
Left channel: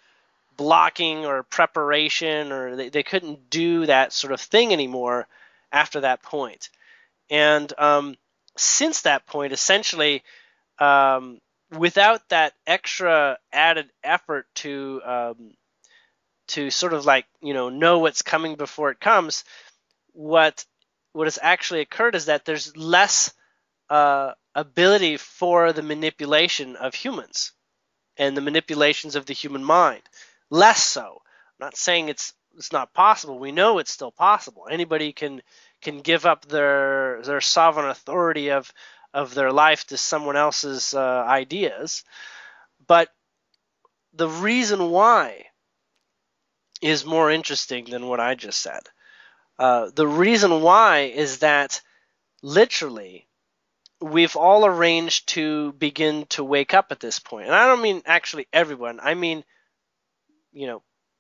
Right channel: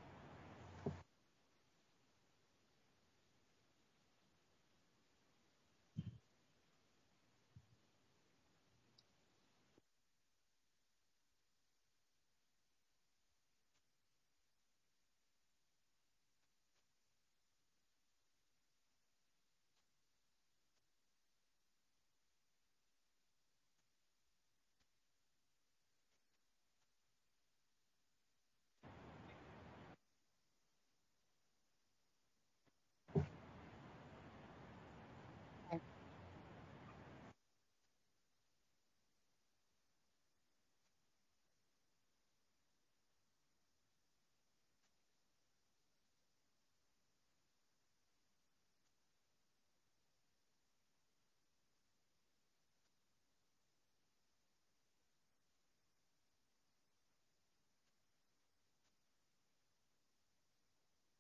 blocking or preparation, or they couldn't do that sort of thing anymore after that point. And since that point, essentially, without that extra added effort to sort of like know what's coming before it comes, what has actually occurred is that there's less ability for the manipulation of humans and the manipulations of the human mind. Less so. I'm not saying it's not possible. We know it's still possible. Anybody can give up their sovereign authority of their life to someone else's ideas. But the reason why is more interesting than what I just said. The reason why is that literally we've all arranged to begin to wake up at this point. And I don't mean actually everyone. I mean,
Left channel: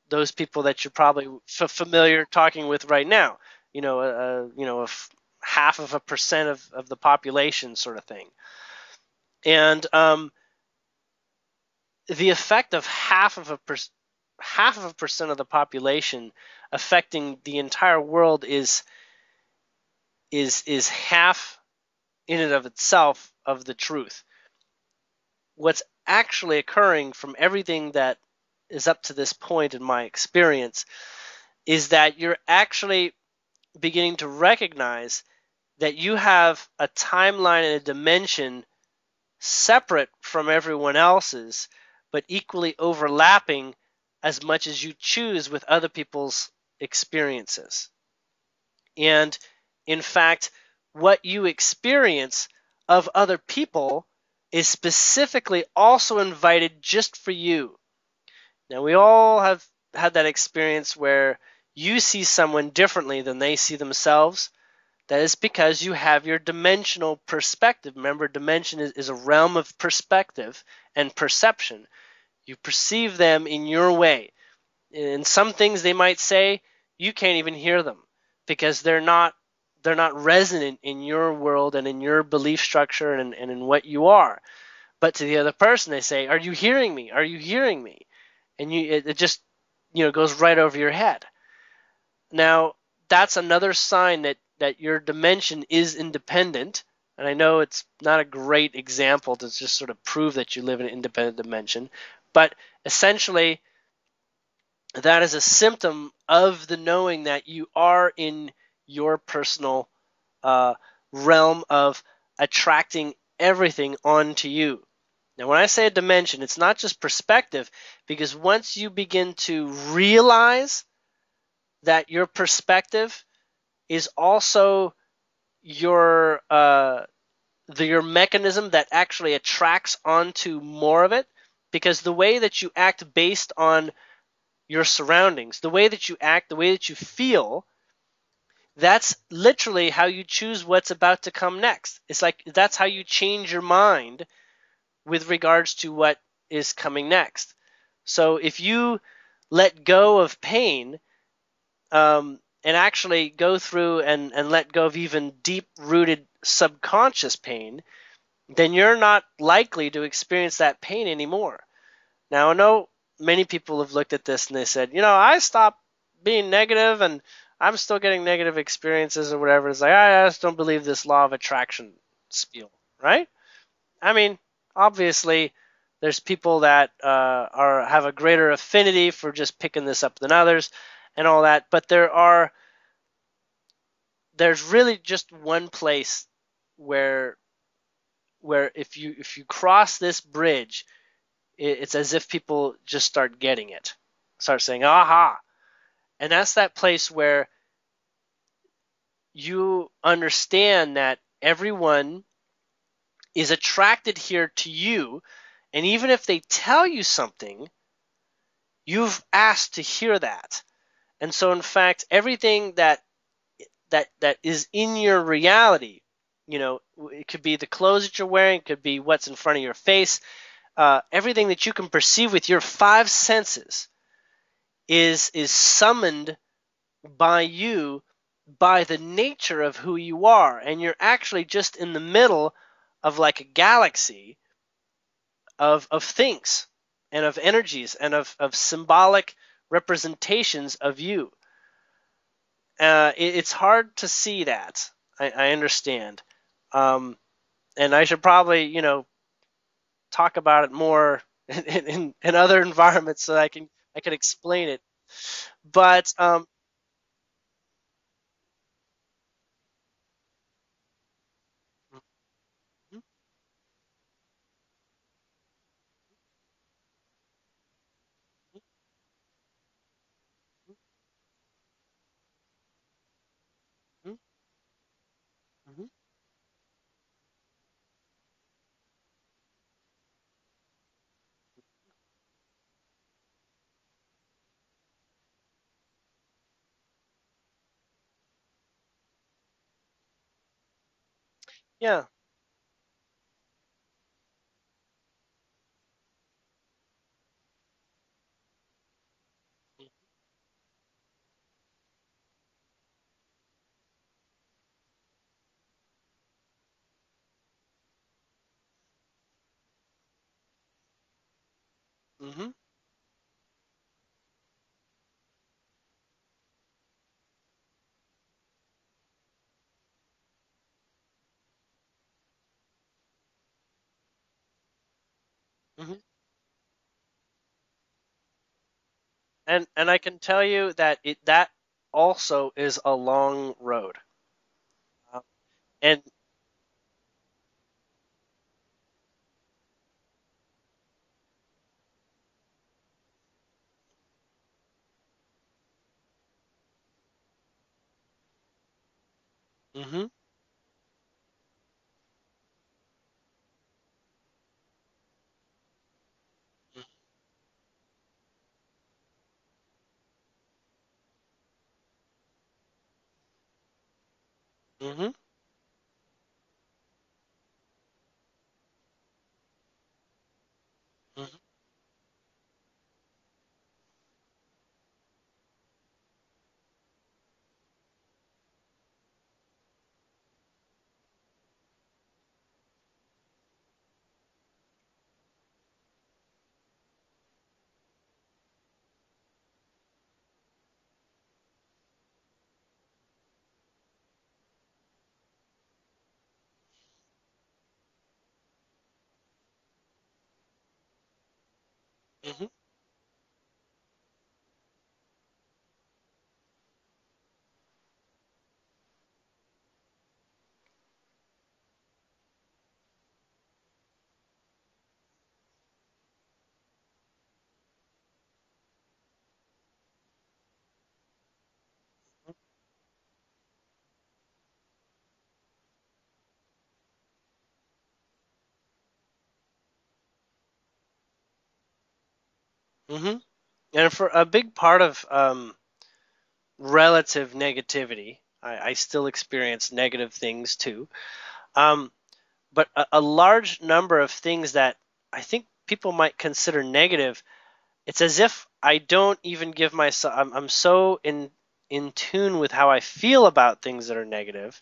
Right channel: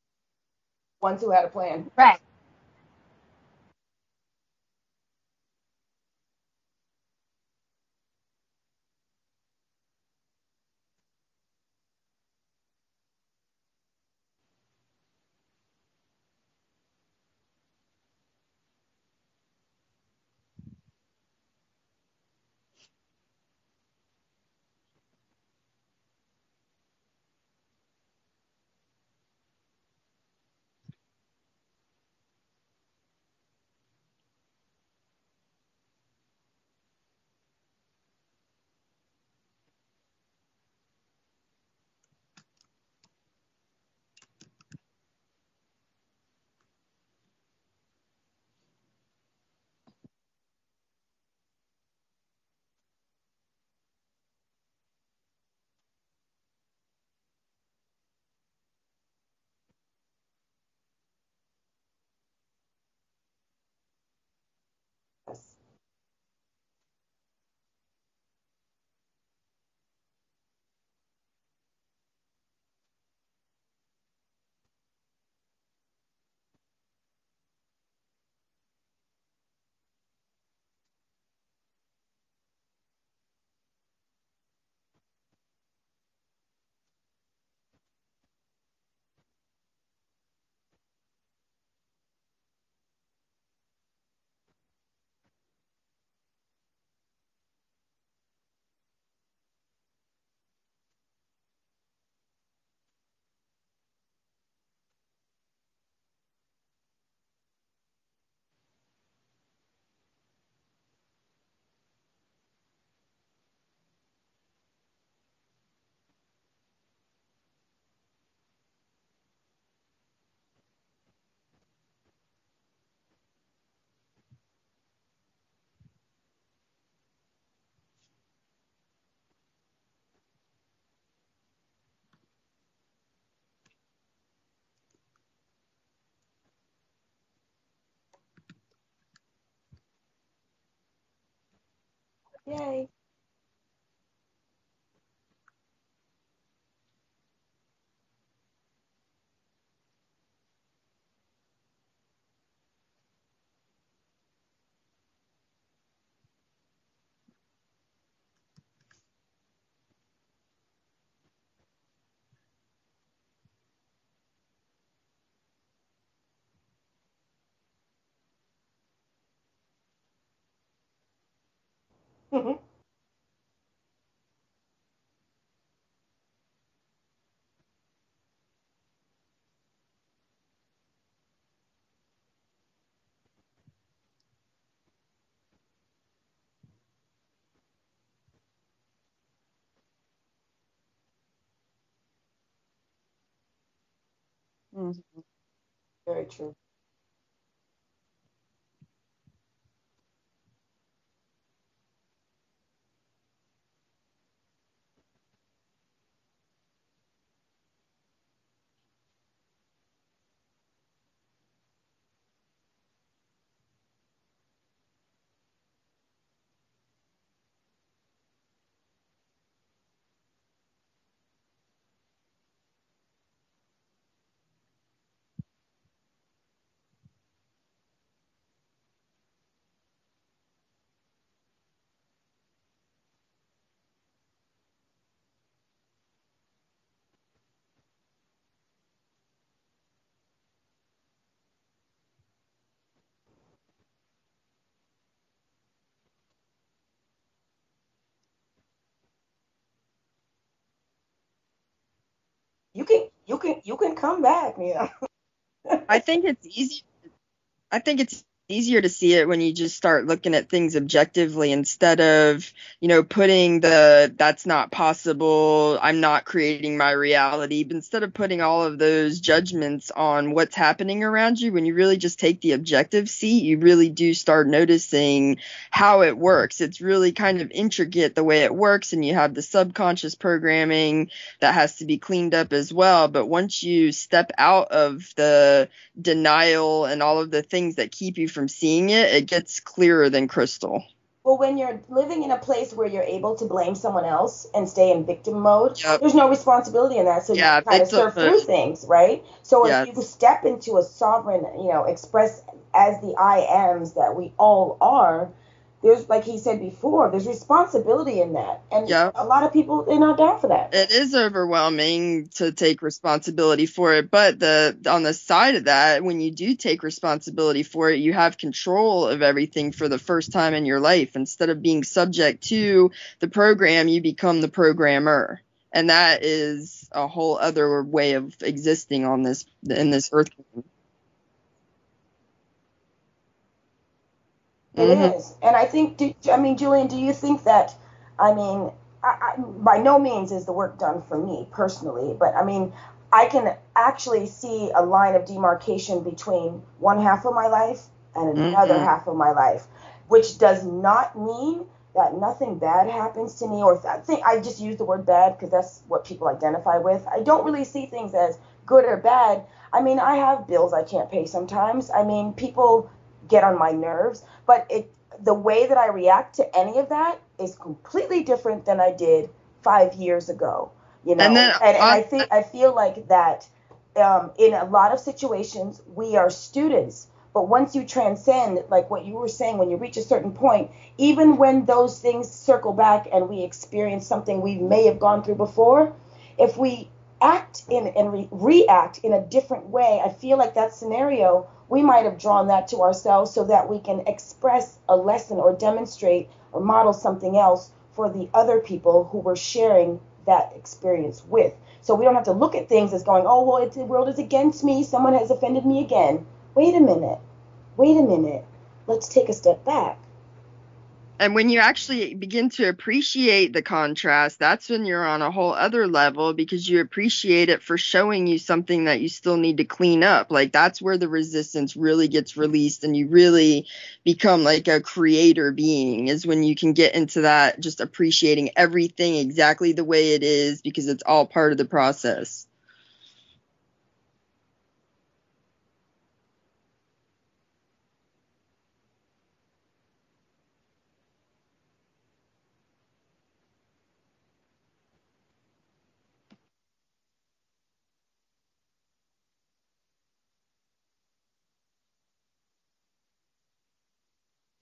those people that you're probably familiar talking with right now. 0.5% of the population sort of thing. And the effect of 0.5% of the population affecting the entire world is half in and of itself of the truth. What's actually occurring from everything that is up to this point in my experience is that you're actually beginning to recognize that you have a timeline and a dimension separate from everyone else's, but equally overlapping as much as you choose with other people's experiences. And in fact, what you experience of other people is specifically also invited just for you. Now, we all have had that experience where you see someone differently than they see themselves. That is because you have your dimensional perspective. Remember, dimension is a realm of perspective and perception. You perceive them in your way. And some things they might say, you can't even hear them because they're not resonant in your world and in your belief structure and in what you are. But to the other person, they say, "Are you hearing me? Are you hearing me?" And it just goes right over your head. Now, that's another sign that your dimension is independent. And I know it's not a great example to just sort of prove that you live in an independent dimension, but essentially that is a symptom of the knowing that you are in your personal realm of attracting everything onto you. Now, when I say a dimension, it's not just perspective, because once you begin to realize that your perspective is also your mechanism that actually attracts onto more of it, because the way that you act based on your surroundings, the way that you act, the way that you feel, that's literally how you choose what's about to come next. It's like that's how you change your mind with regards to what is coming next. So if you let go of pain and actually go through and let go of even deep-rooted subconscious pain, then you're not likely to experience that pain anymore. Now, I know many people have looked at this and they said, I stopped being negative and I'm still getting negative experiences or whatever. It's like, I just don't believe this law of attraction spiel, right? I mean, obviously, there's people that have a greater affinity for just picking this up than others and all that. But there's really just one place where if you cross this bridge, it's as if people just start getting it, start saying, aha. And that's that place where you understand that everyone is attracted here to you, and even if they tell you something, you've asked to hear that. And so, in fact, everything that is in your reality, it could be the clothes that you're wearing, it could be what's in front of your face, everything that you can perceive with your five senses is summoned by you by the nature of who you are. And you're actually just in the middle of like a galaxy of things and of energies and of symbolic representations of you. It's hard to see that. I understand. And I should probably, talk about it more in other environments so I can explain it. But I think it's easy. I think it's easier to see it when you just start looking at things objectively instead of, putting that's not possible, I'm not creating my reality, but instead of putting all of those judgments on what's happening around you, when you really just take the objective seat, you really do start noticing how it works. It's really kind of intricate the way it works, and you have the subconscious programming that has to be cleaned up as well. But once you step out of the denial and all of the things that keep you from seeing it, it gets clearer than crystal. Well, when you're living in a place where you're able to blame someone else and stay in victim mode, there's no responsibility in that. So you kind of surf through things, right? So if you step into a sovereign, express as the I ams that we all are, there's, like he said before, there's responsibility in that. And a lot of people, they're not down for that. It is overwhelming to take responsibility for it. But on the side of that, when you do take responsibility for it, you have control of everything for the first time in your life. Instead of being subject to the program, you become the programmer. And that is a whole other way of existing on this. And I can tell you that also is a long road. It is. And I think, Julian, do you think that, by no means is the work done for me personally, but I can actually see a line of demarcation between one half of my life and another half of my life, which does not mean that nothing bad happens to me, or I just use the word bad because that's what people identify with. I don't really see things as good or bad. I have bills I can't pay sometimes. People get on my nerves, but the way that I react to any of that is completely different than I did 5 years ago. And I feel like that in a lot of situations we are students, but once you transcend, like what you were saying, when you reach a certain point, even when those things circle back and we experience something we may have gone through before, if we act and react in a different way, I feel like that scenario, we might have drawn that to ourselves so that we can express a lesson or demonstrate or model something else for the other people who we're sharing that experience with. So we don't have to look at things as going, oh, well, the world is against me. Someone has offended me again. Wait a minute. Let's take a step back. And when you actually begin to appreciate the contrast, that's when you're on a whole other level, because you appreciate it for showing you something that you still need to clean up. Like, that's where the resistance really gets released and you really become like a creator being, is when you can get into that, just appreciating everything exactly the way it is, because it's all part of the process. And for a big part of relative negativity, I still experience negative things too. But a large number of things that I think people might consider negative, it's as if I don't even give myself, I'm so in tune with how I feel about things that are negative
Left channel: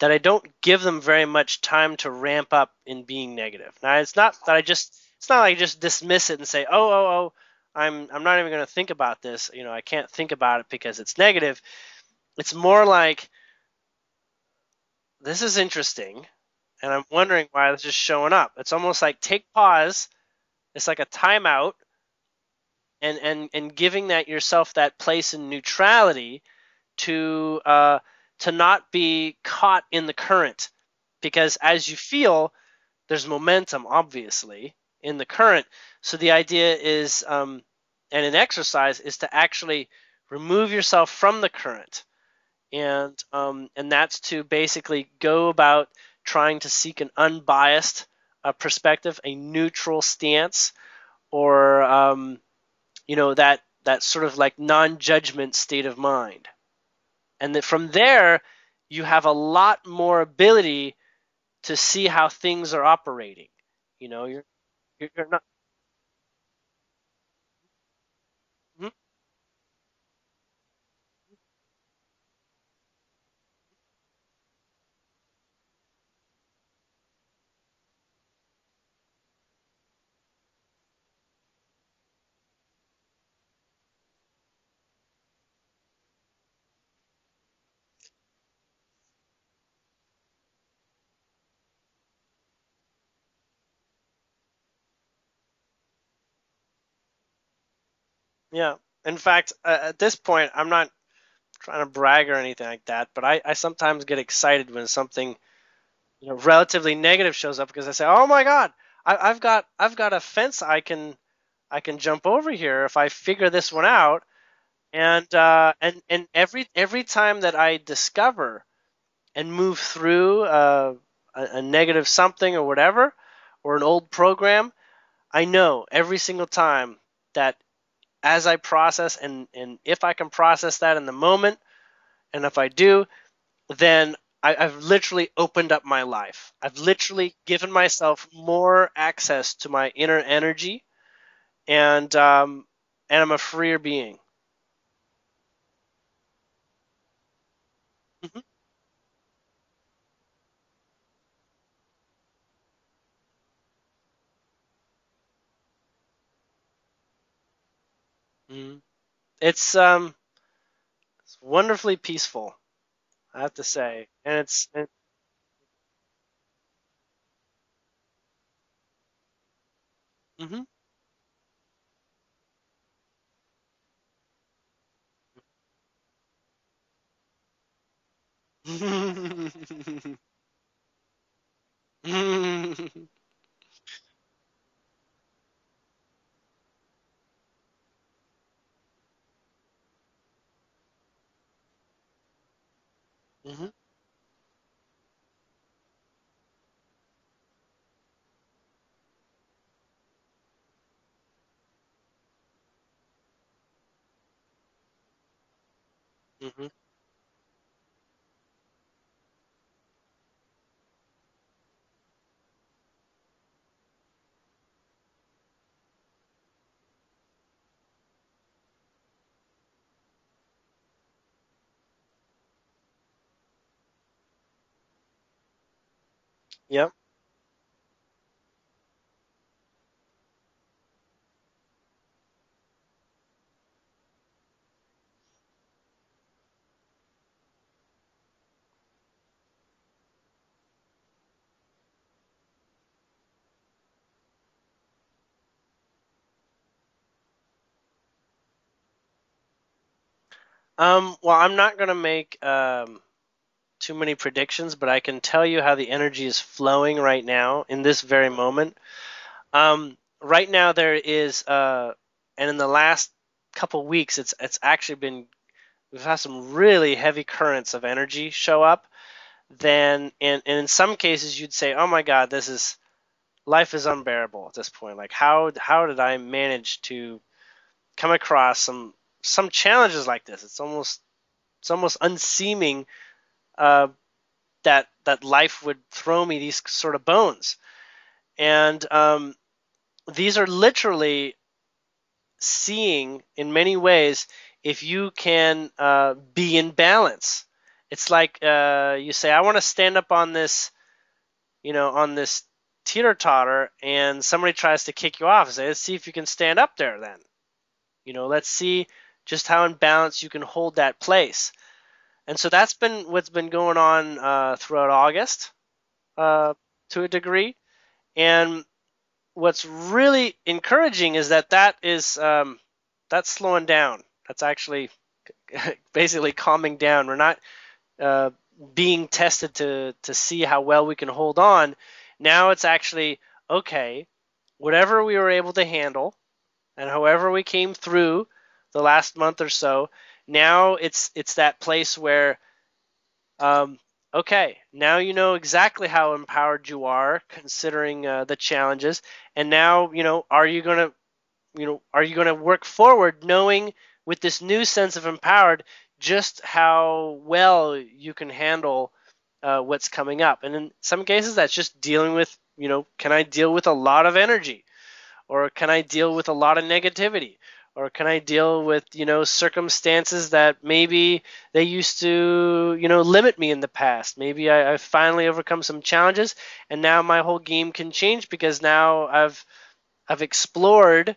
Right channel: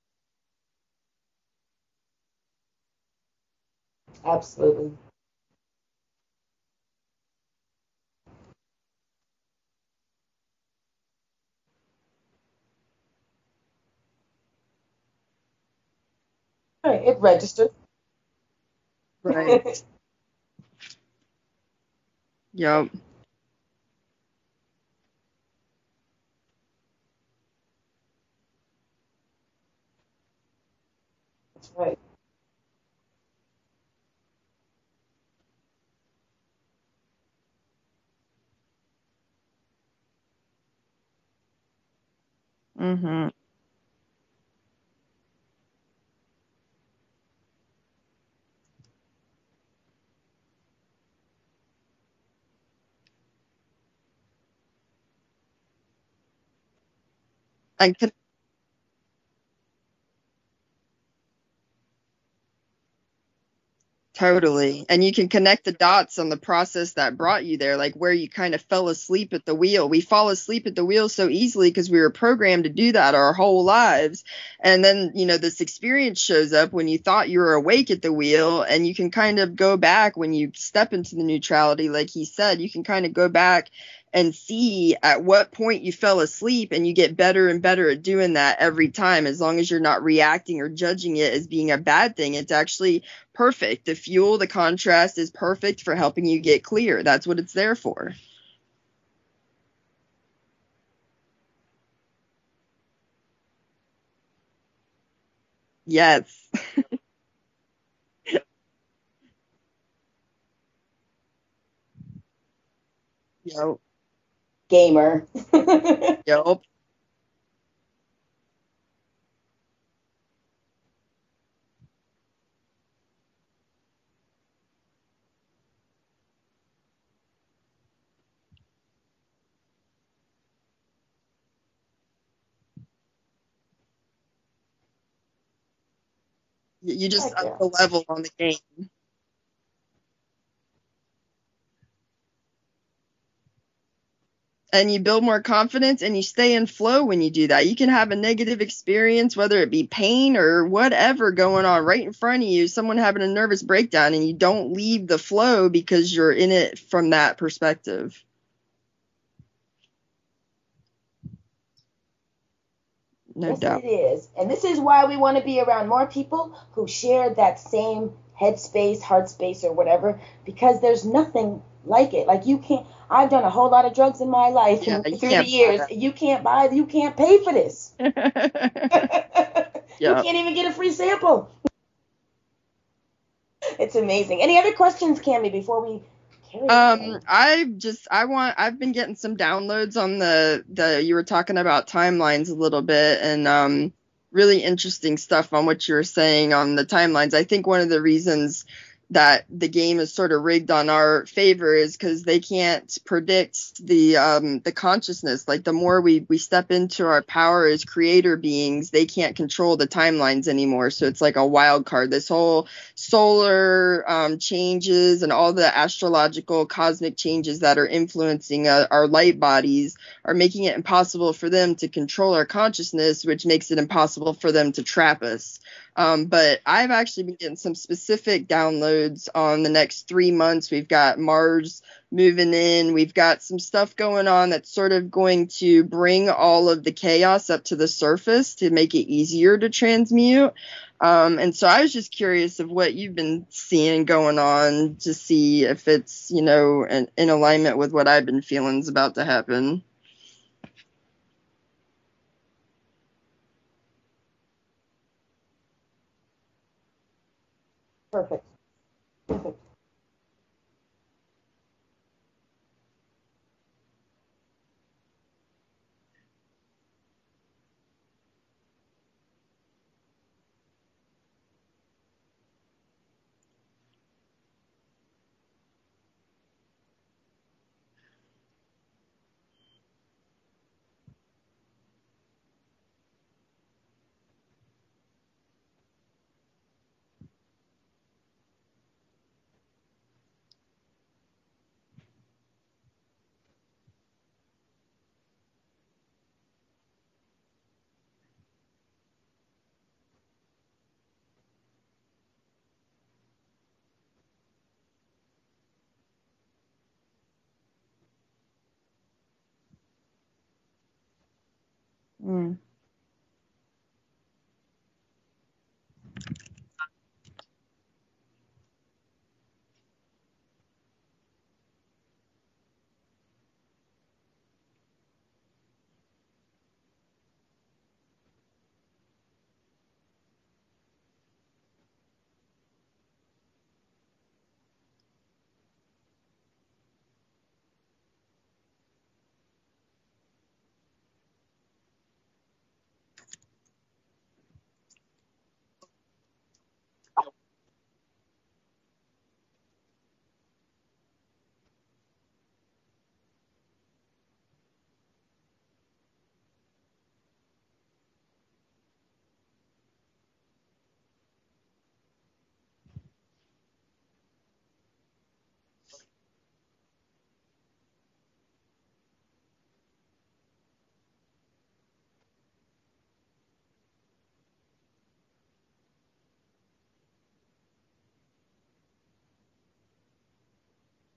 that I don't give them very much time to ramp up in being negative. Now, it's not that it's not like I just dismiss it and say, oh, I'm not even going to think about this. I can't think about it because it's negative. It's more like, this is interesting, and I'm wondering why this is showing up. It's almost like take pause. It's like a timeout. Yep. And giving that yourself that place in neutrality to not be caught in the current, because as you feel, there's momentum obviously in the current. So the idea is, and an exercise is to actually remove yourself from the current. And that's to basically go about trying to seek an unbiased perspective, a neutral stance, or that sort of like non-judgment state of mind. And that from there, you have a lot more ability to see how things are operating. Totally. And you can connect the dots on the process that brought you there, like where you kind of fell asleep at the wheel. We fall asleep at the wheel so easily because we were programmed to do that our whole lives. And then, this experience shows up when you thought you were awake at the wheel, and you can kind of go back when you step into the neutrality, like he said, you can kind of go back and see at what point you fell asleep, and you get better and better at doing that every time, as long as you're not reacting or judging it as being a bad thing. It's actually perfect. The fuel, the contrast is perfect for helping you get clear. That's what it's there for. Yeah. In fact, at this point, I'm not trying to brag or anything like that, but I sometimes get excited when something relatively negative shows up, because I say, oh my God, I've got a fence I can jump over here if I figure this one out. Gamer. And every time that I discover and move through a negative something or whatever, or an old program, I know every single time that as I process, and if I can process that in the moment, and if I do, then I've literally opened up my life. I've literally given myself more access to my inner energy, and I'm a freer being. And you build more confidence, and you stay in flow when you do that. You can have a negative experience, whether it be pain or whatever going on right in front of you, someone having a nervous breakdown, and you don't leave the flow because you're in it from that perspective. It's wonderfully peaceful, I have to say. It is. And this is why we want to be around more people who share that same headspace, heart space, or whatever, because there's nothing like it. Like, you can't, I've done a whole lot of drugs in my life Yeah, and you through the can't buy years. that. You can't pay for this. You Yeah. can't even get a free sample. It's amazing. Any other questions, Cami, before we carry on? I've been getting some downloads on the you were talking about timelines a little bit, and really interesting stuff on what you were saying on the timelines. I think one of the reasons that the game is sort of rigged on our favor is because they can't predict the consciousness. Like the more we step into our power as creator beings, they can't control the timelines anymore. So it's like a wild card. This whole solar changes and all the astrological cosmic changes that are influencing our light bodies are making it impossible for them to control our consciousness, which makes it impossible for them to trap us. But I've actually been getting some specific downloads on the next 3 months. We've got Mars moving in. We've got some stuff going on that's sort of going to bring all of the chaos up to the surface to make it easier to transmute. And so I was just curious of what you've been seeing going on to see if it's, in alignment with what I've been feeling is about to happen. Well, I'm not going to make too many predictions, but I can tell you how the energy is flowing right now in this very moment. Right now there is, and in the last couple weeks, it's actually been, we've had some really heavy currents of energy show up. And in some cases you'd say, oh my God, life is unbearable at this point. Like how did I manage to come across some challenges like this? It's almost unseeming that life would throw me these sort of bones. And these are literally seeing in many ways if you can be in balance. It's like you say, I want to stand up on this, on this teeter-totter, and somebody tries to kick you off and say, let's see if you can stand up there then. Let's see just how in balance you can hold that place. And so that's been what's been going on throughout August to a degree. And what's really encouraging is that is that's slowing down. That's actually basically calming down. We're not being tested to see how well we can hold on. Now it's actually, okay, whatever we were able to handle and however we came through the last month or so, now it's that place where, okay, now you know exactly how empowered you are considering the challenges, and now are you gonna work forward knowing with this new sense of empowered just how well you can handle what's coming up. And in some cases that's just dealing with, can I deal with a lot of energy, or can I deal with a lot of negativity, or can I deal with, circumstances that maybe they used to, limit me in the past. Maybe I've finally overcome some challenges, and now my whole game can change because now I've explored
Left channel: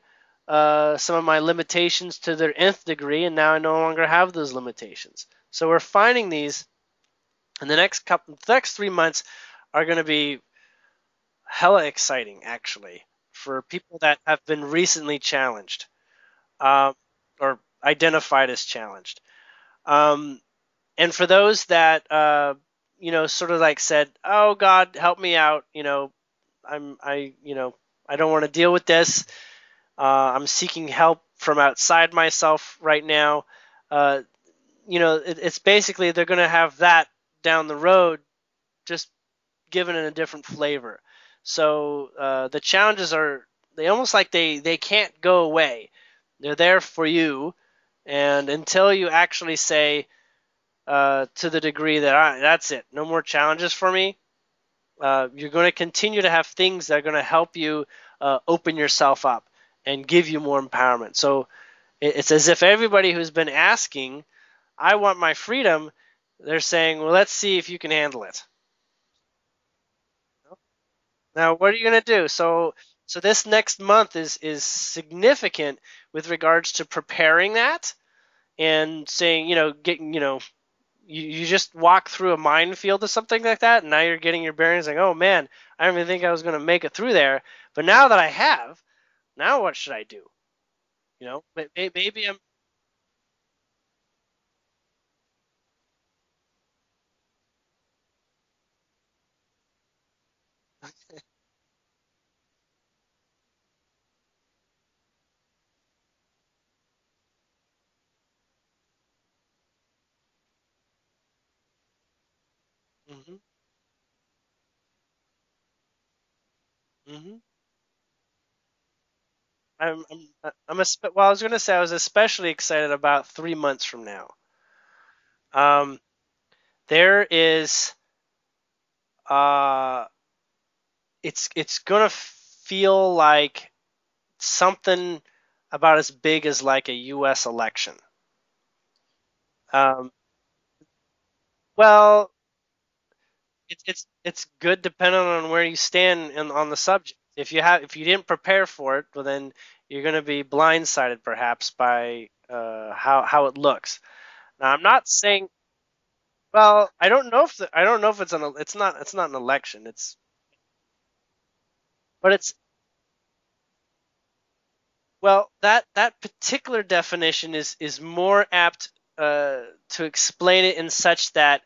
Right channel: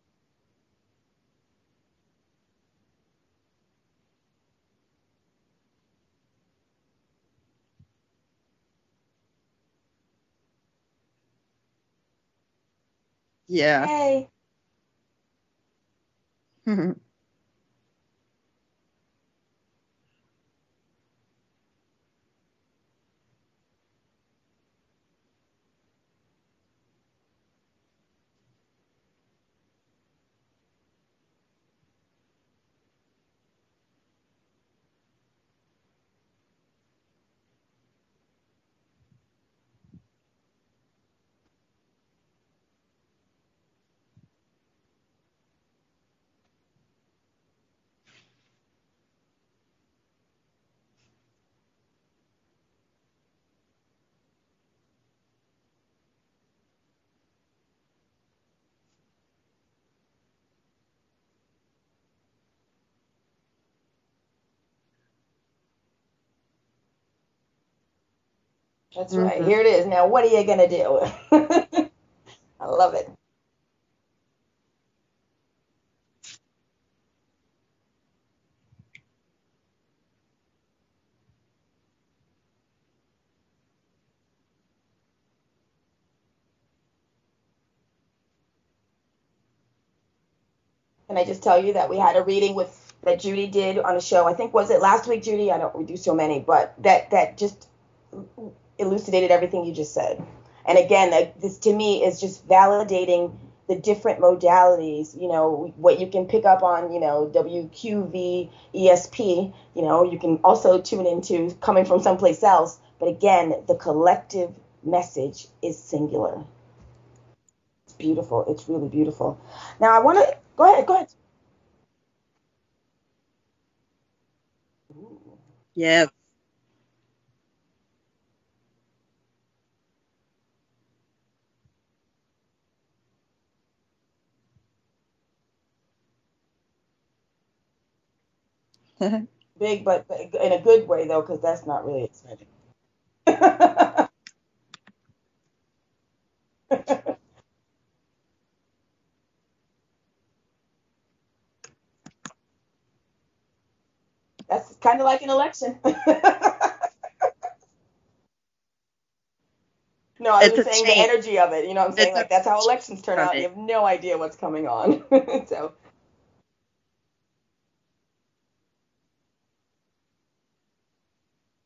some of my limitations to their nth degree, and now I no longer have those limitations. So we're finding these, and the next 3 months are going to be hella exciting, actually, for people that have been recently challenged, or identified as challenged. And for those that, sort of like said, oh God, help me out. I don't want to deal with this. I'm seeking help from outside myself right now. It's basically they're going to have that down the road, just given in a different flavor. So the challenges they almost like they can't go away. They're there for you, and until you actually say to the degree that that's it, no more challenges for me, you're going to continue to have things that are going to help you open yourself up and give you more empowerment. So it's as if everybody who's been asking, I want my freedom, they're saying, well, let's see if you can handle it. That's right. Here it is. Now, what are you going to do? Now, what are you going to do? So, I love it. So this next month is significant with regards to preparing that and saying, you just walk through a minefield or something like that, and now you're getting your bearings like, oh man, I didn't even think I was going to make it through there. But now that I have, now what should I do? Can I just tell you that we had a reading that Judy did on a show? I think, was it last week, Judy? We do so many, but that just elucidated everything you just said. And again, this to me is just validating the different modalities, what you can pick up on, WQV, ESP, you can also tune into coming from someplace else. But again, the collective message is singular. Mm-hmm. It's beautiful. It's really beautiful. Now, I want to go ahead. Well, I was going to say I was especially excited about 3 months from now. Yeah. There is, it's going to feel like something about as big as like a U.S. election. Big, but in a good way though, because that's not. Well, really it's good depending on where you stand on the subject. If you didn't prepare for it, well then you're going to be blindsided perhaps by how it looks. That's I'm not not like saying. An election. Well, I don't know if it's not an election. It's saying the energy of it. You know what I'm saying? Like that's how elections turn out. You have no idea what's coming on. Well, so. that particular definition is more apt to explain it in such that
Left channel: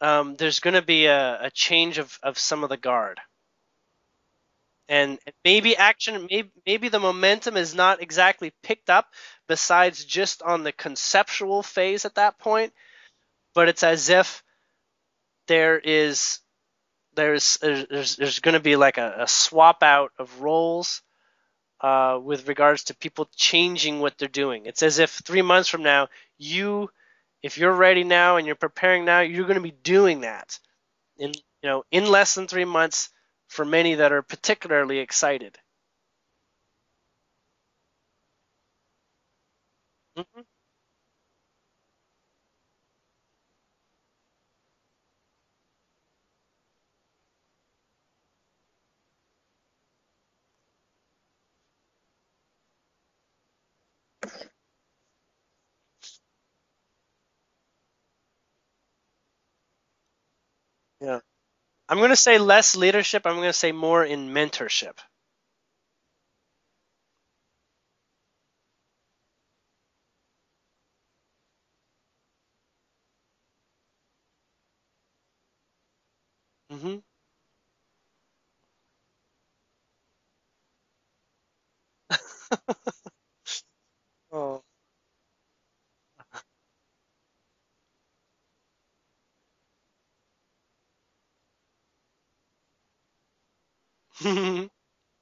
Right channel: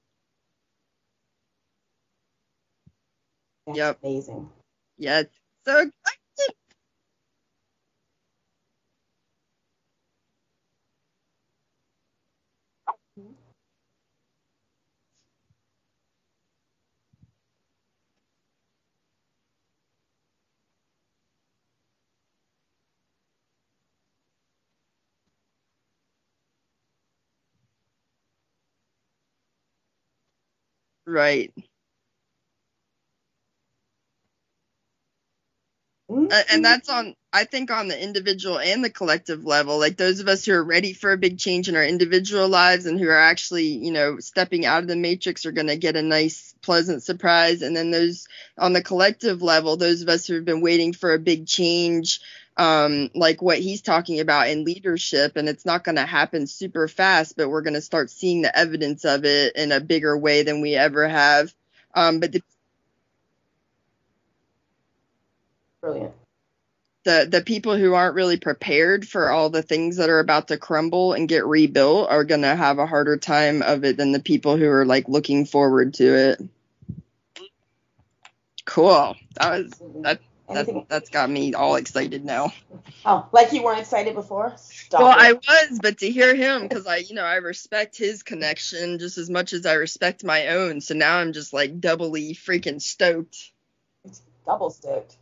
there's going to be a change of some of the guard. That's amazing. And maybe maybe the momentum is not exactly picked up besides just on the conceptual phase at that point, but it's as if there's going to be like a swap out of roles with regards to people changing what they're doing. It's as if 3 months from now, if you're ready now and you're preparing now, you're going to be doing that. Right. In less than 3 months for many that are particularly excited. And that's I think on the individual and the collective level, like those of us who are ready for a big change in our individual lives and who are actually, stepping out of the matrix are going to get a nice, pleasant surprise. And then those on the collective level, those of us who have been waiting for a big change, like what he's talking about in leadership, and it's not going to happen super fast, but we're going to start seeing the evidence of it in a bigger way than we ever have. I'm going to say less leadership. I'm going to say more in mentorship. Brilliant. The people who aren't really prepared for all the things that are about to crumble and get rebuilt are going to have a harder time of it than the people who are like looking forward to it. Mm-hmm. Cool. That's got me all excited now. Oh, like you weren't excited before? I was, but to hear him, because I respect his connection just as much as I respect my own. So now I'm just like doubly freaking stoked. Double stoked.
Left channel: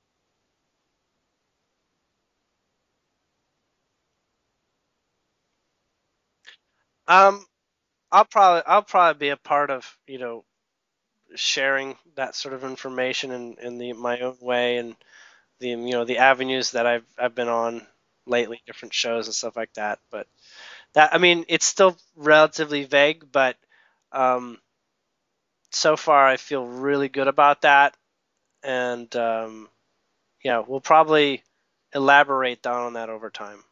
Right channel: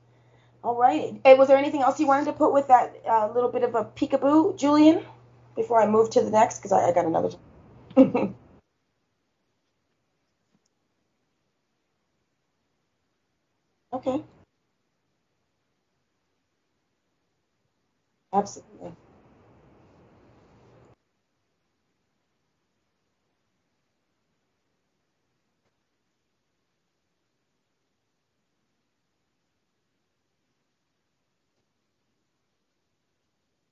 All right. Hey, was there anything else you wanted to put with that little bit of a peekaboo, Julien, before I move to the next? Because I got I'll probably be a part of sharing that sort of information in my own way, and the avenues that I've been on lately, different shows and stuff like that. But it's still relatively vague, but so far I feel really good about that, and we'll probably elaborate down on that over time.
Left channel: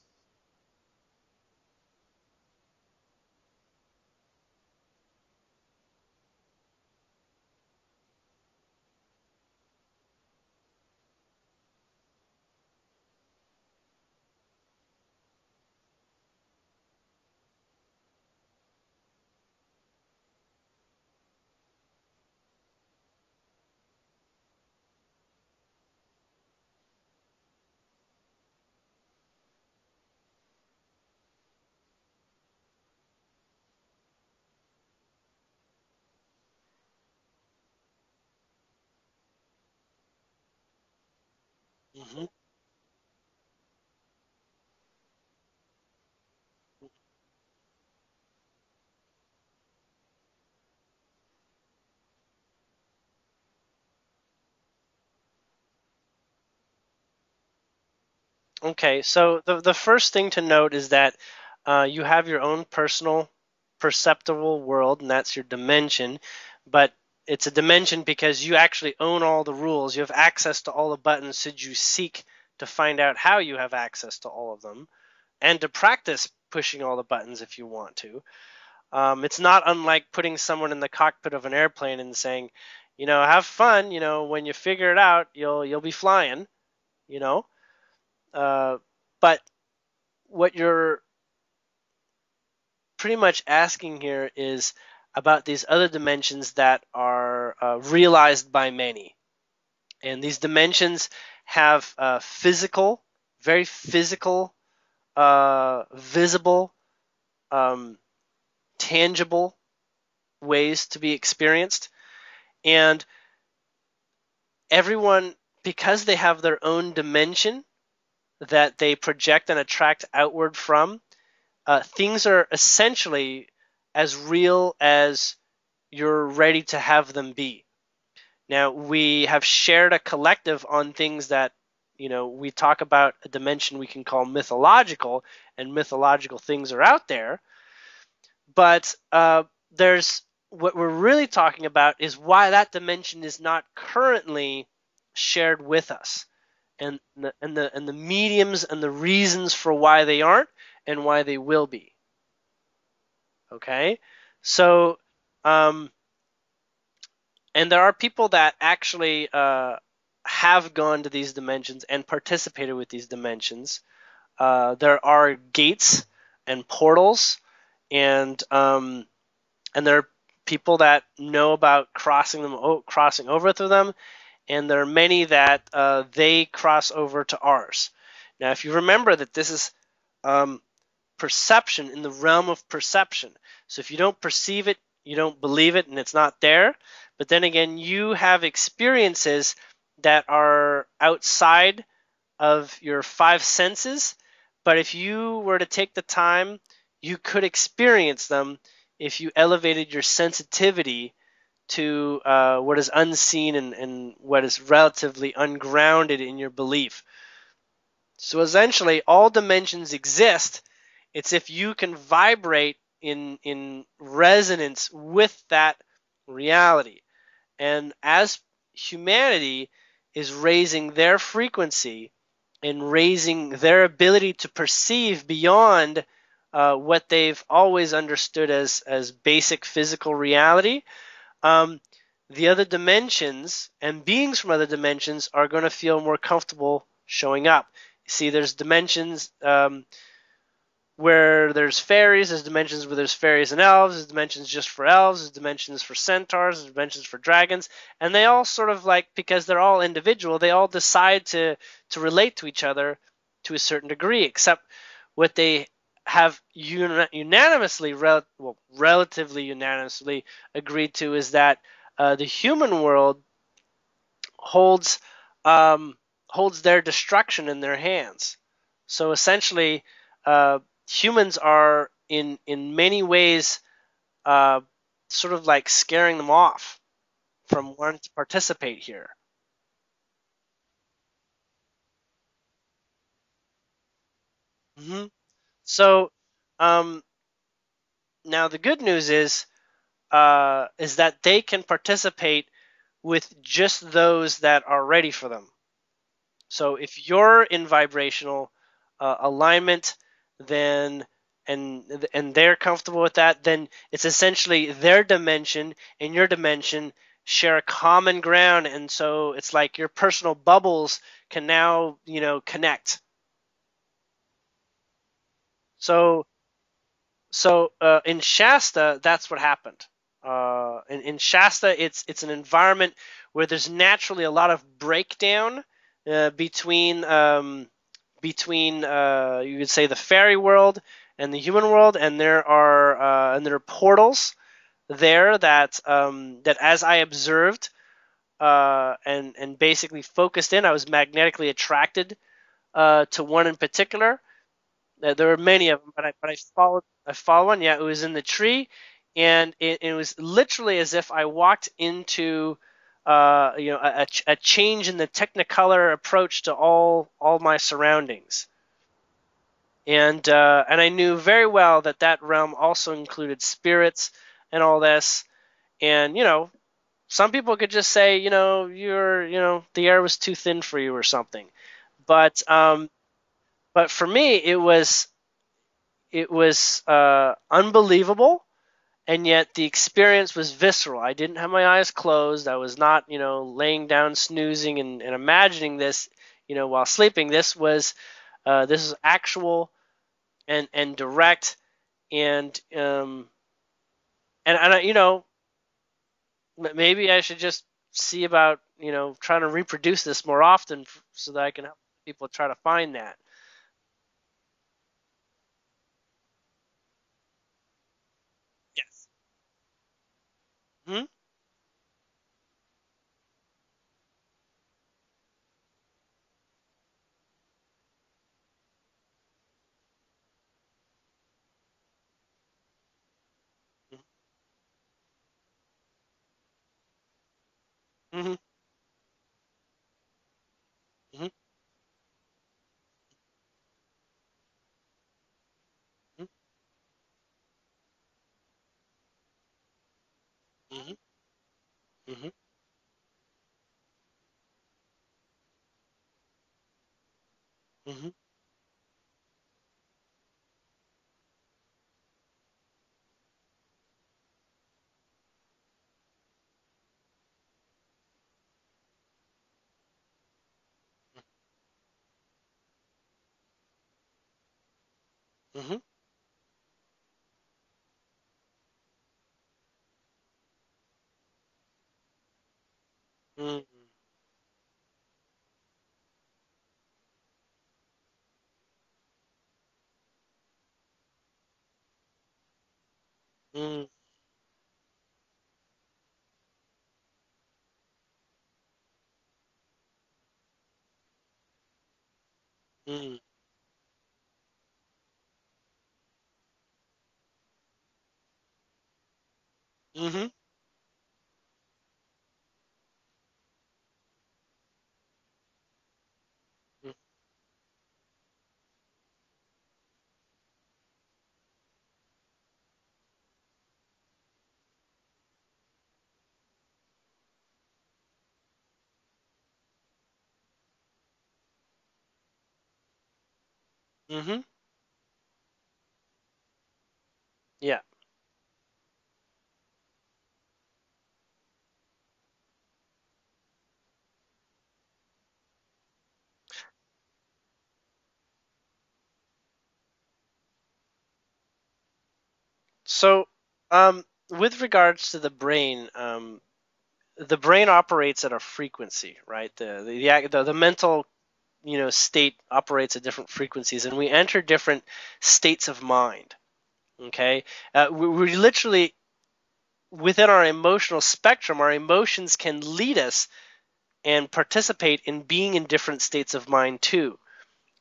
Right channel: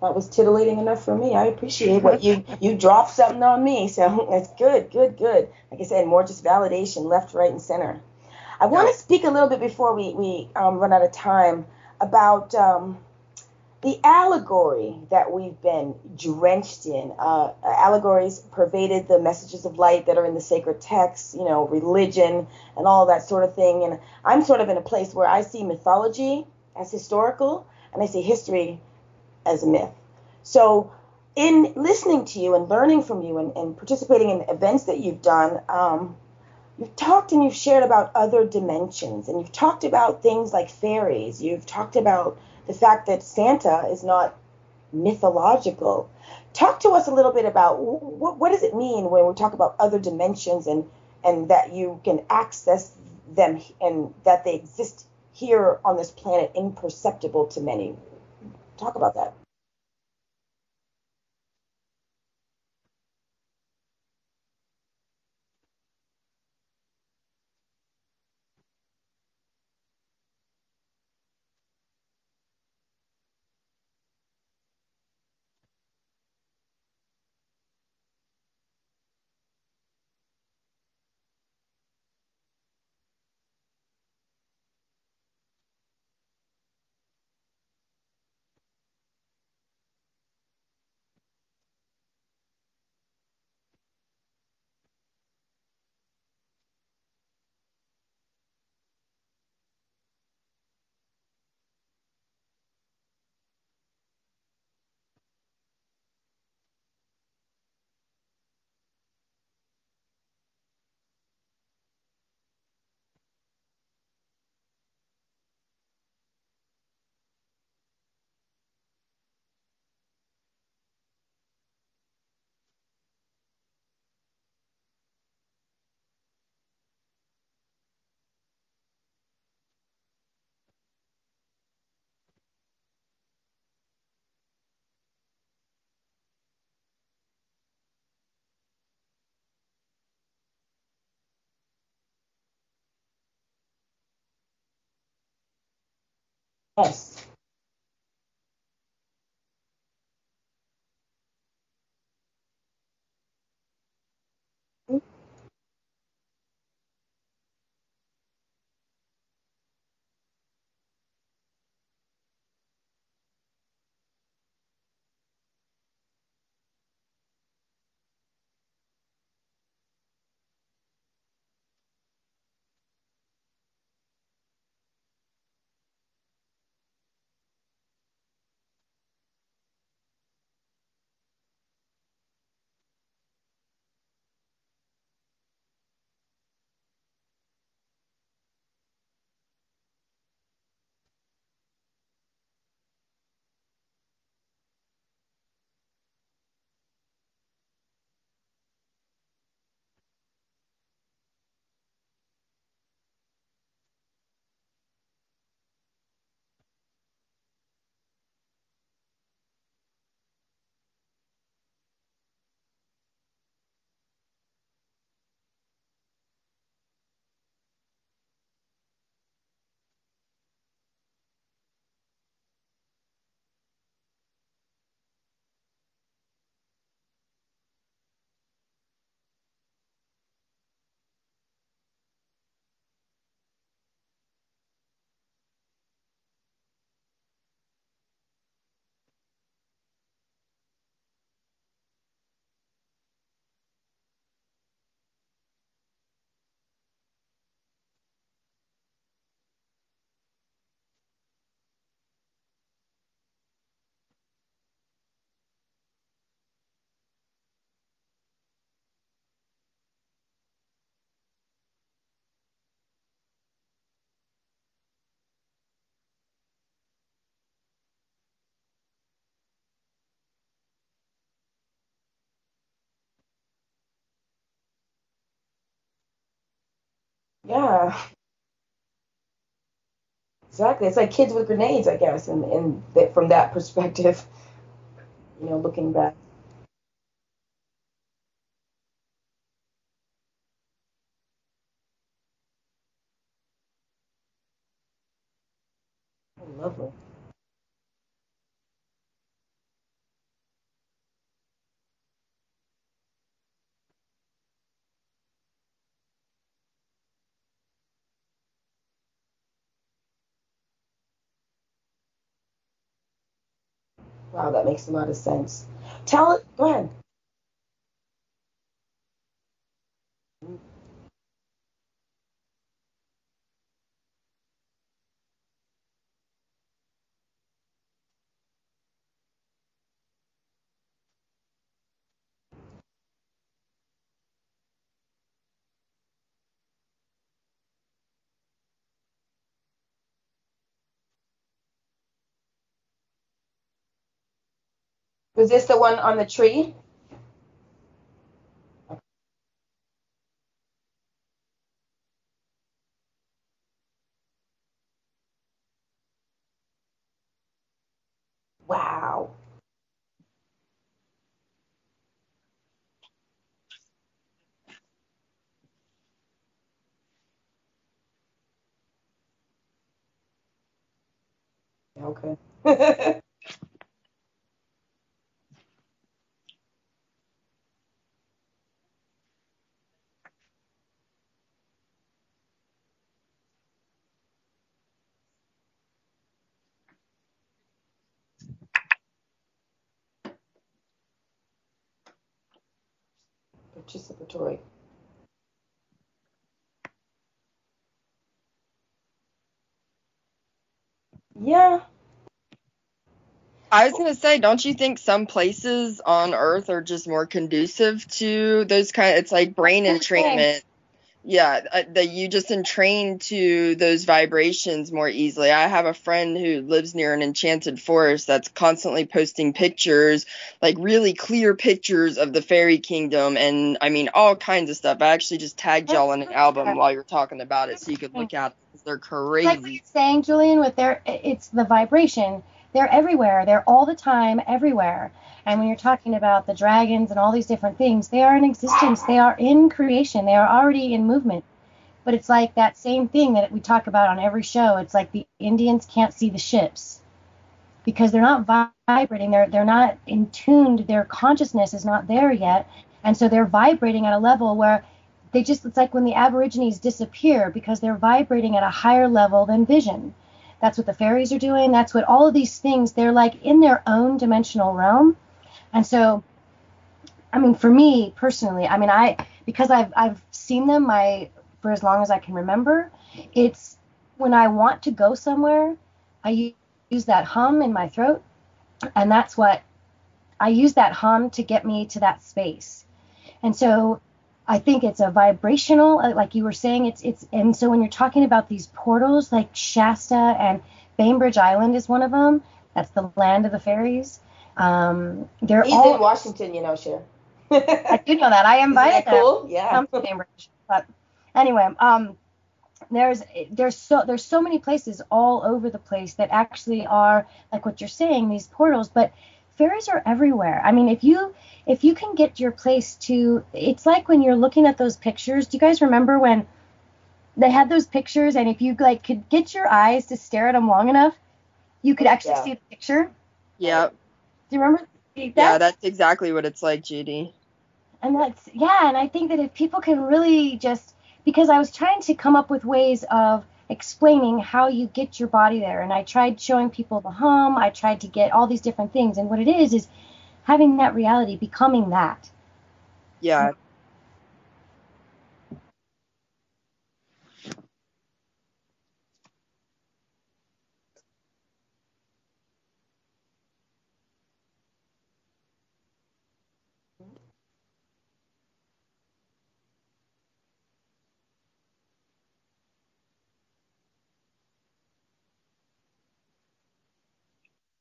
That was titillating enough for me. I appreciate what you dropped something on me, so that's good. Like I said, more just validation, left, right, and center. I want to speak a little bit before we run out of time about the allegory that we've been drenched in. Allegories pervaded the messages of light that are in the sacred texts, religion and all that sort of thing. And I'm sort of in a place where I see mythology as historical and I see history as a myth. So in listening to you and learning from you and participating in events that you've done, you've talked and you've shared about other dimensions, and you've talked about things like fairies. You've talked about the fact that Santa is not mythological. Talk to us a little bit about what does it mean when we talk about other dimensions and that you can access them and that they exist here on this planet imperceptible to many. Okay, so the first thing to note is that you have your own personal perceptible world, and that's your dimension, but it's a dimension because you actually own all the rules. You have access to all the buttons should you seek to find out how you have access to all of them, and to practice pushing all the buttons if you want to. It's not unlike putting someone in the cockpit of an airplane and saying, have fun, when you figure it out, you'll be flying, But what you're pretty much asking here is about these other dimensions that are realized by many. And these dimensions have physical, very physical, visible, tangible ways to be experienced. And everyone, because they have their own dimension that they project and attract outward from, things are essentially as real as you're ready to have them be. Now, we have shared a collective on things that, we talk about a dimension we can call mythological, and mythological things are out there. But there's what we're really talking about is why that dimension is not currently shared with us. Yes. And the mediums and the reasons for why they aren't and why they will be. Okay? So, and there are people that actually have gone to these dimensions and participated with these dimensions. There are gates and portals, and there are people that know about crossing over through them, and there are many that they cross over to ours. Now, if you remember that this is perception, in the realm of perception. So if you don't perceive it, you don't believe it, and it's not there. But then again, you have experiences that are outside of your five senses. But if you were to take the time, you could experience them if you elevated your sensitivity to what is unseen and what is relatively ungrounded in your belief. So essentially, all dimensions exist. It's if you can vibrate in resonance with that reality. And as humanity is raising their frequency and raising their ability to perceive beyond what they've always understood as basic physical reality, the other dimensions and beings from other dimensions are going to feel more comfortable showing up. You see, there's dimensions where there's fairies, there's dimensions where there's fairies and elves, there's dimensions just for elves, there's dimensions for centaurs, there's dimensions for dragons, and they all sort of because they're all individual, they all decide to relate to each other to a certain degree, except what they have relatively unanimously agreed to is that the human world holds their destruction in their hands. So essentially, humans are in many ways sort of like scaring them off from wanting to participate here. Exactly, it's like kids with grenades, I guess, from that perspective. Mm-hmm. So, now the good news is that they can participate with just those that are ready for them. So if you're in vibrational alignment, then and they're comfortable with that, then it's essentially their dimension and your dimension share a common ground, and so it's like your personal bubbles can now connect. Wow, that makes a lot of sense. So go ahead. So in Shasta, that's what happened. In Shasta, it's an environment where there's naturally a lot of breakdown between you could say the fairy world and the human world, and there are portals there that as I observed and basically focused in, I was magnetically attracted to one in particular. There were many of them. Was this the one on the tree? I followed one. Yeah, it was in the tree, and it was literally as if I walked into a change in the Technicolor approach to all my surroundings. Wow. And I knew very well that realm also included spirits and all this. And some people could just say the air was too thin for you or something. But but for me it was unbelievable, and yet the experience was visceral. I didn't have my eyes closed. I was not laying down snoozing and imagining this while sleeping. This was This is actual and direct and participatory. And maybe I should just see about trying to reproduce this more often so that I can people try to find that. I was gonna say, don't you think some places on Earth are just more conducive to those it's like brain entrainment? Hmm? Yeah, that you just entrain to those vibrations more easily. I have a friend who lives near an enchanted forest that's constantly posting pictures, like really clear pictures of the fairy kingdom, and I mean all kinds of stuff. I actually just tagged y'all in an album while you're talking about it, so you could look at it, because they're crazy. Like what you're saying, Julian, with it's the vibration. They're everywhere. They're all the time, everywhere. And when you're talking about the dragons and all these different things, they are in existence. They are in creation. They are already in movement. But it's like that same thing that we talk about on every show. It's like the Indians can't see the ships because they're not vibrating. They're not in tuned. Their consciousness is not there yet. And so they're vibrating at a level where it's like when the Aborigines disappear because they're vibrating at a higher level than vision. That's what the fairies are doing. That's what all of these things, they're like in their own dimensional realm. Mm-hmm. And so, I mean, for me personally, I mean, because I've seen them for as long as I can remember, it's when I want to go somewhere, I use that hum in my throat. And that's what I use, that hum to get me to that space. And so I think it's a vibrational, like you were saying, and so when you're talking about these portals, like Shasta and Bainbridge Island is one of them. That's the land of the fairies. They're He's all in Washington, Cher. I do know that. I invited them. Cool? Yeah. Come to Bainbridge. But anyway, there's so many places all over the place that actually are like what you're saying, these portals, but fairies are everywhere. I mean, if you can get your place to, it's like when you're looking at those pictures. Do you guys remember when they had those pictures, and if you could get your eyes to stare at them long enough, you could actually see the picture? Yeah. Mm-hmm. Do you remember that? Yeah, that's exactly what it's like, Judy. Yeah. And and I think that if people can really because I was trying to come up with ways of explaining how you get your body there, and I tried showing people the hum, I tried to get all these different things, and what it is having that reality, becoming that. So, with regards to the brain operates at a frequency, right? The mental, state operates at different frequencies, and we enter different states of mind. Okay, we literally, within our emotional spectrum, our emotions can lead us and participate in being in different states of mind too.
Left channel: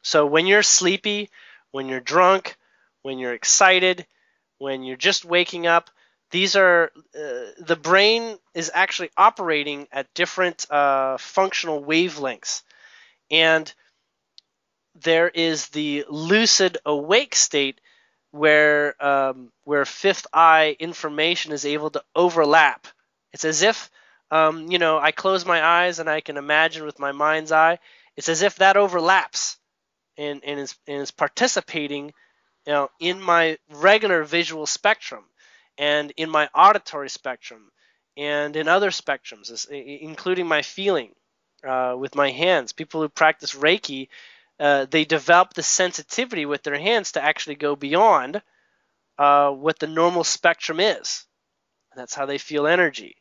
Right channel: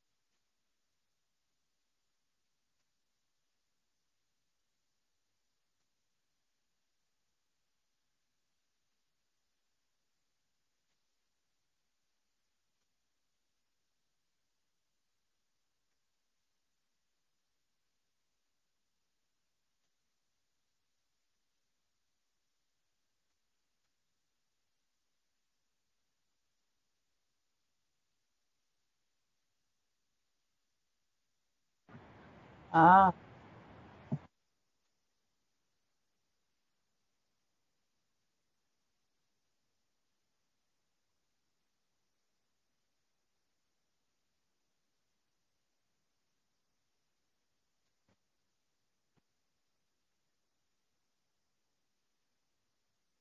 So when you're sleepy, when you're drunk, when you're excited, when you're just waking up, these are the brain is actually operating at different functional wavelengths. And there is the lucid awake state where fifth eye information is able to overlap. It's as if I close my eyes and I can imagine with my mind's eye. It's as if that overlaps and is participating in my regular visual spectrum and in my auditory spectrum and in other spectrums, including my feeling with my hands. People who practice Reiki, they develop the sensitivity with their hands to actually go beyond what the normal spectrum is. And that's how they feel energy.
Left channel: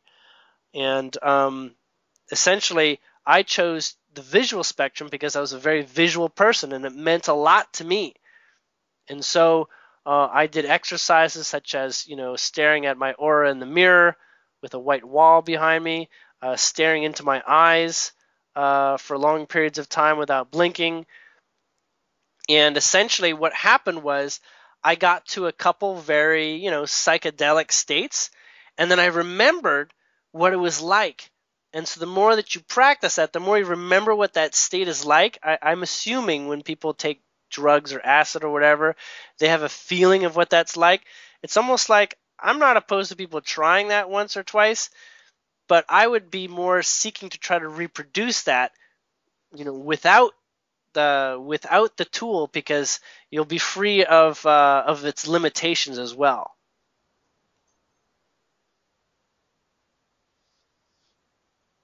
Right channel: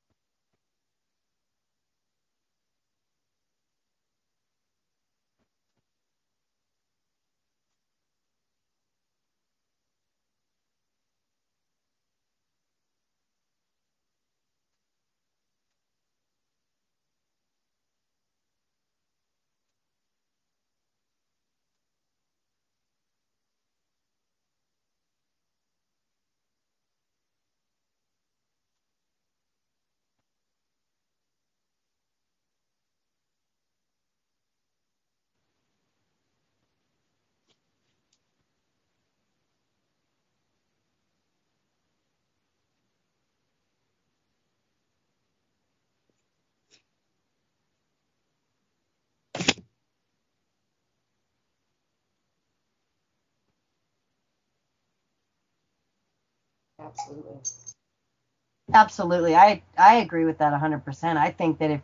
And essentially, I chose the visual spectrum because I was a very visual person, and it meant a lot to me. And so I did exercises such as, staring at my aura in the mirror with a white wall behind me, staring into my eyes for long periods of time without blinking. And essentially what happened was I got to a couple very, psychedelic states, and then I remembered what it was like. And so the more that you practice that, the more you remember what that state is like. I'm assuming when people take drugs or acid or whatever, they have a feeling of what that's like. It's almost like, I'm not opposed to people trying that once or twice, but I would be more seeking to try to reproduce that, without the tool, because you'll be free of its limitations as well. Absolutely. I agree with that 100%. I think that if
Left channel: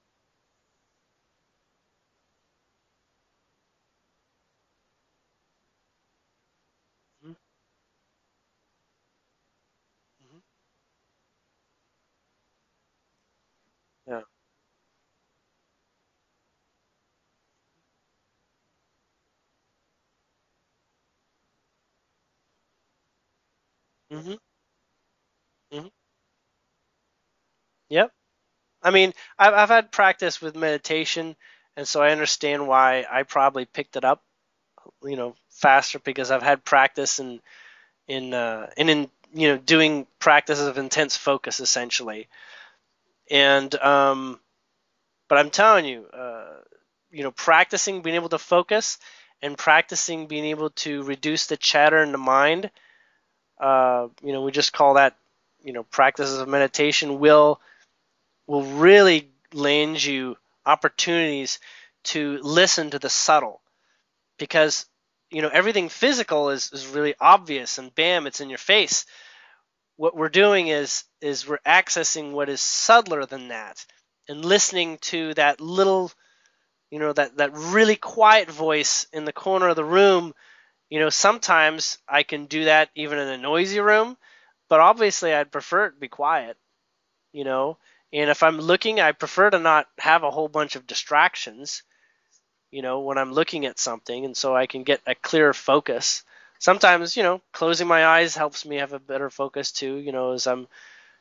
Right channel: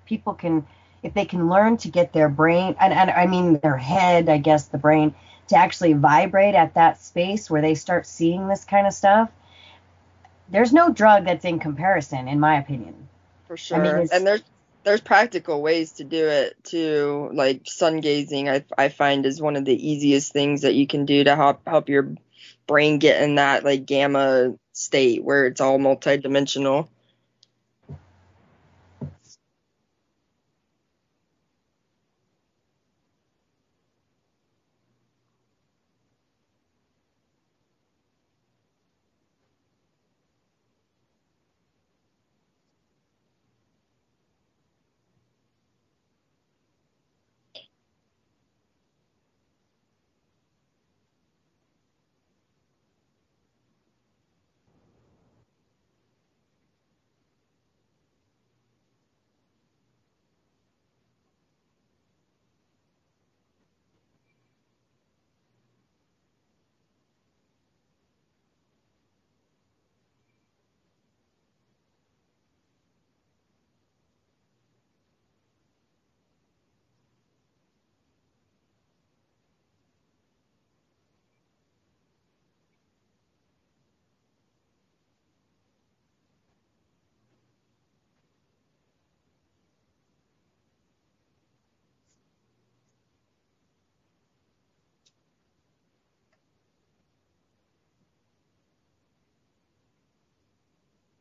they can learn to get their brain, and I mean their head, I guess the brain, to actually vibrate at that space where they start seeing this kind of stuff, there's no drug that's in comparison, in my opinion. For sure. And there's practical ways to do it too. Like sun gazing, I find is one of the easiest things that you can do to help your brain get in that like gamma state where it's all multidimensional. Yep. I mean, I've had practice with meditation, and so I understand why I probably picked it up, faster, because I've had practice in doing practices of intense focus essentially. And but I'm telling you, practicing being able to focus and practicing being able to reduce the chatter in the mind, we just call that, practices of meditation will really land you opportunities to listen to the subtle, because everything physical is really obvious and bam, it's in your face. What we're doing is we're accessing what is subtler than that, and listening to that little, that really quiet voice in the corner of the room. Sometimes I can do that even in a noisy room, but obviously I'd prefer it to be quiet, and if I'm looking, I prefer to not have a whole bunch of distractions, when I'm looking at something, and so I can get a clearer focus. Sometimes, closing my eyes helps me have a better focus too, as I'm,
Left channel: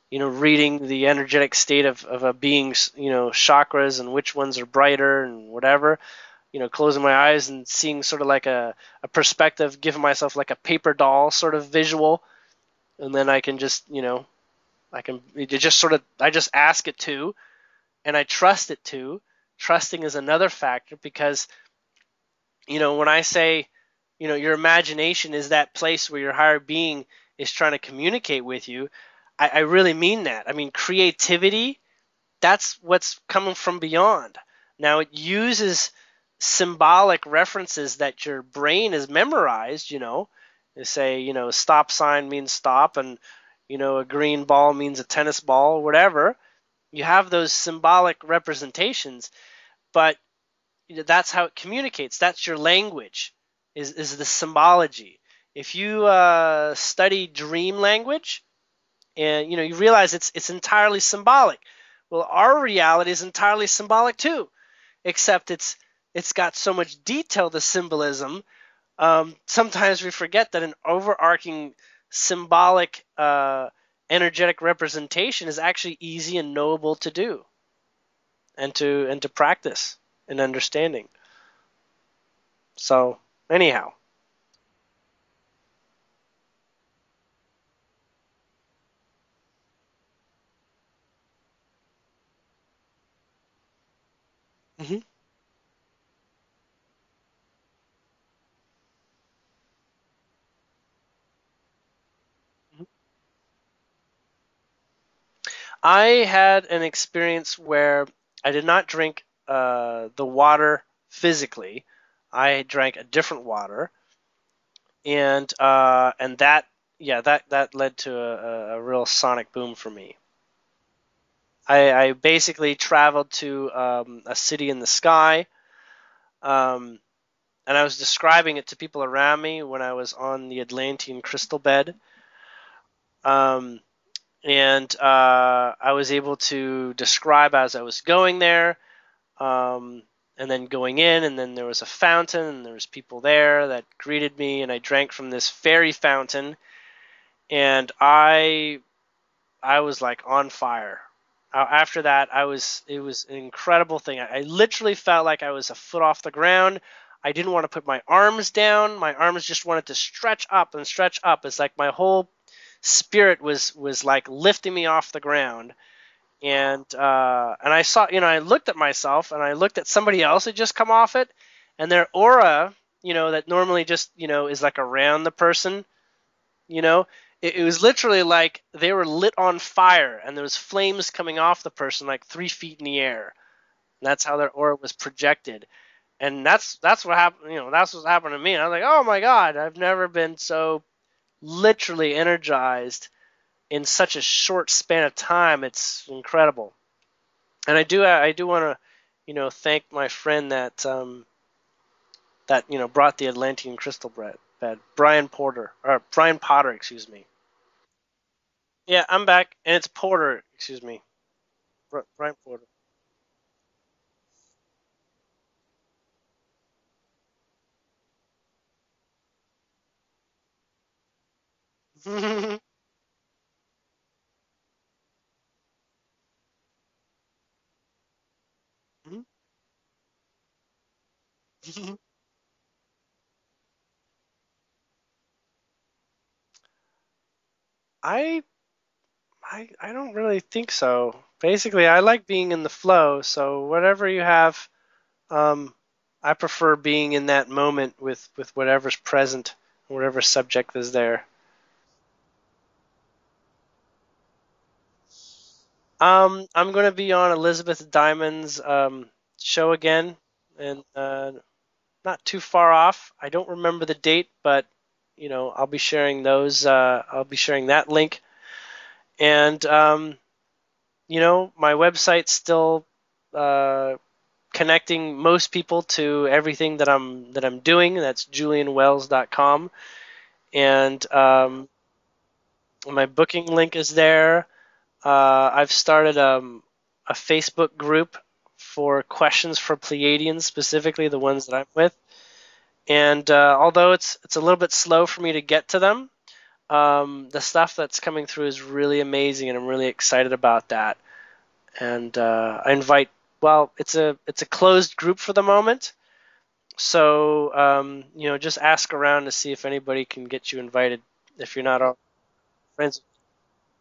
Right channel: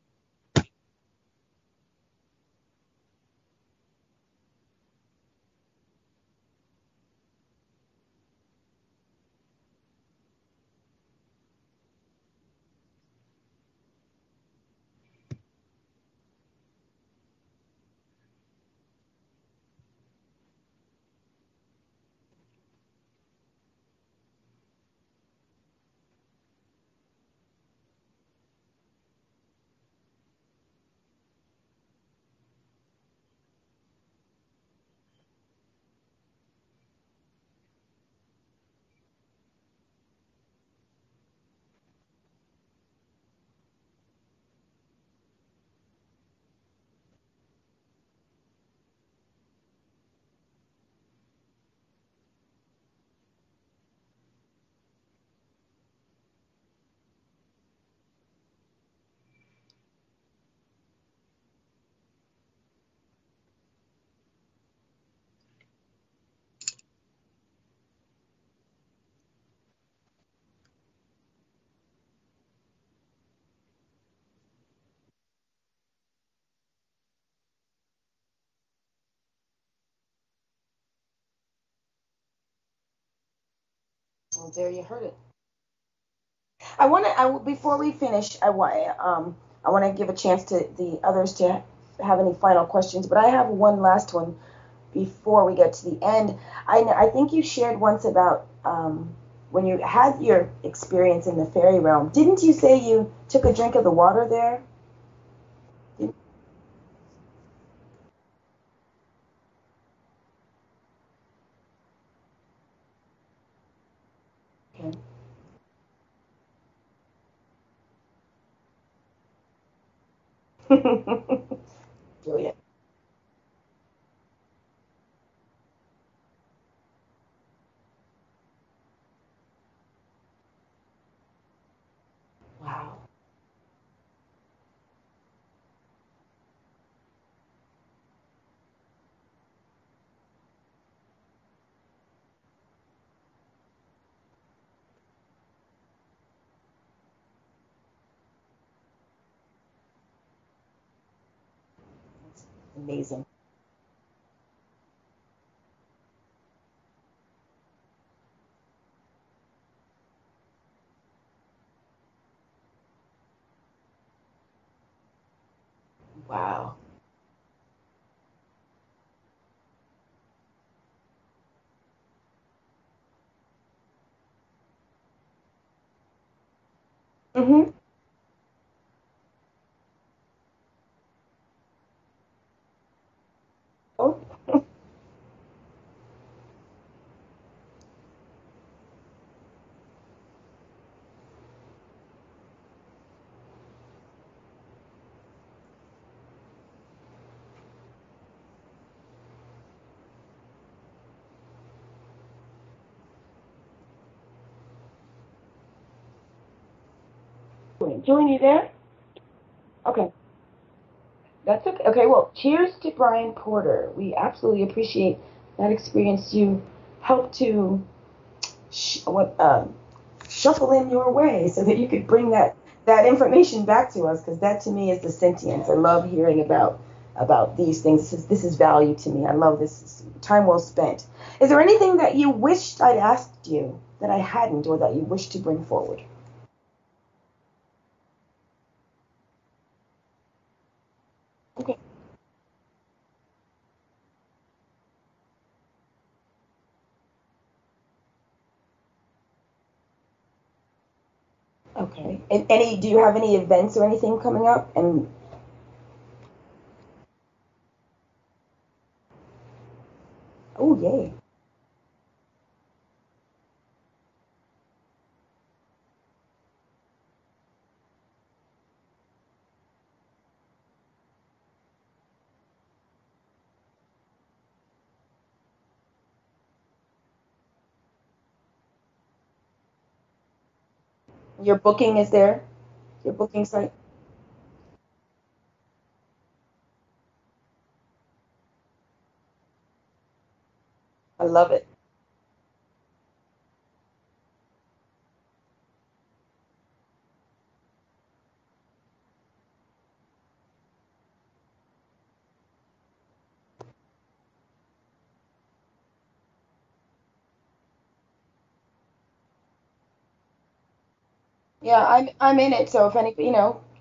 reading the energetic state of a being's, chakras and which ones are brighter and whatever, closing my eyes and seeing sort of like a perspective, giving myself like a paper doll sort of visual. And then I can just, I just ask it to, and I trust it to. Trusting is another factor, because, when I say, your imagination is that place where your higher being is trying to communicate with you, I really mean that. I mean, creativity, that's what's coming from beyond. Now, it uses symbolic references that your brain has memorized, They say, stop sign means stop, and, a green ball means a tennis ball, whatever. You have those symbolic representations, but that's how it communicates. That's your language, is the symbology. If you study dream language, and you realize it's entirely symbolic. Well, our reality is entirely symbolic too, except it's got so much detail, the symbolism. Sometimes we forget that an overarching symbolic energetic representation is actually easy and knowable to do, and to practice and understanding. So anyhow, well, there you heard it. Before we finish, I want to give a chance to the others to have any final questions, but I have one last one before we get to the end. I think you shared once about when you had your experience in the fairy realm. Didn't you say you took a drink of the water there? I had an experience where I did not drink the water physically. I drank a different water, and that led to a real sonic boom for me. I basically traveled to a city in the sky, and I was describing it to people around me when I was on the Atlantean crystal bed. Wow. And I was able to describe as I was going there, and then going in, and then there was a fountain, and there was people there that greeted me, and I drank from this fairy fountain, and I was like on fire. After that, it was an incredible thing. I literally felt like I was a foot off the ground. I didn't want to put my arms down. My arms just wanted to stretch up and stretch up. It's like my whole spirit was like lifting me off the ground. Wow. And I saw, I looked at myself, and I looked at somebody else who just come off it, and their aura, that normally just, is like around the person, it was literally like they were lit on fire, and there was flames coming off the person like 3 feet in the air. And that's how their aura was projected. And that's what happened, that's what happened to me. And I was like, oh my God, I've never been so literally energized in such a short span of time. It's incredible. And I do want to, thank my friend that that brought the Atlantean crystal bed. Brian Potter, excuse me. Julian, you there? Yeah, I'm back, and it's Okay. Porter, excuse me. That's okay. Okay, well, Brian. Cheers to Brian Porter. We absolutely appreciate that experience. You helped to shuffle in your way so that you could bring that information back to us, because that to me is the sentience. I love hearing about these things. This is value to me. I love this. Time well spent. Is there anything that you wished I'd asked you that I hadn't, or that you wish to bring forward? I don't really think so. Basically, I like being in the flow, so whatever you have, I prefer being in that moment with whatever's present, whatever subject is there. Okay. And do you have any events or anything coming up? And I'm going to be on Elizabeth Diamond's show again. Not too far off. I don't remember the date, but I'll be sharing those. I'll be sharing that link. And my website's still connecting most people to everything that I'm doing. That's julienwells.com. And your booking is there? My booking link is there. I've started a Facebook group for questions for Pleiadians, specifically the ones that I'm with. And although it's a little bit slow for me to get to them, the stuff that's coming through is really amazing, and I'm really excited about that. And I invite. Well, it's a closed group for the moment, so just ask around to see if anybody can get you invited. If you're not, I'm in it. So if any,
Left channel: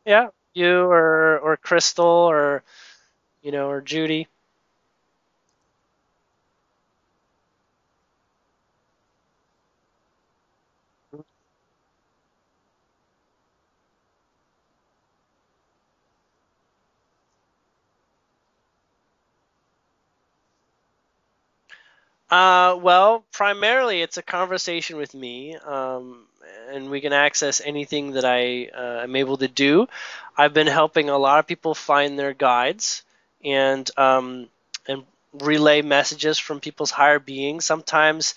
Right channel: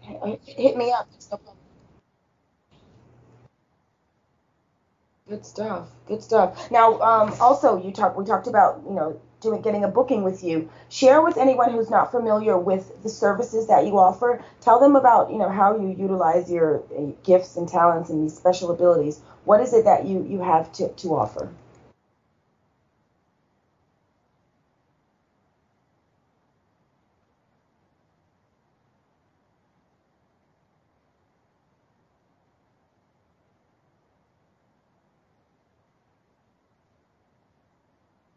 yeah, you or Crystal or or Judy. Good stuff. Good stuff. Now, also we talked about getting a booking with you. Share with anyone who's not familiar with the services that you offer. Tell them about how you utilize your gifts and talents and these special abilities. What is it that you have to offer? Well, primarily it's a conversation with me, and we can access anything that I am able to do. I've been helping a lot of people find their guides and relay messages from people's higher beings. Sometimes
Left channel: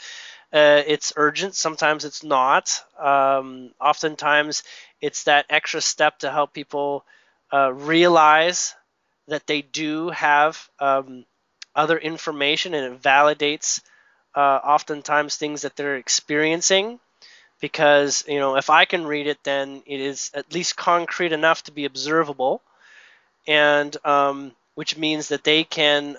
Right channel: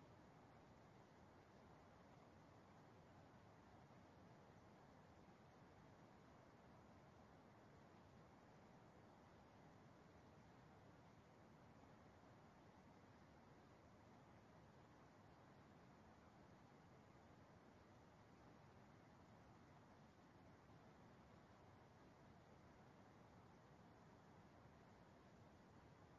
it's urgent, sometimes it's not. Oftentimes it's that extra step to help people realize that they do have other information, and it validates oftentimes things that they're experiencing, because if I can read it, then it is at least concrete enough to be observable, and which means that they can